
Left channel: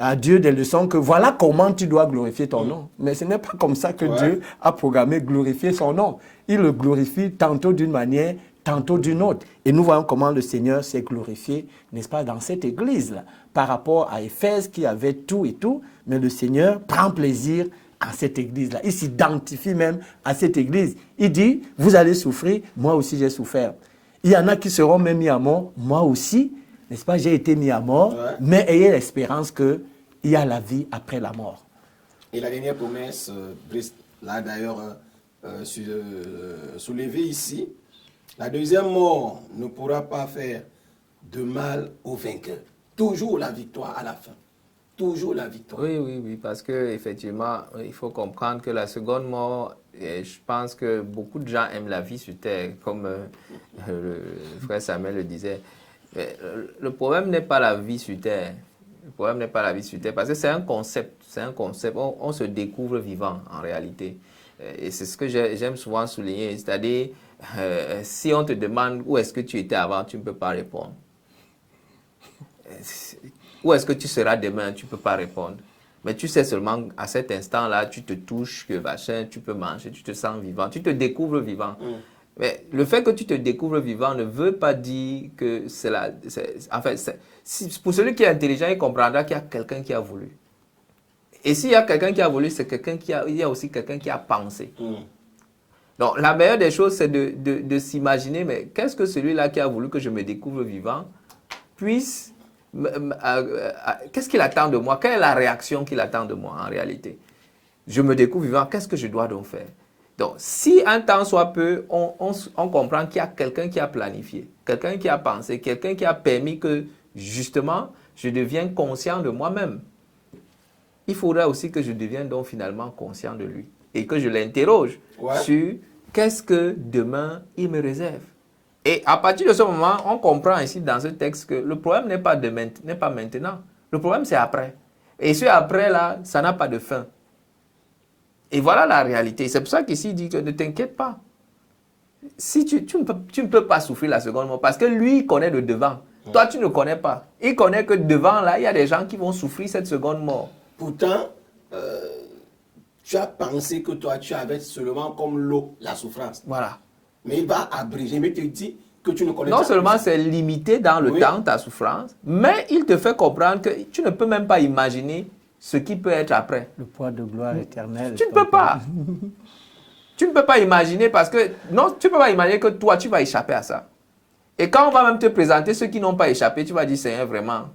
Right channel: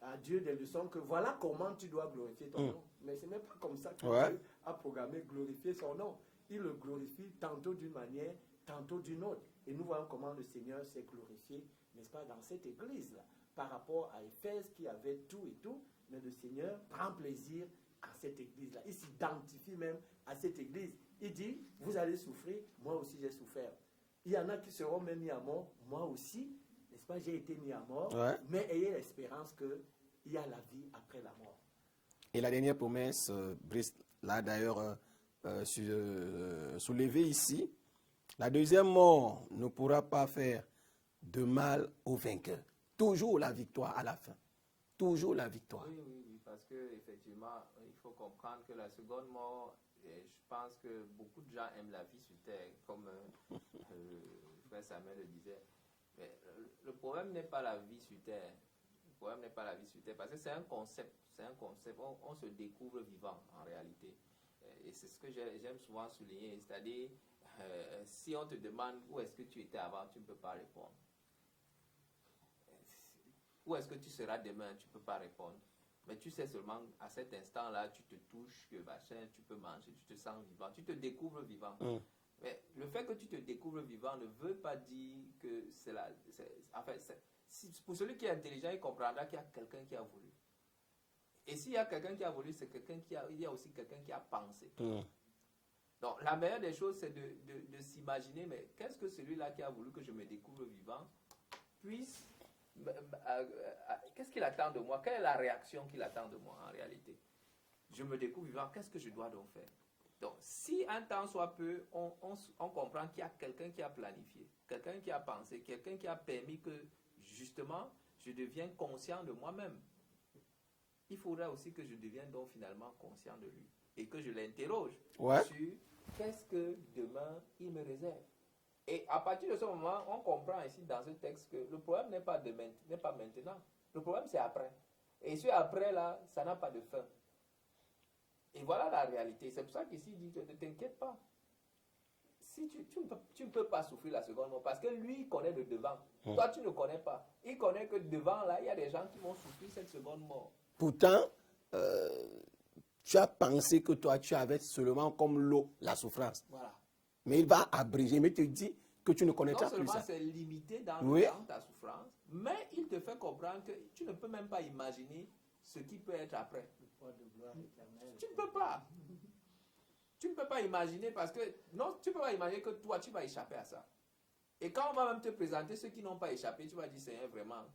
à Dieu des leçons que voilà comment tu dois glorifier ton nom. Mais ce n'est pas comme ça que Dieu a programmé glorifier son nom. Il le glorifie tantôt d'une manière, tantôt d'une autre. Et nous voyons comment le Seigneur s'est glorifié, n'est-ce pas, dans cette église-là, par rapport à Éphèse qui avait tout et tout, mais le Seigneur prend plaisir à cette église-là. Il s'identifie même à cette église. Il dit, vous allez souffrir, moi aussi j'ai souffert. Il y en a qui seront même mis à mort, moi aussi, n'est-ce pas, j'ai été mis à mort, mais ayez l'espérance qu'il y a la vie après la mort. Et la dernière promesse, Brice l'a d'ailleurs soulevée ici, la deuxième mort ne pourra pas faire de mal au vainqueur. Toujours la victoire à la fin. Toujours la victoire. Oui, parce qu'effectivement, il faut comprendre que la seconde mort, je pense que beaucoup de gens aiment la vie sur terre, comme le frère Samuel le disait. Mais le problème n'est pas la vie sur terre. Le problème n'est pas la vie sur terre, parce que c'est un concept. C'est un concept. On se découvre vivant, en réalité. Et c'est ce que j'aime souvent souligner. C'est-à-dire, si on te demande où est-ce que tu étais avant, tu ne peux pas répondre. Où est-ce que tu seras demain, tu ne peux pas répondre. Mais tu sais seulement, à cet instant-là, tu te touches, que machin, tu peux manger, tu te sens vivant, tu te découvres vivant. Mais le fait que tu te découvres vivant ne veut pas dire que c'est la... pour celui qui est intelligent, il comprendra qu'il y a quelqu'un qui a voulu. Et s'il y a quelqu'un qui a voulu, c'est quelqu'un il y a aussi quelqu'un qui a pensé. Donc, la meilleure des choses, c'est de s'imaginer, mais qu'est-ce que celui-là qui a voulu que je me découvre vivant puisse... qu'est-ce qu'il attend de moi? Quelle est la réaction qu'il attend de moi en réalité? Je me découvre vivant, qu'est-ce que je dois donc faire? Donc, si un temps soit peu, on comprend qu'il y a quelqu'un qui a planifié, quelqu'un qui a pensé, quelqu'un qui a permis que, justement, je devienne conscient de moi-même. Il faudra aussi que je devienne donc finalement conscient de lui et que je l'interroge sur qu'est-ce que demain il me réserve. Et à partir de ce moment, on comprend ici dans ce texte que le problème n'est pas maintenant. Le problème, c'est après. Et ce après-là, ça n'a pas de fin. Et voilà la réalité. C'est pour ça qu'ici, il dit que ne t'inquiète pas. Si tu ne peux pas souffrir la seconde mort parce que lui, il connaît le devant. Toi, tu ne connais pas. Il connaît que devant, là, il y a des gens qui vont souffrir cette seconde mort. Pourtant, tu as pensé que toi, tu avais seulement comme l'eau, la souffrance. Voilà. Mais il va abréger, mais tu dis que tu ne connais pas. Non seulement c'est limité dans le temps, ta souffrance, mais il te fait comprendre que tu ne peux même pas imaginer ce qui peut être après. Le poids de gloire éternelle. Tu ne peux pas. Tu ne peux pas imaginer parce que, non, tu ne peux pas imaginer que toi, tu vas échapper à ça. Et quand on va même te présenter ceux qui n'ont pas échappé, tu vas dire, Seigneur, vraiment.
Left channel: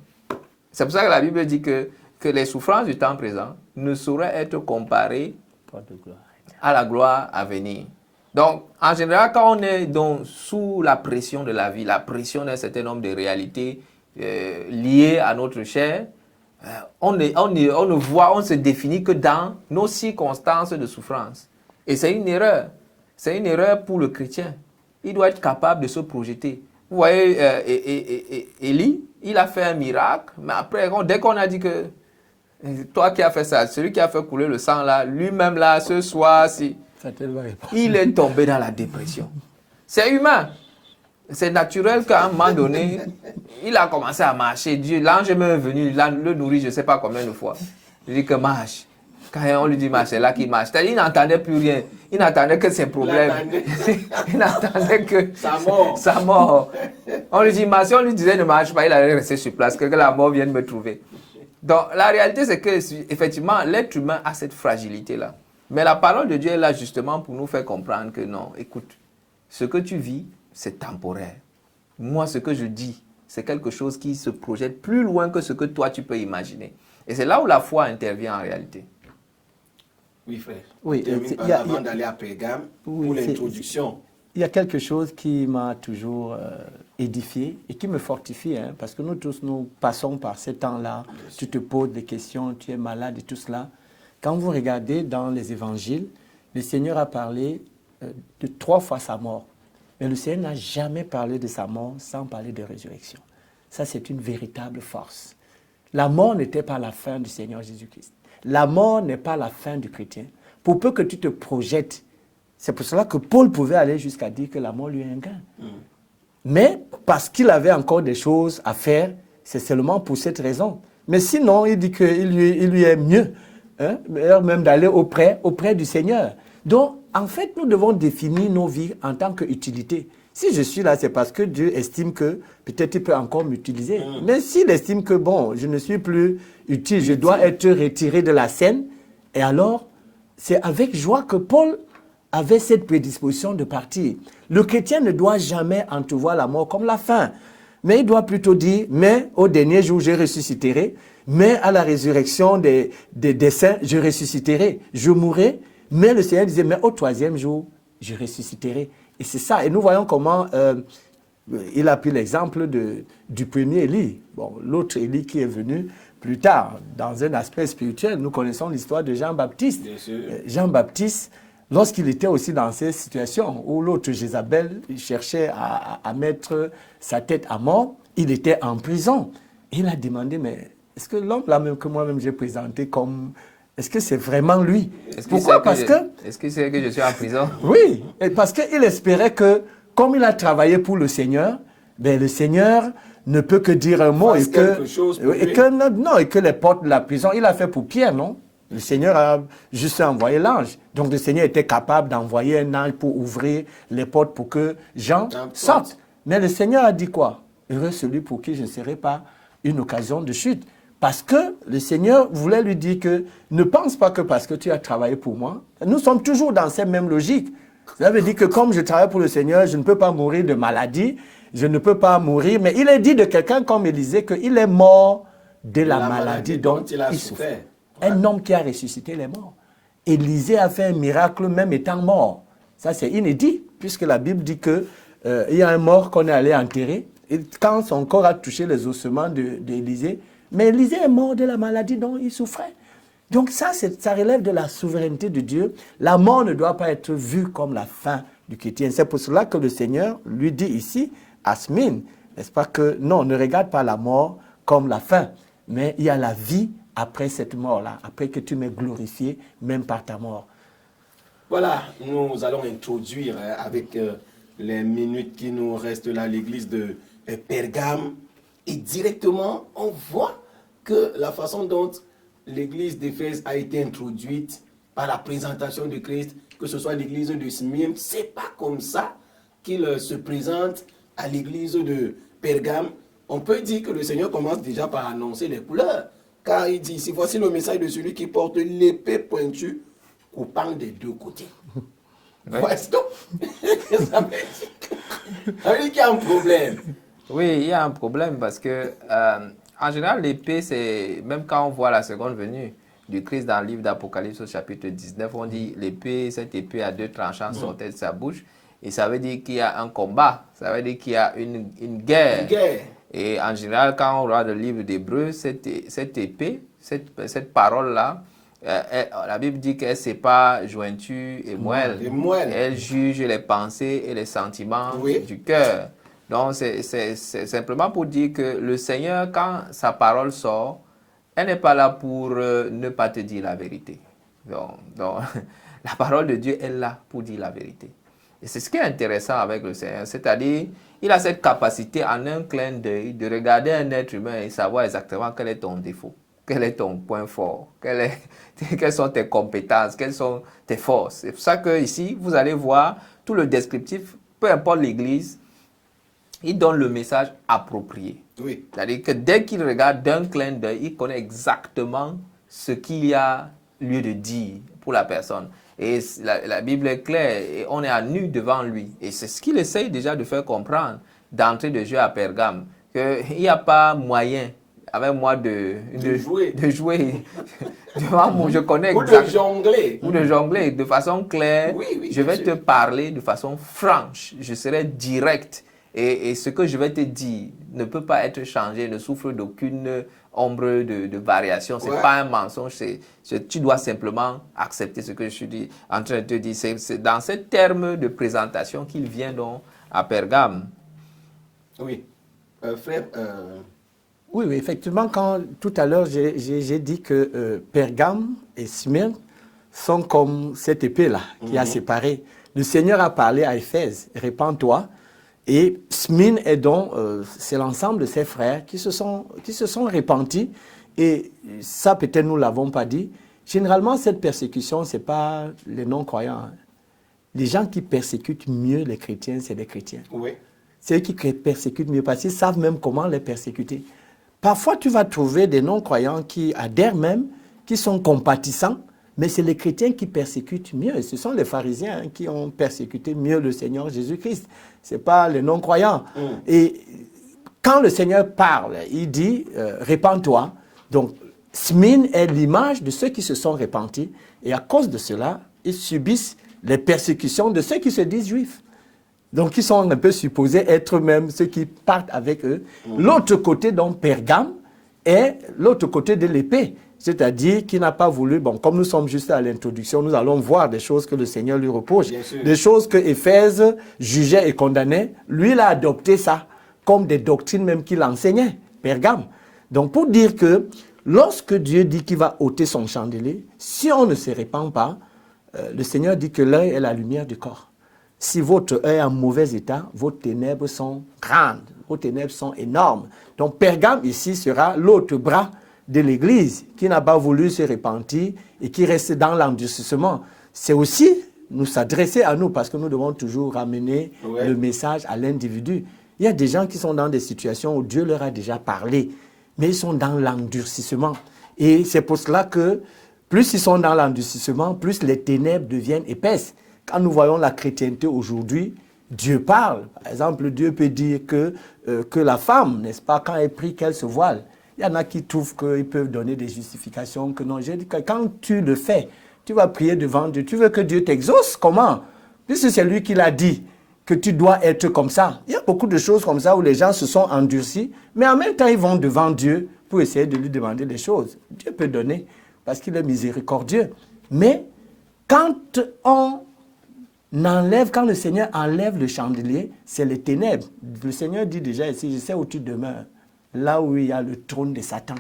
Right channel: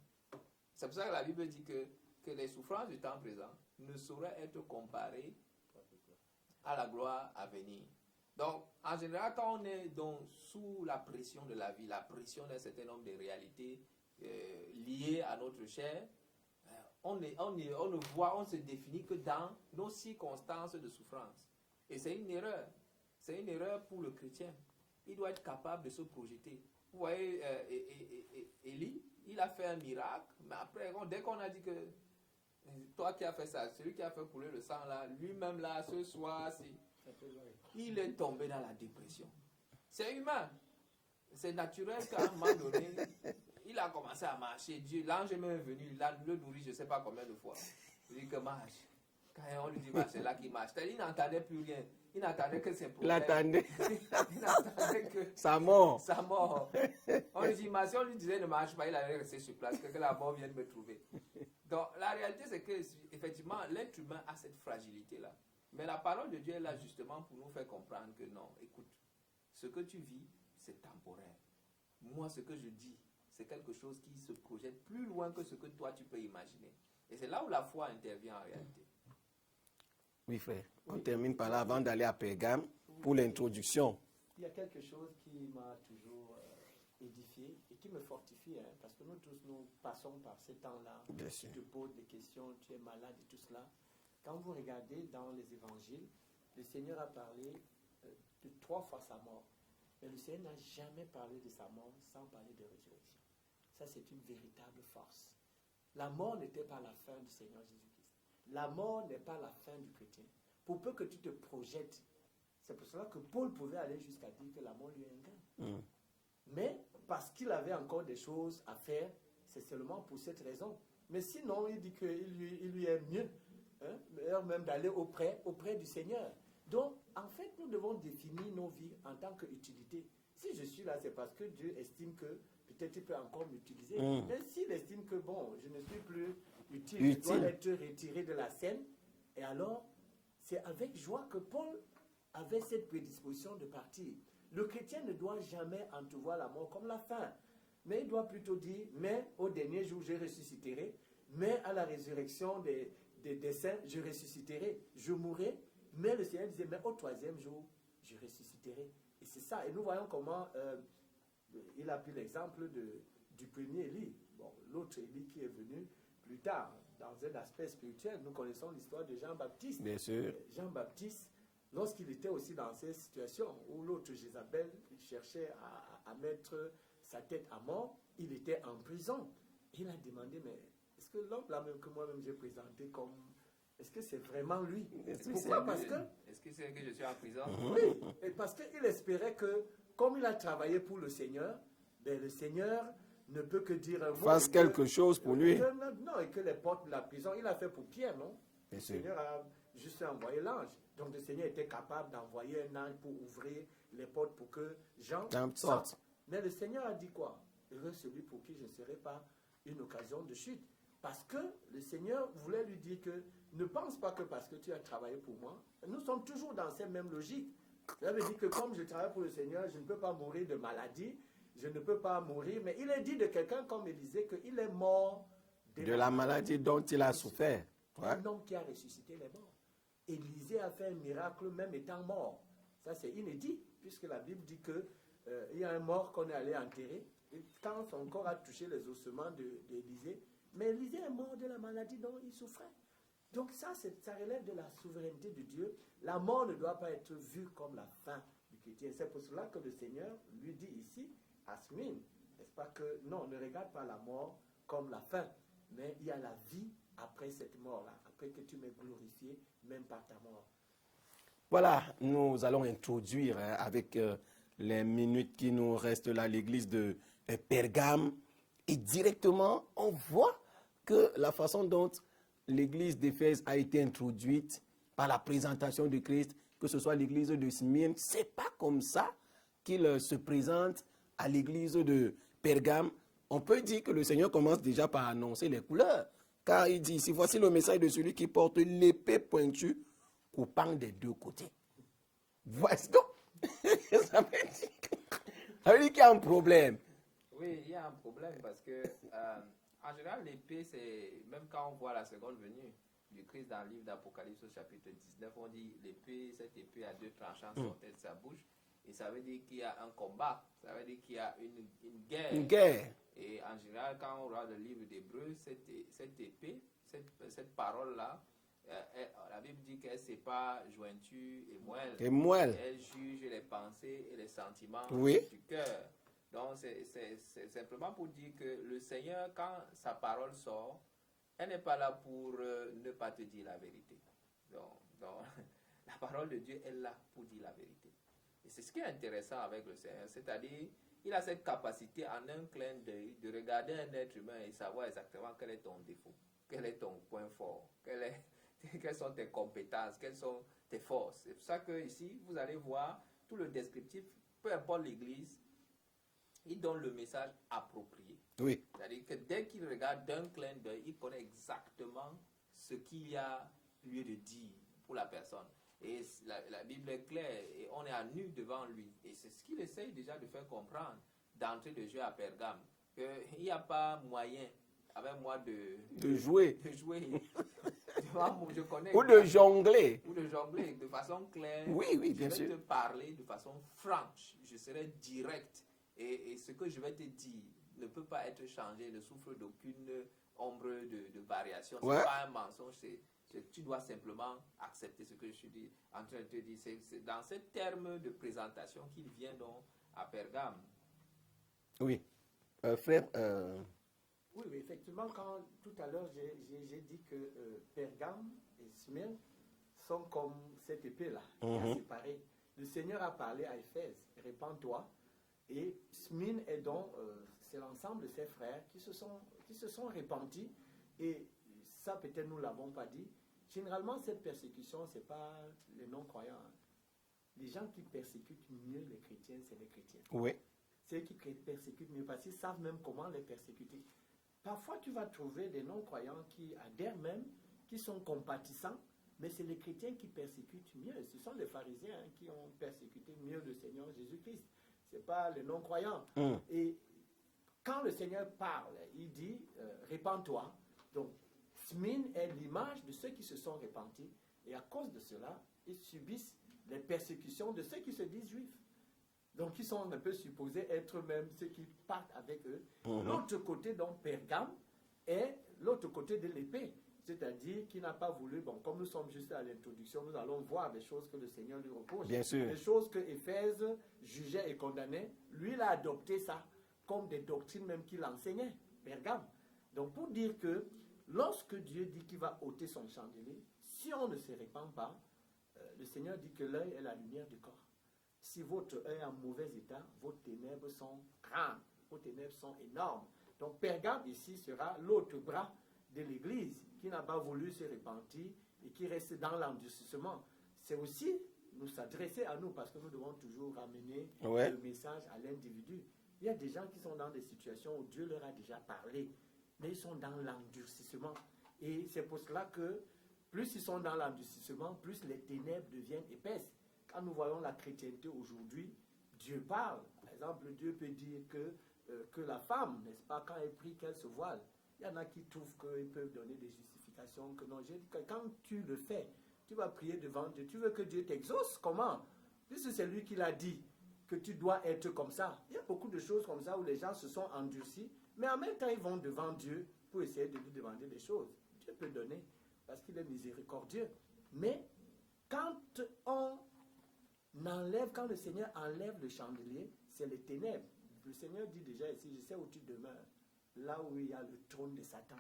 C'est pour ça que la Bible dit que les souffrances du temps présent ne sauraient être comparées à la gloire à venir. Donc, en général, quand on est donc sous la pression de la vie, la pression d'un certain nombre de réalités liées à notre chair, on ne voit, on se définit que dans nos circonstances de souffrance. Et c'est une erreur. C'est une erreur pour le chrétien. Il doit être capable de se projeter. Vous voyez, Élie, il a fait un miracle, mais après, dès qu'on a dit que toi qui as fait ça, celui qui a fait couler le sang là, lui-même là, ce soir, il est tombé dans la dépression. C'est humain. C'est naturel qu'à un moment donné, il a commencé à marcher. Dieu, l'ange est même venu, le nourrit, je ne sais pas combien de fois. Il dit que marche. Quand on lui dit marche, c'est là qu'il marche. C'est-à-dire, il n'entendait plus rien. Il n'entendait que ses problèmes. Il n'entendait que sa mort. On lui dit marche. Si on lui disait ne marche pas, il allait rester sur place, que la mort vienne me trouver. Donc, la réalité, c'est que, effectivement, l'être humain a cette fragilité-là. Mais la parole de Dieu est là justement pour nous faire comprendre que non, écoute, ce que tu vis, c'est temporaire. Moi, ce que je dis, c'est quelque chose qui se projette plus loin que ce que toi, tu peux imaginer. Et c'est là où la foi intervient en réalité. Oui, frère. Oui, avant d'aller à Pérgame, pour l'introduction. Il y a quelque chose qui m'a toujours édifié et qui me fortifie, hein, parce que nous tous, nous passons par ces temps-là. Tu te poses des questions, tu es malade et tout cela. Quand vous regardez dans les évangiles, le Seigneur a parlé de 3 fois sa mort. Mais le Seigneur n'a jamais parlé de sa mort sans parler de résurrection. Ça, c'est une véritable force. La mort n'était pas la fin du Seigneur Jésus-Christ. La mort n'est pas la fin du chrétien. Pour peu que tu te projettes, c'est pour cela que Paul pouvait aller jusqu'à dire que la mort lui est un gain. Mais parce qu'il avait encore des choses à faire, c'est seulement pour cette raison Mais sinon, il dit qu'il lui est mieux, hein, meilleur même d'aller auprès du Seigneur. Donc, en fait, nous devons définir nos vies en tant qu'utilité. Si je suis là, c'est parce que Dieu estime que peut-être il peut encore m'utiliser. Mais s'il estime que, bon, je ne suis plus utile, je dois être retiré de la scène, et alors, c'est avec joie que Paul avait cette prédisposition de partir. Le chrétien ne doit jamais entrevoir la mort comme la fin. Mais il doit plutôt dire, mais au dernier jour, je ressusciterai. Mais à la résurrection des saints, je ressusciterai. Je mourrai. Mais le Seigneur disait, mais au troisième jour, je ressusciterai. Et c'est ça. Et nous voyons comment il a pris l'exemple du premier Élie. Bon, l'autre Élie qui est venu plus tard, dans un aspect spirituel. Nous connaissons l'histoire de Jean-Baptiste. Bien sûr. Jean-Baptiste, lorsqu'il était aussi dans ces situations où l'autre Jézabel cherchait à mettre sa tête à mort, il était en prison. Et il a demandé, mais est-ce que l'homme là même que moi-même j'ai présenté comme... Est-ce que c'est vraiment lui? Pourquoi? Est-ce qu'il sait que je suis en prison? Oui, et parce qu'il espérait que, comme il a travaillé pour le Seigneur, ben le Seigneur ne peut que dire un mot et que les portes de la prison, il a fait pour Pierre, non? Le Seigneur a juste envoyé l'ange. Donc le Seigneur était capable d'envoyer un ange pour ouvrir les portes pour que Jean sorte. Mais le Seigneur a dit quoi? Heureux celui pour qui je ne serai pas une occasion de chute. Parce que le Seigneur voulait lui dire que ne pense pas que parce que tu as travaillé pour moi, nous sommes toujours dans cette même logique. Ça veut dire que comme je travaille pour le Seigneur, je ne peux pas mourir de maladie, je ne peux pas mourir. Mais il est dit de quelqu'un comme Élisée qu'il est mort de la maladie dont il a souffert. Un homme qui a ressuscité les morts. Élisée a fait un miracle même étant mort. Ça c'est inédit, puisque la Bible dit qu'il y a un mort qu'on est allé enterrer. Et quand son corps a touché les ossements d'Élisée, mais Élisée est mort de la maladie dont il souffrait. Donc ça relève de la souveraineté de Dieu. La mort ne doit pas être vue comme la fin du chrétien. C'est pour cela que le Seigneur lui dit ici, à Smyrne, n'est-ce pas, que non, ne regarde pas la mort comme la fin, mais il y a la vie après cette mort-là, après que tu m'aies glorifié, même par ta mort. Voilà, nous allons introduire avec les minutes qui nous restent là l'église de Pergame. Et directement, on voit que la façon dont l'église d'Éphèse a été introduite par la présentation de Christ, que ce soit l'église de Smyrne, c'est pas comme ça qu'il se présente à l'église de Pergame. On peut dire que le Seigneur commence déjà par annoncer les couleurs, car il dit ici, voici le message de celui qui porte l'épée pointue coupant des deux côtés. Oui. Voici donc. Ça veut dire qu'il y a un problème. Oui, il y a un problème parce que, en général, l'épée, c'est, même quand on voit la seconde venue du Christ dans le livre d'Apocalypse au chapitre 19, on dit l'épée, cette épée à deux tranchants sortait de sa bouche. Et ça veut dire qu'il y a un combat, ça veut dire qu'il y a une guerre. Une guerre. Et en général, quand on regarde le livre d'Hébreux, cette épée, cette parole-là, la Bible dit qu'elle sépare jointure et moelle. Elle juge les pensées et les sentiments du cœur. Donc, c'est simplement pour dire que le Seigneur, quand sa parole sort, elle n'est pas là pour ne pas te dire la vérité. Donc la parole de Dieu est là pour dire la vérité. Et c'est ce qui est intéressant avec le Seigneur, c'est-à-dire, il a cette capacité en un clin d'œil de regarder un être humain et savoir exactement quel est ton défaut, quel est ton point fort, quelles sont tes compétences, quelles sont tes forces. C'est pour ça que ici, vous allez voir tout le descriptif, peu importe l'église, il donne le message approprié. Oui. C'est-à-dire que dès qu'il regarde d'un clin d'œil, il connaît exactement ce qu'il y a lieu de dire pour la personne. Et la Bible est claire, et on est à nu devant lui. Et c'est ce qu'il essaye déjà de faire comprendre d'entrée de jeu à Pergame, qu'il n'y a pas moyen avec moi de jouer devant moi. Je connais ou de jongler. Ou de jongler de façon claire. Oui, je vais te parler de façon franche. Je serai direct. Et ce que je vais te dire ne peut pas être changé, ne souffre d'aucune ombre de variation. Ce n'est pas un mensonge. Tu dois simplement accepter ce que je suis en train de te dire. C'est dans ces termes de présentation qu'il vient donc à Pergame. Oui. Frère... Oui, effectivement, quand tout à l'heure j'ai dit que Pergame et Smyrne sont comme cette épée-là qui a séparé. Le Seigneur a parlé à Éphèse, répands-toi. Et Smyrne est donc, c'est l'ensemble de ses frères qui se sont repentis Et ça, peut-être, nous ne l'avons pas dit. Généralement, cette persécution, ce n'est pas les non-croyants. Hein. Les gens qui persécutent mieux les chrétiens, c'est les chrétiens. Oui. C'est eux qui persécutent mieux parce qu'ils savent même comment les persécuter. Parfois, tu vas trouver des non-croyants qui adhèrent même, qui sont compatissants, mais c'est les chrétiens qui persécutent mieux. Ce sont les pharisiens qui ont persécuté mieux le Seigneur Jésus-Christ. Ce n'est pas les non-croyants. Et quand le Seigneur parle, il dit « répands-toi ». Donc, Smine est l'image de ceux qui se sont repentis. Et à cause de cela, ils subissent les persécutions de ceux qui se disent juifs. Donc, ils sont un peu supposés être même ceux qui partent avec eux. L'autre côté, donc, Pergame, est l'autre côté de l'épée. C'est-à-dire qu'il n'a pas voulu, bon, comme nous sommes juste à l'introduction, nous allons voir des choses que le Seigneur lui reproche. Des choses que Éphèse jugeait et condamnait. Lui, il a adopté ça comme des doctrines même qu'il enseignait, Pergame. Donc, pour dire que lorsque Dieu dit qu'il va ôter son chandelier, si on ne se répand pas, le Seigneur dit que l'œil est la lumière du corps. Si votre œil est en mauvais état, vos ténèbres sont grandes, vos ténèbres sont énormes. Donc, Pergame, ici, sera l'autre bras de l'Église qui n'a pas voulu se repentir et qui reste dans l'endurcissement. C'est aussi nous s'adresser à nous parce que nous devons toujours ramener le message à l'individu. Il y a des gens qui sont dans des situations où Dieu leur a déjà parlé, mais ils sont dans l'endurcissement. Et c'est pour cela que plus ils sont dans l'endurcissement, plus les ténèbres deviennent épaisses. Quand nous voyons la chrétienté aujourd'hui, Dieu parle. Par exemple, Dieu peut dire que la femme, n'est-ce pas, quand elle prie, qu'elle se voile. Il y en a qui trouvent qu'ils peuvent donner des justifications que non. J'ai dit que quand tu le fais, tu vas prier devant Dieu. Tu veux que Dieu t'exauce? Comment? Puisque c'est lui qui l'a dit que tu dois être comme ça. Il y a beaucoup de choses comme ça où les gens se sont endurcis, mais en même temps, ils vont devant Dieu pour essayer de lui demander des choses. Dieu peut donner parce qu'il est miséricordieux. Mais quand quand le Seigneur enlève le chandelier, c'est les ténèbres. Le Seigneur dit déjà ici, je sais où tu demeures. Là où il y a le trône de Satan.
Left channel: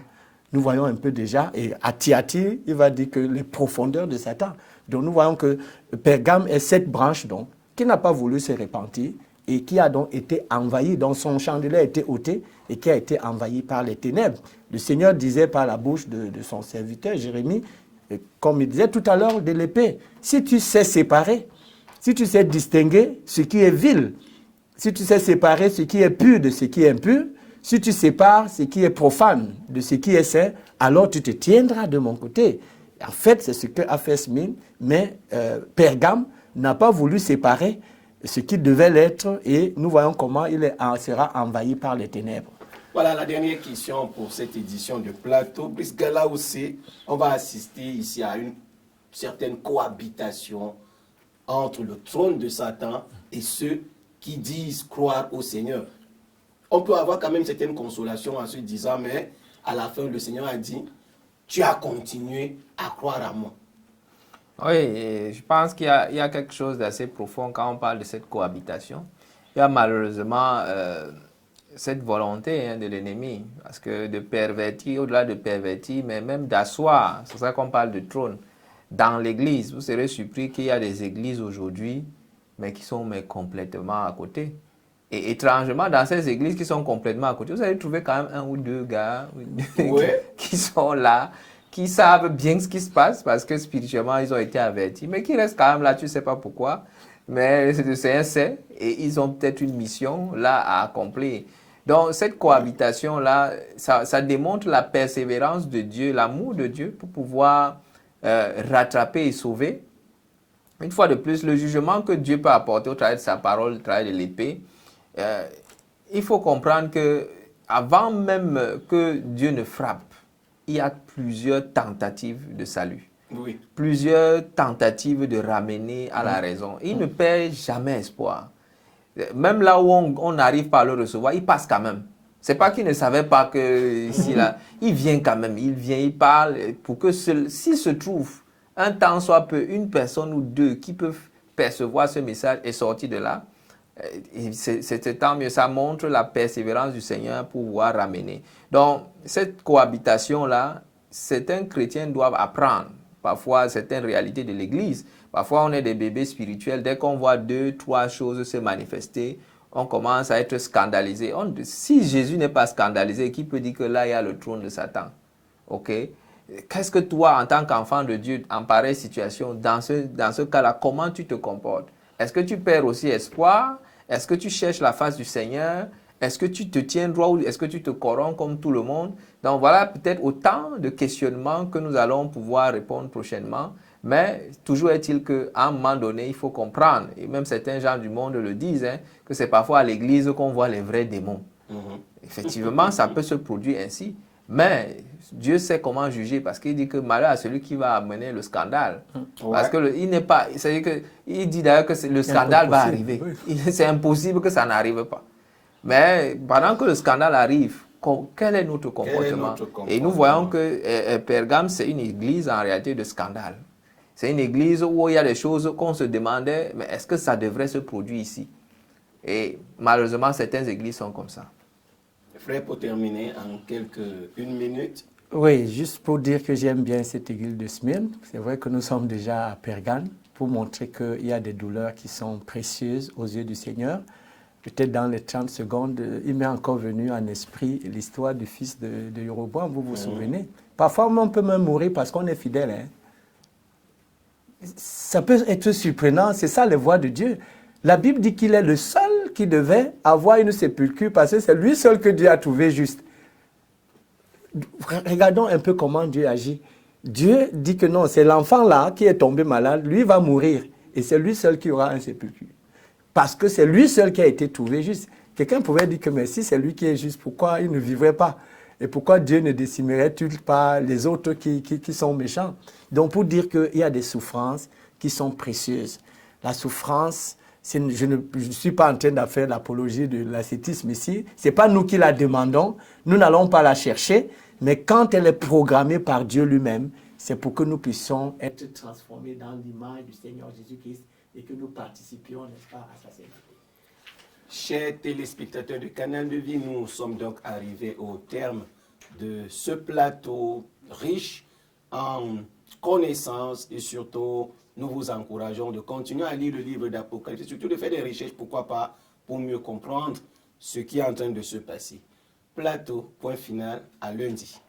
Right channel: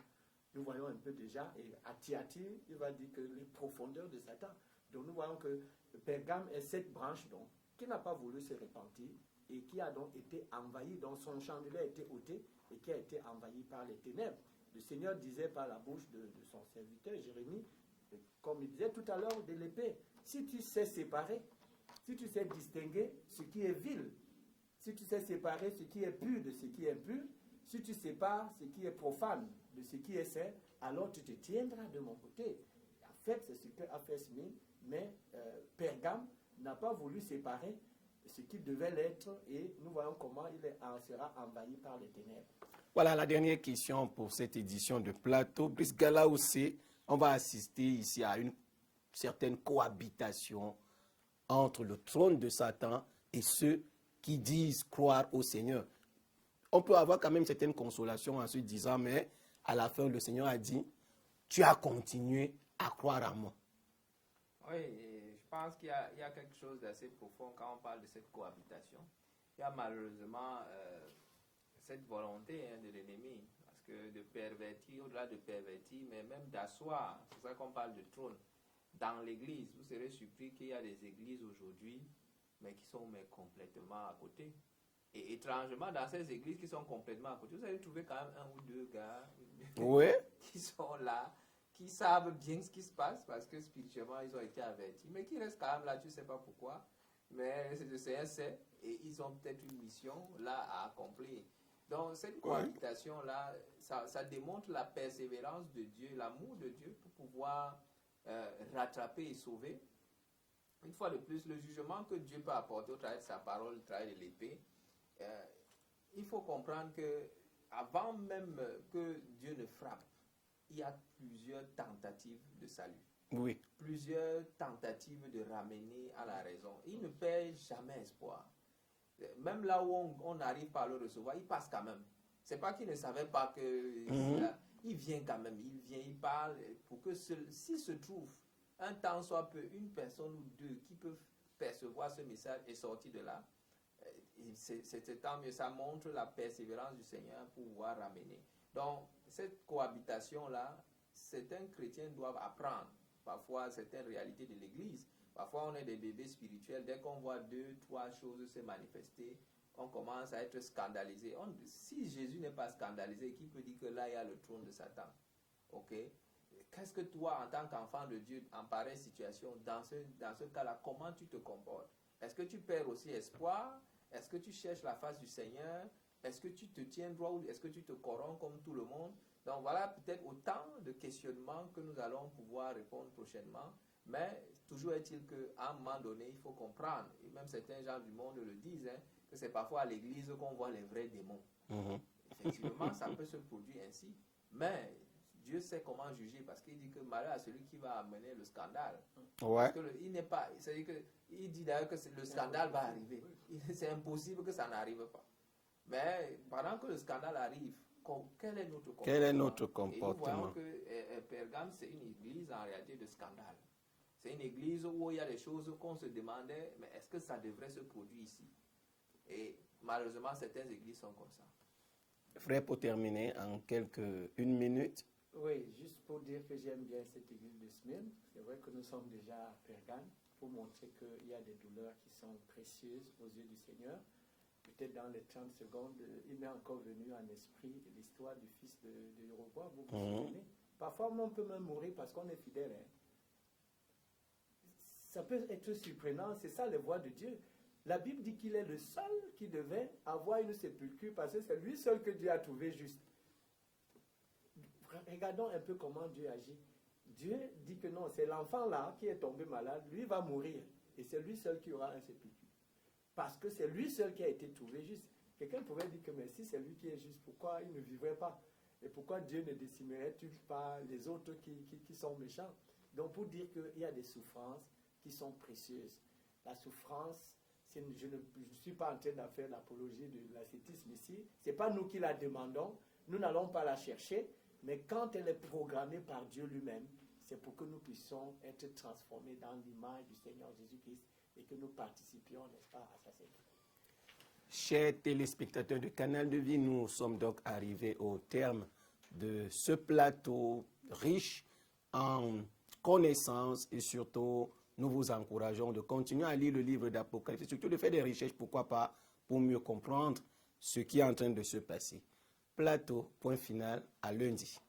Nous voyons un peu déjà, et à Thyatire, il va dire que les profondeurs de Satan. Donc nous voyons que Pergame est cette branche donc, qui n'a pas voulu se repentir et qui a donc été envahi, dont son chandelier a été ôté et qui a été envahi par les ténèbres. Le Seigneur disait par la bouche de son serviteur Jérémie, comme il disait tout à l'heure de l'épée, si tu sais séparer, si tu sais distinguer ce qui est vil, si tu sais séparer ce qui est pur de ce qui est impur, si tu sépares ce qui est profane de ce qui est saint, alors tu te tiendras de mon côté. En fait, c'est ce qu'a fait Smine, mais Pergame n'a pas voulu séparer ce qui devait l'être et nous voyons comment il sera envahi par les ténèbres. Voilà la dernière question pour cette édition de Plateau, puisque là aussi, on va assister ici à une certaine cohabitation entre le trône de Satan et ceux qui disent croire au Seigneur. On peut avoir quand même certaine consolation en se disant, mais à la fin, le Seigneur a dit, tu as continué à croire à moi. Oui, et je pense qu'il y a quelque chose d'assez profond quand on parle de cette cohabitation. Il y a malheureusement cette volonté de l'ennemi, parce que de pervertir, au-delà de pervertir, mais même d'asseoir, c'est ça qu'on parle de trône, dans l'Église. Vous serez surpris qu'il y a des églises aujourd'hui, mais qui sont complètement à côté. Et étrangement, dans ces églises qui sont complètement à côté, vous allez trouver quand même un ou deux gars qui sont là, qui savent bien ce qui se passe parce que spirituellement, ils ont été avertis, mais qui restent quand même là, tu ne sais pas pourquoi. Mais le Seigneur sait et ils ont peut-être une mission là à accomplir. Donc, cette cohabitation-là, ça démontre la persévérance de Dieu, l'amour de Dieu pour pouvoir rattraper et sauver. Une fois de plus, le jugement que Dieu peut apporter au travers de sa parole, au travers de l'épée, il faut comprendre que avant même que Dieu ne frappe, il y a plusieurs tentatives de salut. Oui. Plusieurs tentatives de ramener à la raison. Il ne perd jamais espoir. Même là où on arrive par le recevoir, il passe quand même. C'est pas qu'il ne savait pas que ici, là, il vient quand même. Il vient, il parle pour que s'il se trouve un temps soit peu, une personne ou deux qui peuvent percevoir ce message et sortir de là, c'est tant mieux. Ça montre la persévérance du Seigneur pour pouvoir ramener. Donc, cette cohabitation-là, certains chrétiens doivent apprendre. Parfois, certaines réalités de l'Église. Parfois, on est des bébés spirituels. Dès qu'on voit 2, 3 choses se manifester, on commence à être scandalisé. Si Jésus n'est pas scandalisé, qui peut dire que là, il y a le trône de Satan? Ok? Qu'est-ce que toi, en tant qu'enfant de Dieu, en pareille situation, dans ce cas-là, comment tu te comportes? Est-ce que tu perds aussi espoir? Est-ce que tu cherches la face du Seigneur? Est-ce que tu te tiens droit ou est-ce que tu te corromps comme tout le monde? Donc voilà peut-être autant de questionnements que nous allons pouvoir répondre prochainement. Mais toujours est-il qu'à un moment donné, il faut comprendre, et même certains gens du monde le disent, hein, que c'est parfois à l'église qu'on voit les vrais démons. Effectivement, ça peut se produire ainsi. Mais Dieu sait comment juger parce qu'il dit que malheur à celui qui va amener le scandale. Parce que il n'est pas, c'est-à-dire que il dit d'ailleurs que le scandale va arriver. Oui. C'est impossible que ça n'arrive pas. Mais pendant que le scandale arrive, quel est notre comportement? Et nous voyons que Pergame, c'est une église en réalité de scandale. C'est une église où il y a des choses qu'on se demandait, mais est-ce que ça devrait se produire ici? Et malheureusement, certaines églises sont comme ça. Frère, pour terminer en une minute. Oui, juste pour dire que j'aime bien cette église de Smyrne. C'est vrai que nous sommes déjà à Pergame pour montrer qu'il y a des douleurs qui sont précieuses aux yeux du Seigneur. Peut-être dans les 30 secondes, il m'est encore venu en esprit l'histoire du fils de Jéroboam, vous vous souvenez? Parfois, on peut même mourir parce qu'on est fidèle. Hein? Ça peut être surprenant, c'est ça les voies de Dieu. La Bible dit qu'il est le seul qui devait avoir une sépulture parce que c'est lui seul que Dieu a trouvé juste. Regardons un peu comment Dieu agit. Dieu dit que non, c'est l'enfant là qui est tombé malade, lui va mourir et c'est lui seul qui aura une sépulture. Parce que c'est lui seul qui a été trouvé juste. Quelqu'un pourrait dire que mais si c'est lui qui est juste, pourquoi il ne vivrait pas? Et pourquoi Dieu ne décimerait-il pas les autres qui sont méchants? Donc pour dire qu'il y a des souffrances qui sont précieuses. La souffrance, je ne suis pas en train de faire l'apologie de l'ascétisme ici. Ce n'est pas nous qui la demandons. Nous n'allons pas la chercher. Mais quand elle est programmée par Dieu lui-même, c'est pour que nous puissions être transformés dans l'image du Seigneur Jésus-Christ et que nous participions, n'est-ce pas, à sa sainteté. Chers téléspectateurs du Canal de Vie, nous sommes donc arrivés au terme de ce plateau riche en connaissances et surtout, nous vous encourageons de continuer à lire le livre d'Apocalypse et surtout de faire des recherches, pourquoi pas, pour mieux comprendre ce qui est en train de se passer. Plateau, point final, à lundi.